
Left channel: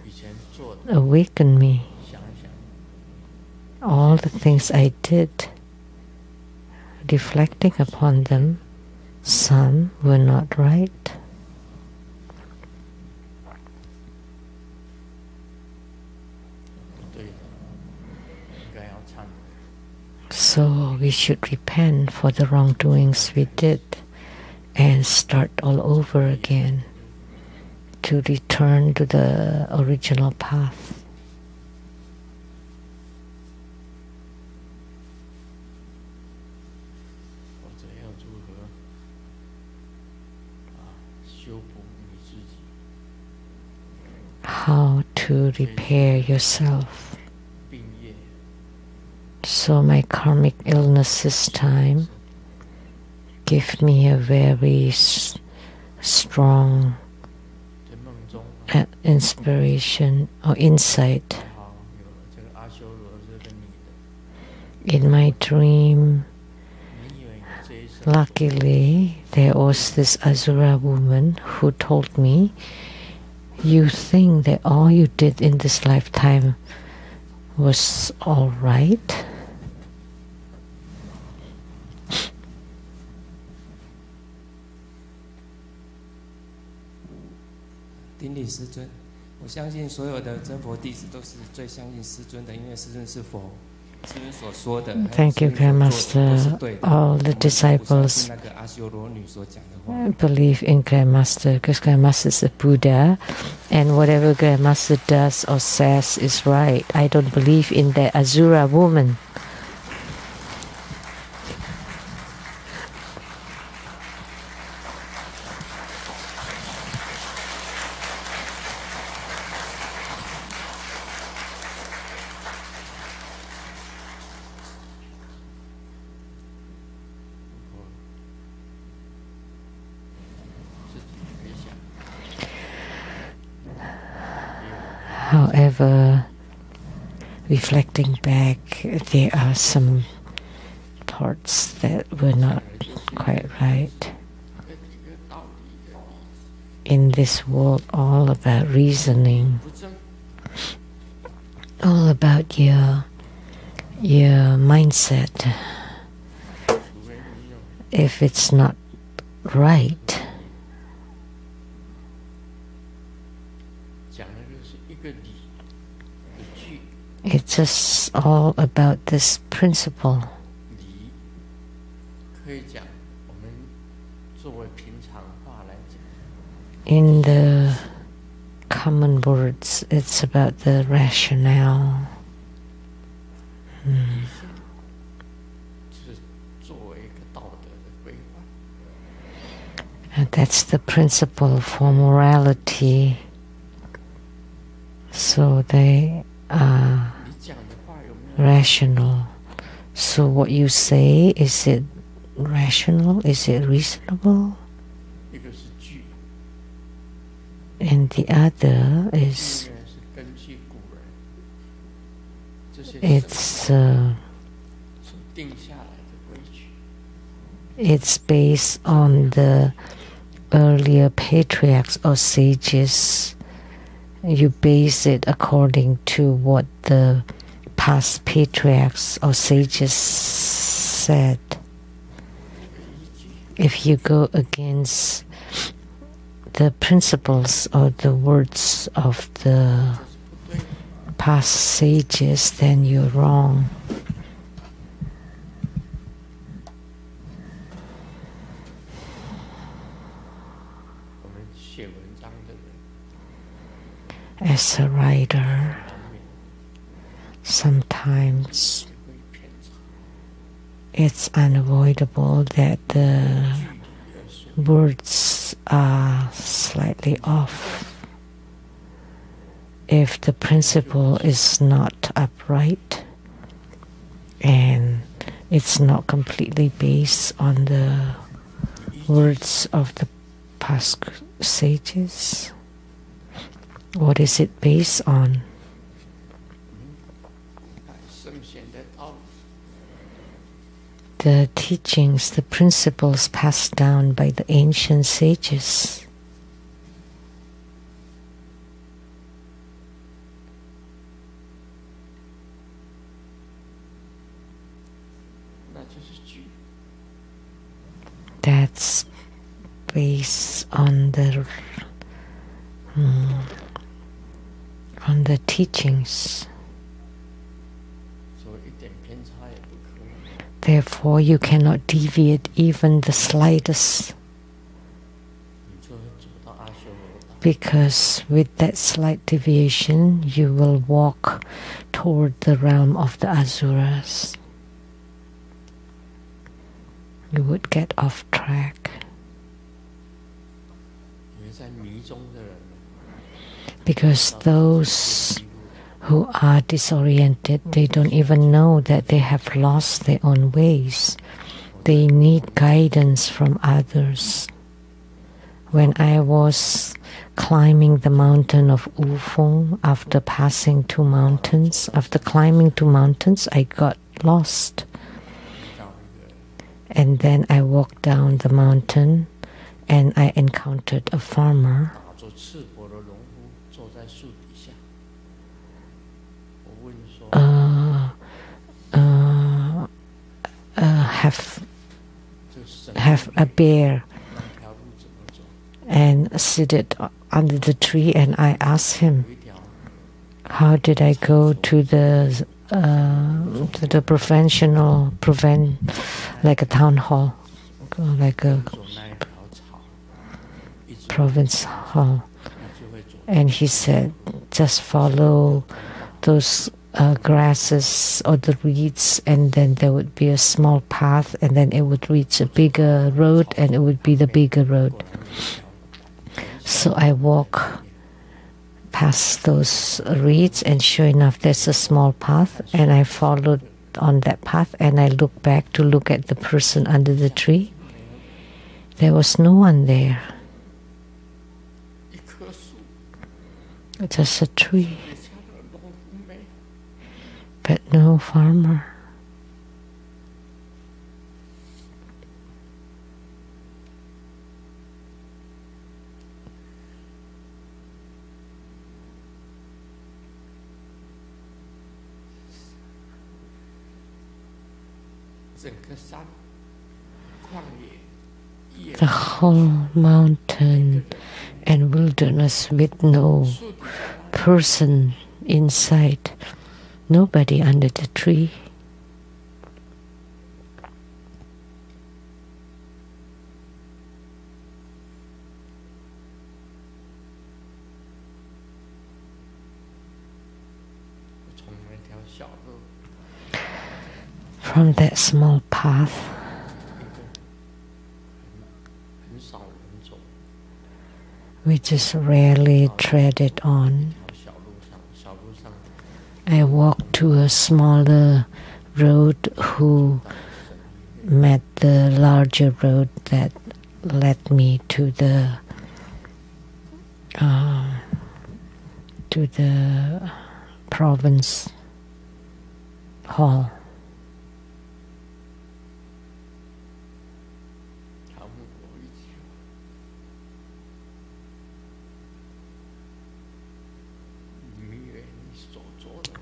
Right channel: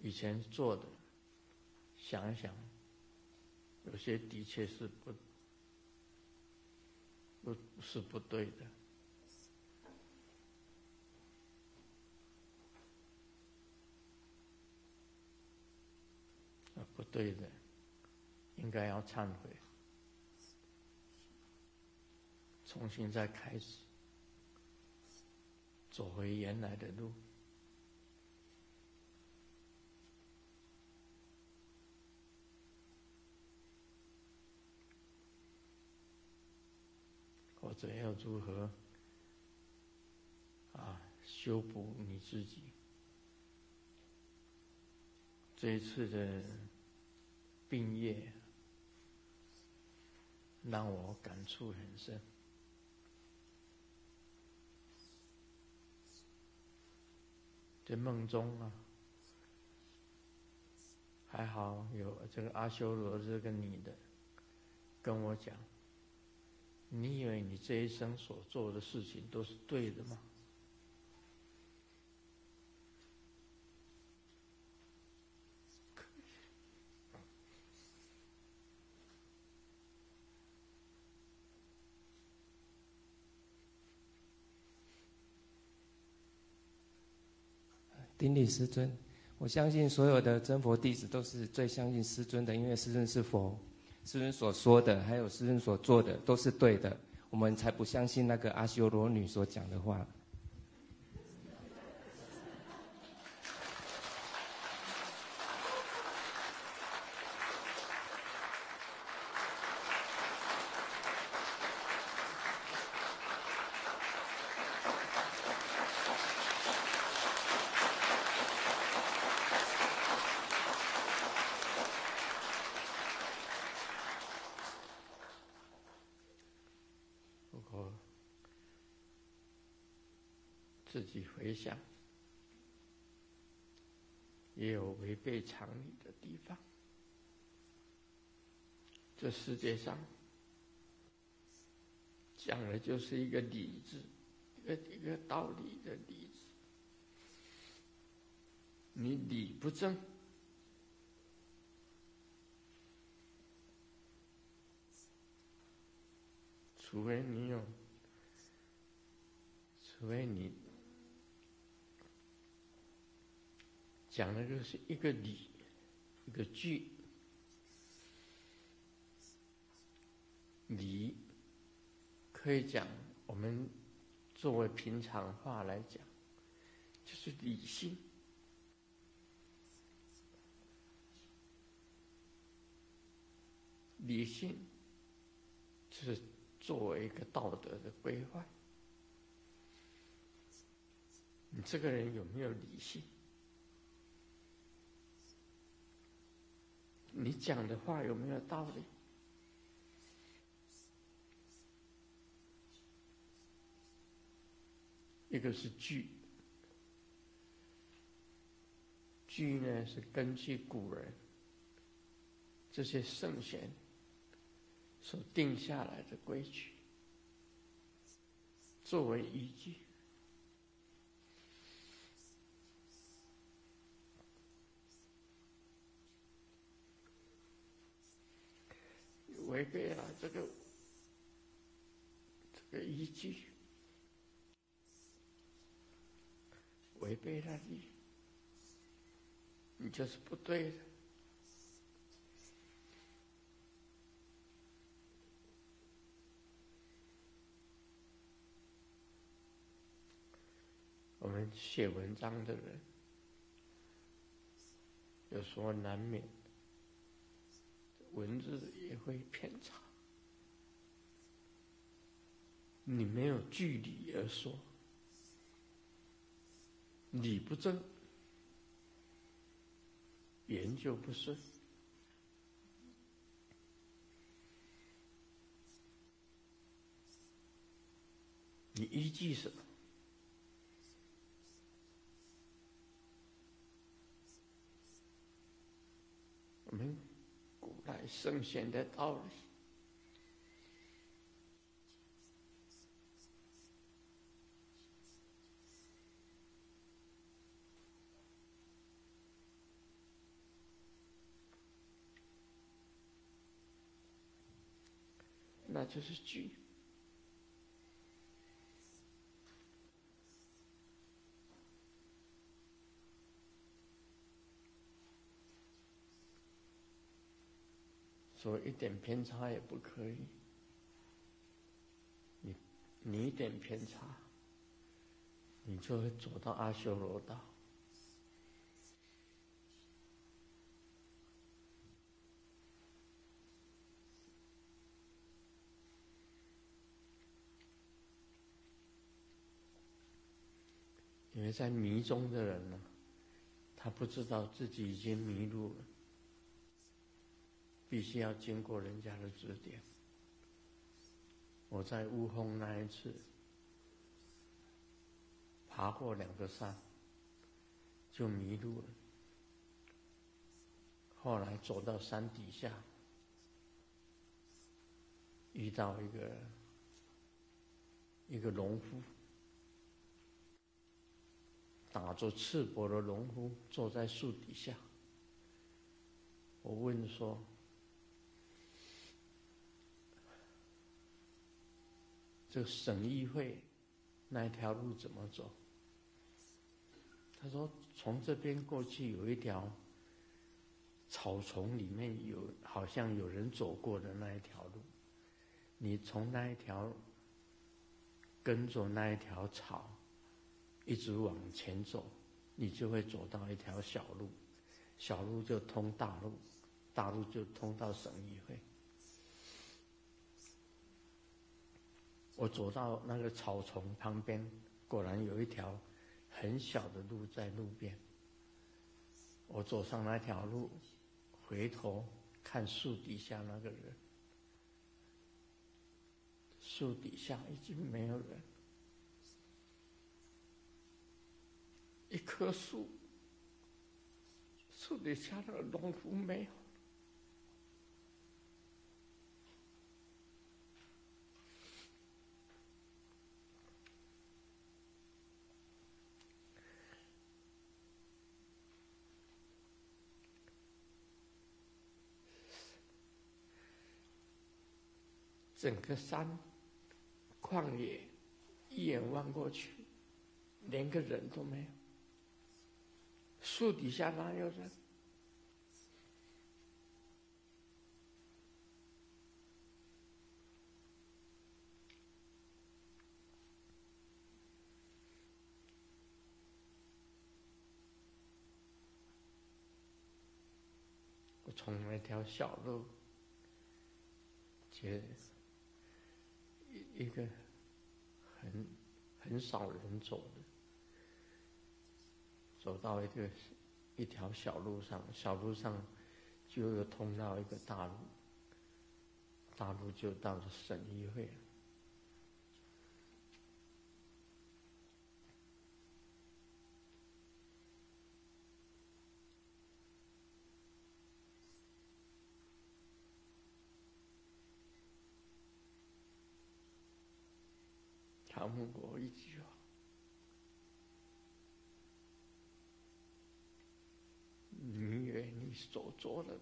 awakened me. All the things I did, reflecting upon them, some were not right. So we should repent for the wrongdoings we did and start all over again to return to the original path. How to repair yourself. So my karmic illness this time gave me a very strong inspiration or insight. In my dream, luckily, there was this Asura woman who told me, you think that all you did in this lifetime was all right? 我相信所有的真佛弟子都是最相信师尊的，因为师尊是佛。Thank you, Grandmaster. All the disciples believe in Grandmaster because Grandmaster is a Buddha, and whatever Grandmaster does or says is right. I don't believe in the Asura woman. However, reflecting back, there are some parts that were not quite right. In this world, all about reasoning, all about your mindset. If it's not right, it's just all about this principle. In the common words, it's about the rationale. And that's the principle for morality. So they are rational. So what you say, is it rational? Is it reasonable? And the other is it's based on the earlier patriarchs or sages. You base it according to what the past patriarchs or sages said. If you go against the principles or the words of the past sages, then you're wrong. As a writer, sometimes it's unavoidable that the words are slightly off. If the principle is not upright and it's not completely based on the words of the past sages, what is it based on? The teachings, the principles passed down by the ancient sages. That's based on the teachings. Therefore, you cannot deviate even the slightest, because with that slight deviation, you will walk toward the realm of the Asuras. You would get off track. Because those who are disoriented, they don't even know that they have lost their own ways. They need guidance from others. When I was climbing the mountain of Wufeng, after passing 2 mountains, after climbing 2 mountains, I got lost. And then I walked down the mountain and I encountered a farmer have a bear and seated under the tree, and I asked him, how did I go to the like a town hall, like a province hall? And he said, just follow those grasses or the reeds, and then there would be a small path, and then it would reach a bigger road, and it would be the bigger road. So I walk past those reeds, and sure enough, there's a small path, and I followed on that path, and I looked back to look at the person under the tree. There was no one there. Just a tree, but no farmer. The whole mountain and wilderness with no person inside, nobody under the tree. From that small path, we just rarely tread it on. I walked to a smaller road who met the larger road that led me to the province hall.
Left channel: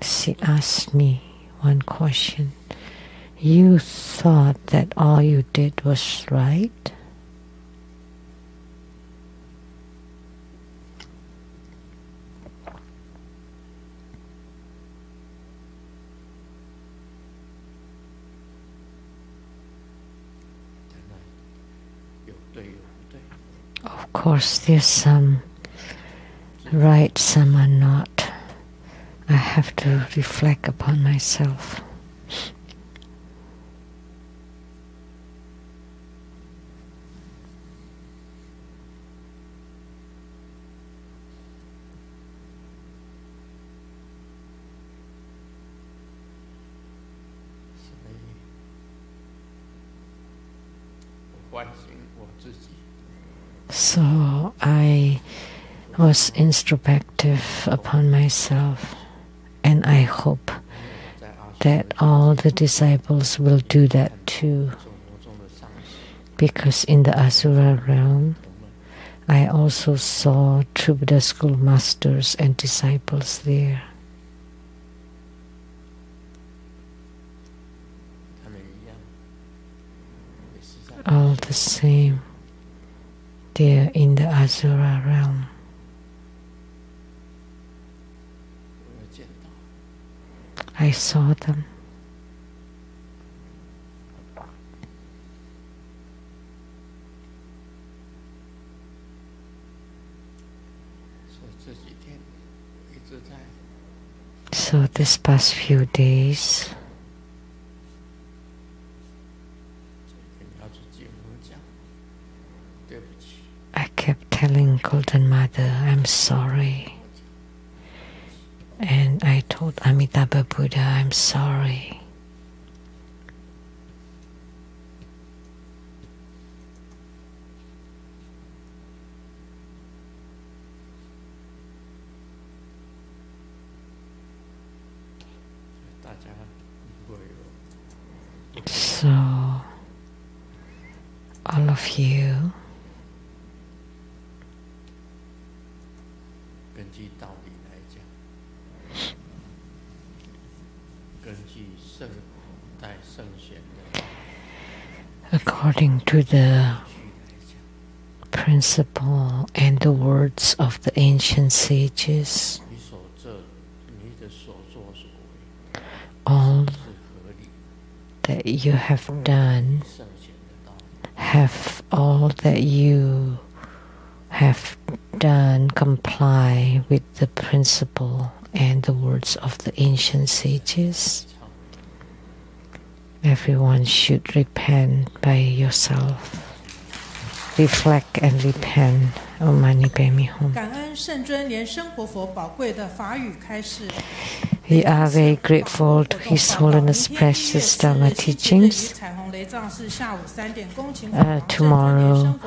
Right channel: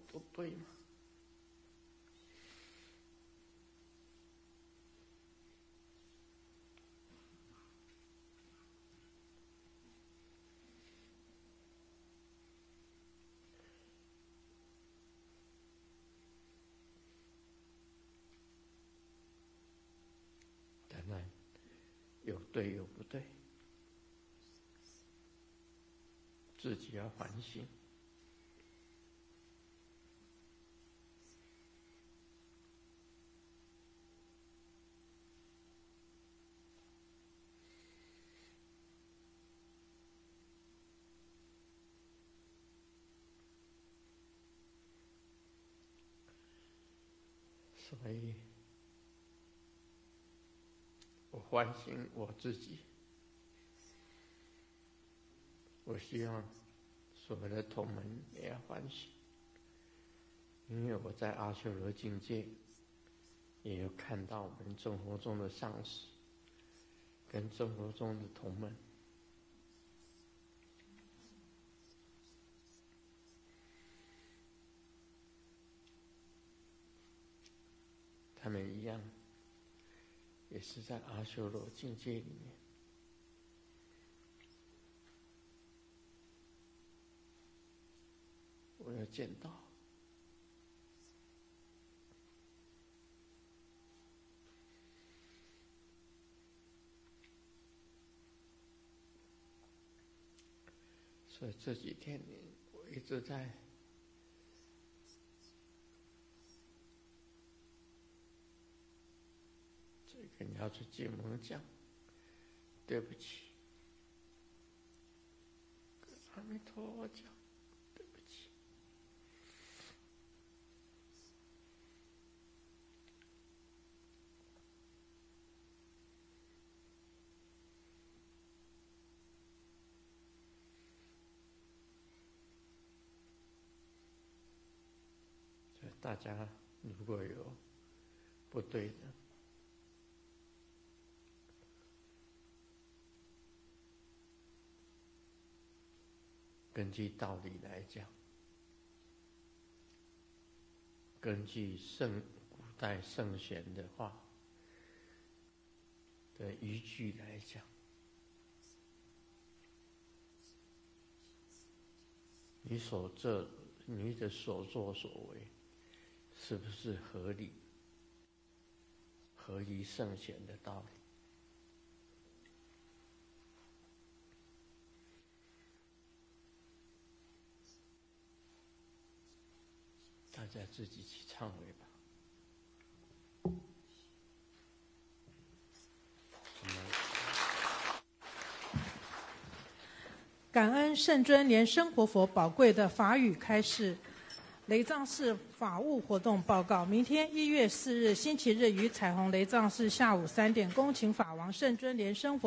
She asked me one question. You thought that all you did was right? Of course, there's some right, some are not. I have to reflect upon myself. So I was introspective upon myself, and I hope that all the disciples will do that too. Because in the Asura realm, I also saw true Buddha school masters and disciples there. All the same, they're in the Asura realm. I saw them. So this past few days, I kept telling Golden Mother, I'm sorry. And I told Amitabha Buddha, I'm sorry. So, all of you, according to the principle and the words of the ancient sages. All that you have done, have all that you have done comply with the principle and the words of the ancient sages. Everyone should repent by yourself. Reflect and repent. Om Mani Padme Hum. 感恩圣尊莲生活佛宝贵的法语开示。 We are very grateful to His Holiness Precious Dharma teachings. Tomorrow,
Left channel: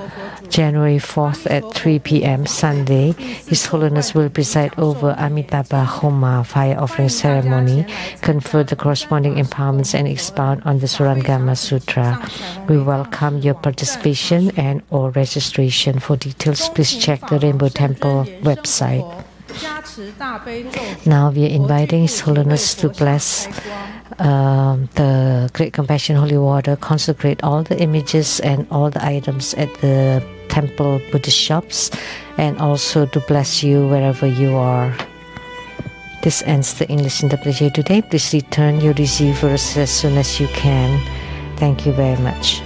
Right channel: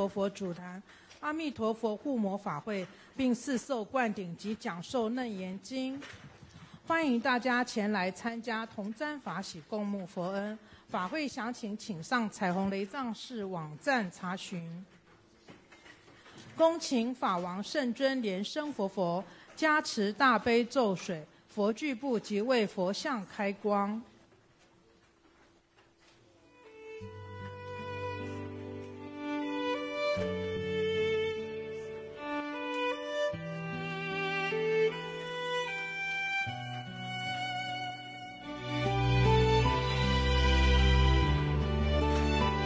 January 4th at 3 p.m. Sunday, His Holiness will preside over Amitabha Homa fire offering ceremony, confer the corresponding empowerments, and expound on the Surangama Sutra. We welcome your participation and or registration. For details, please check the Rainbow Temple website. Now we are inviting His Holiness to bless the Great Compassion Holy Water, consecrate all the images and all the items at the temple Buddhist shops, and also to bless you wherever you are. This ends the English interpretation today. Please return your receivers as soon as you can. Thank you very much.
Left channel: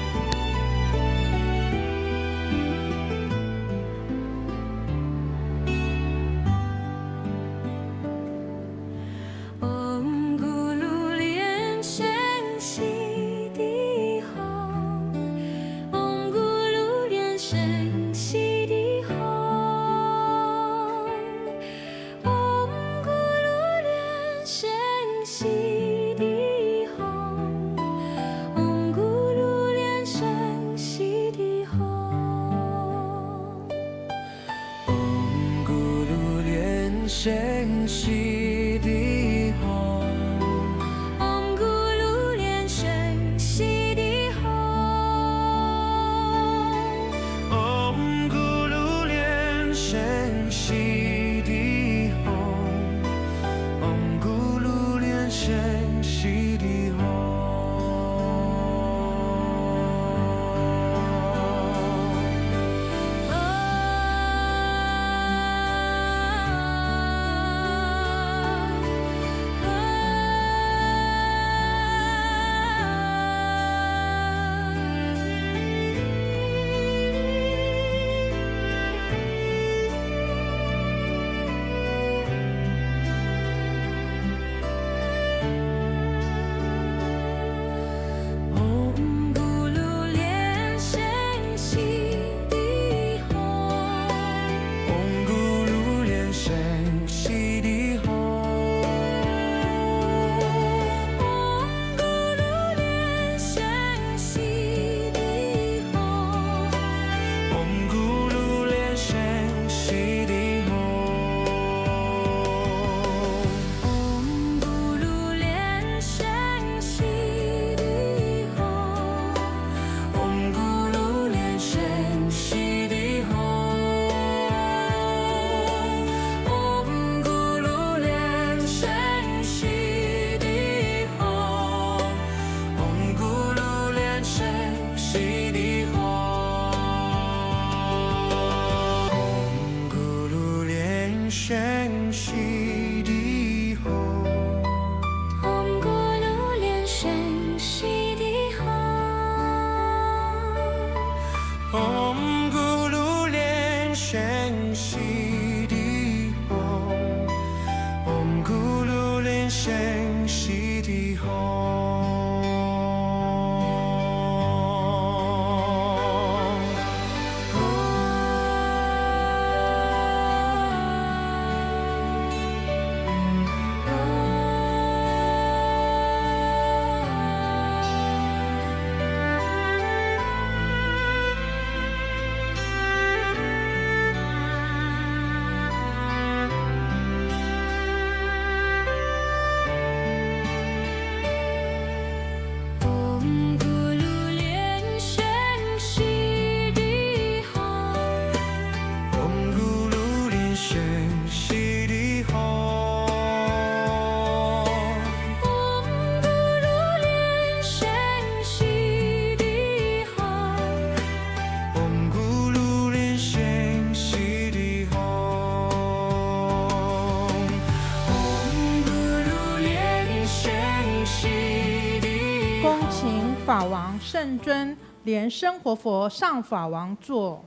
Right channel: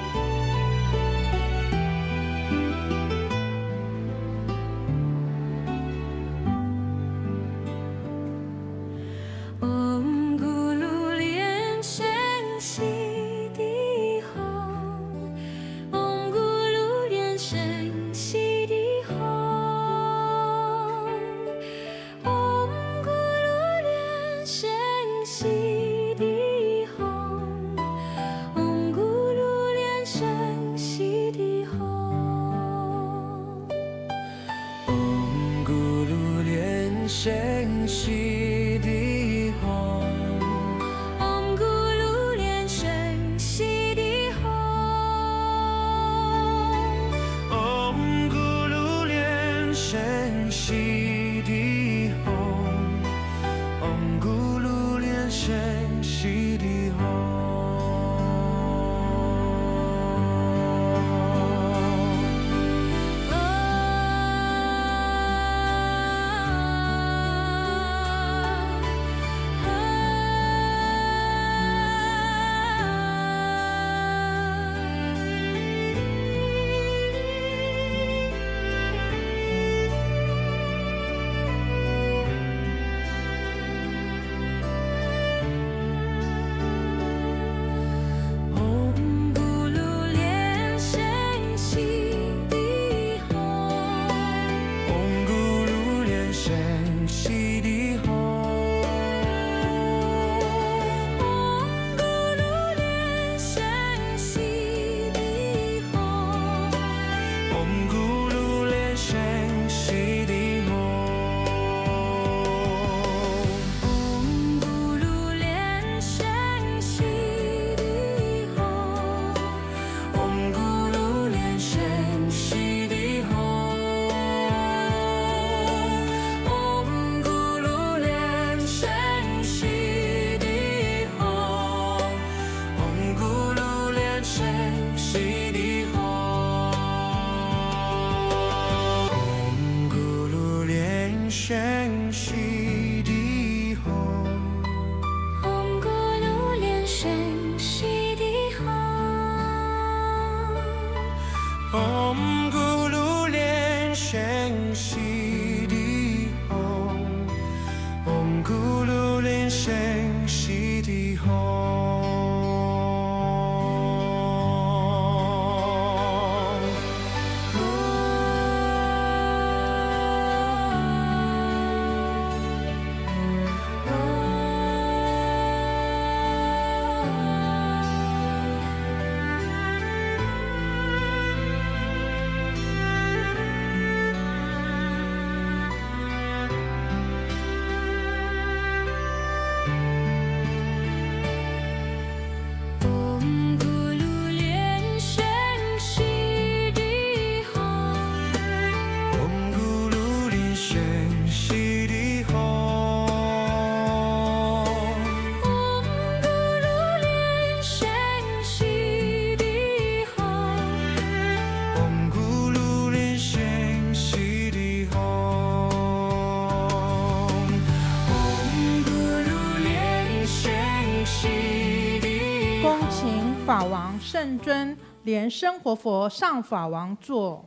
法王圣尊莲生活佛上法王座，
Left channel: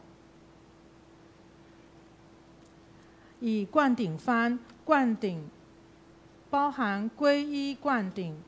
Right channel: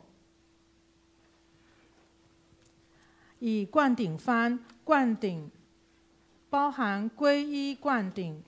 以灌顶幡灌顶，包含皈依灌顶。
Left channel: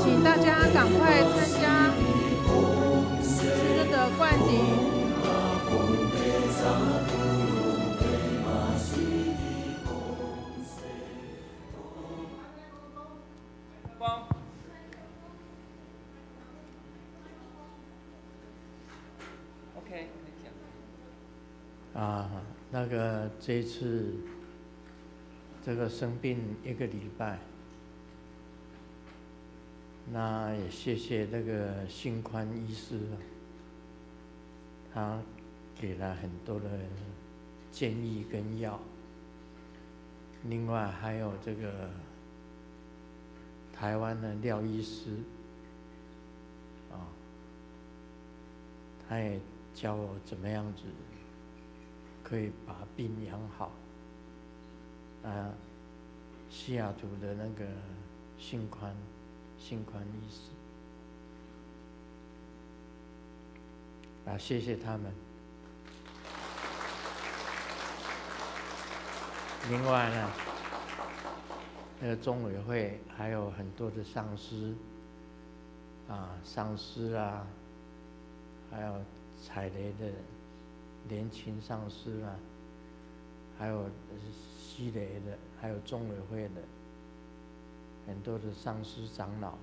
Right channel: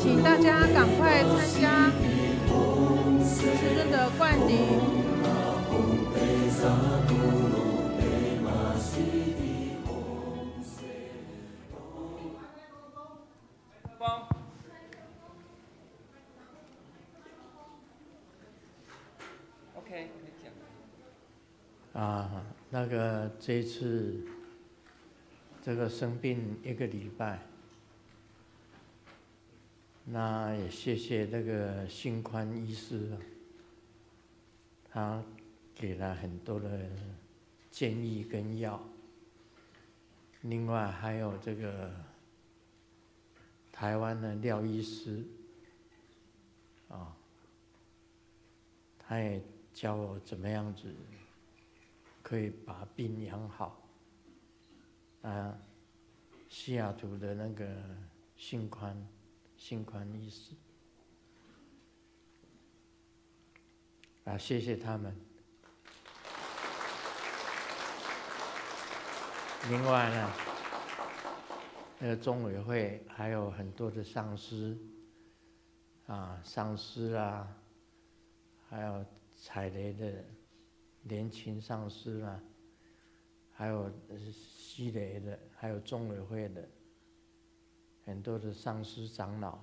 请大家赶快参加师尊的灌顶。OK， 那个这一次这个生病1个礼拜。那也谢谢那个心宽医师，他给了很多的建议跟药。另外还有这个台湾的廖医师，他也教我怎么样子可以把病养好。西雅图的那个心宽医师，谢谢他们。另外呢，那个中委会还有很多的上师，上师啊，还有踩雷的年轻上师啊，还有西雷的，还有中委会的。很多的上师长老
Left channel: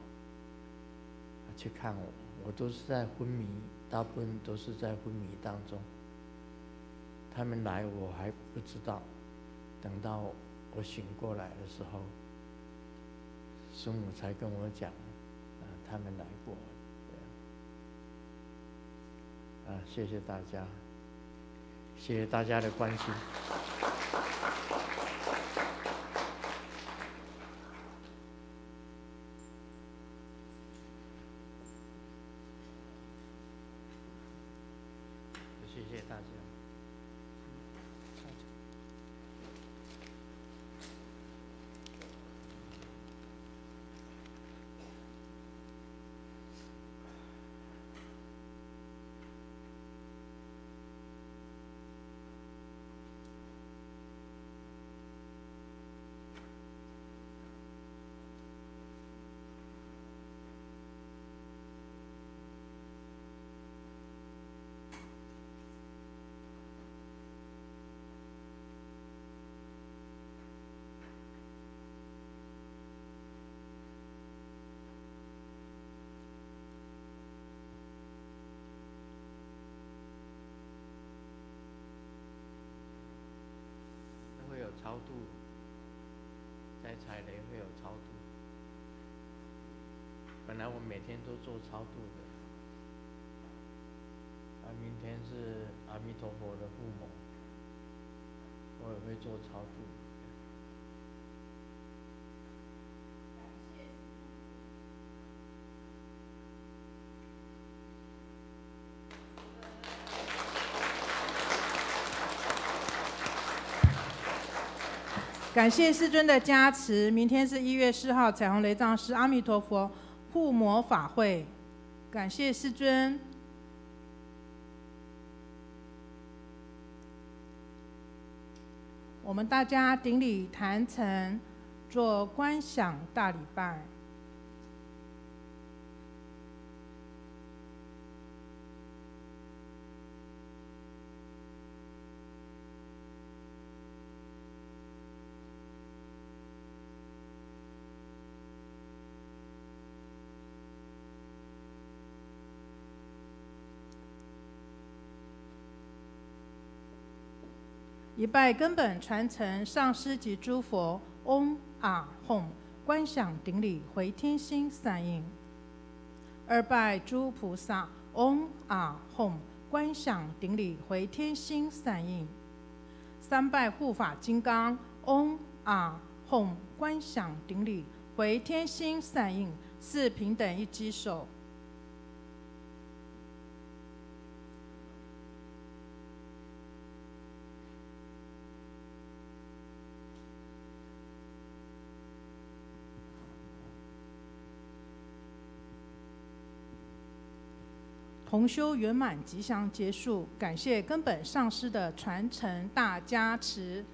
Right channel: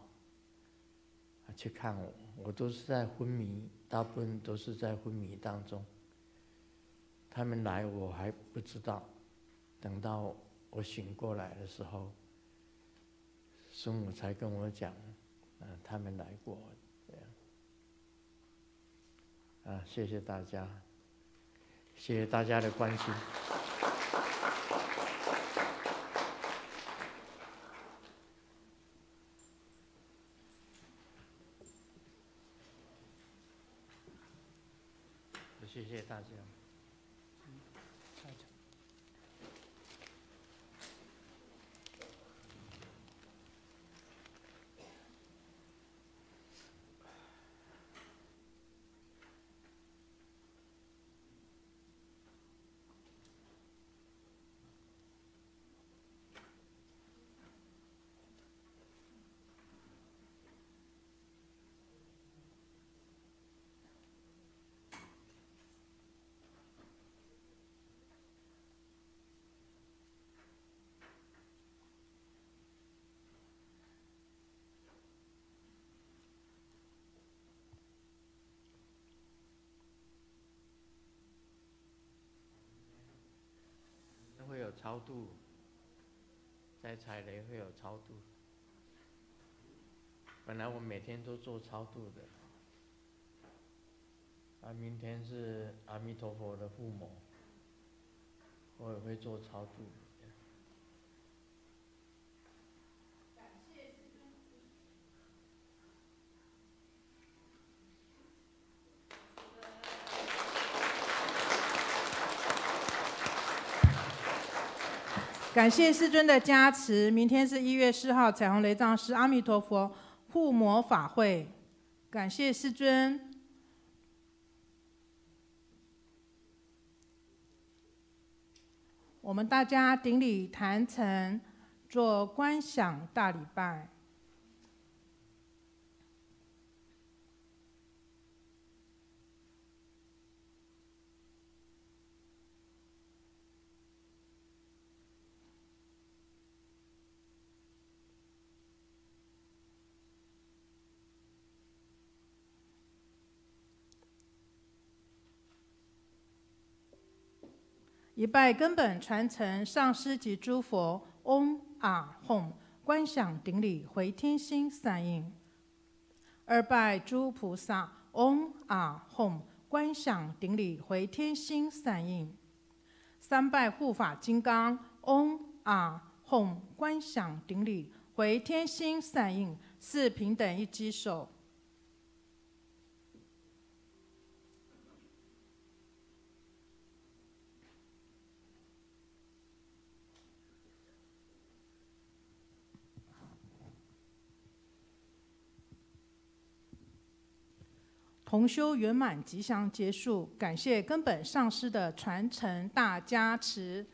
去看我，我都是在昏迷，大部分都是在昏迷当中。他们来我还不知道，等到我醒过来的时候，师母才跟我讲，他们来过，这样。谢谢大家，谢谢大家的关心。谢谢大家。超度，在踩雷会有超度。本来我每天都做超度的，明天是阿弥陀佛的父母，我也会做超度。感谢世尊的加持，明天是1月4号彩虹雷藏寺阿弥陀佛护摩法会，感谢世尊。我们大家顶礼坛城，做观想大礼拜。一拜根本传承上师及诸佛，嗡啊吽，观想顶礼回天心散应。二拜诸菩萨，嗡啊吽，观想顶礼回天心散应。三拜护法金刚，嗡啊吽，观想顶礼回天心散应。四平等一击手。同修圆满吉祥结束，感谢根本上师的传承大加持。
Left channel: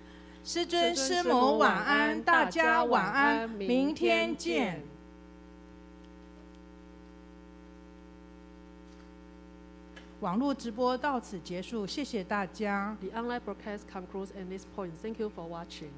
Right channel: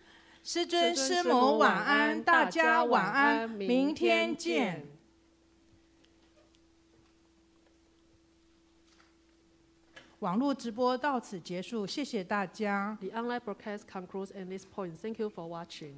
师尊师母晚安，大家晚安，明天见。网络直播到此结束，谢谢大家。 The online broadcast concludes at this point. Thank you for watching.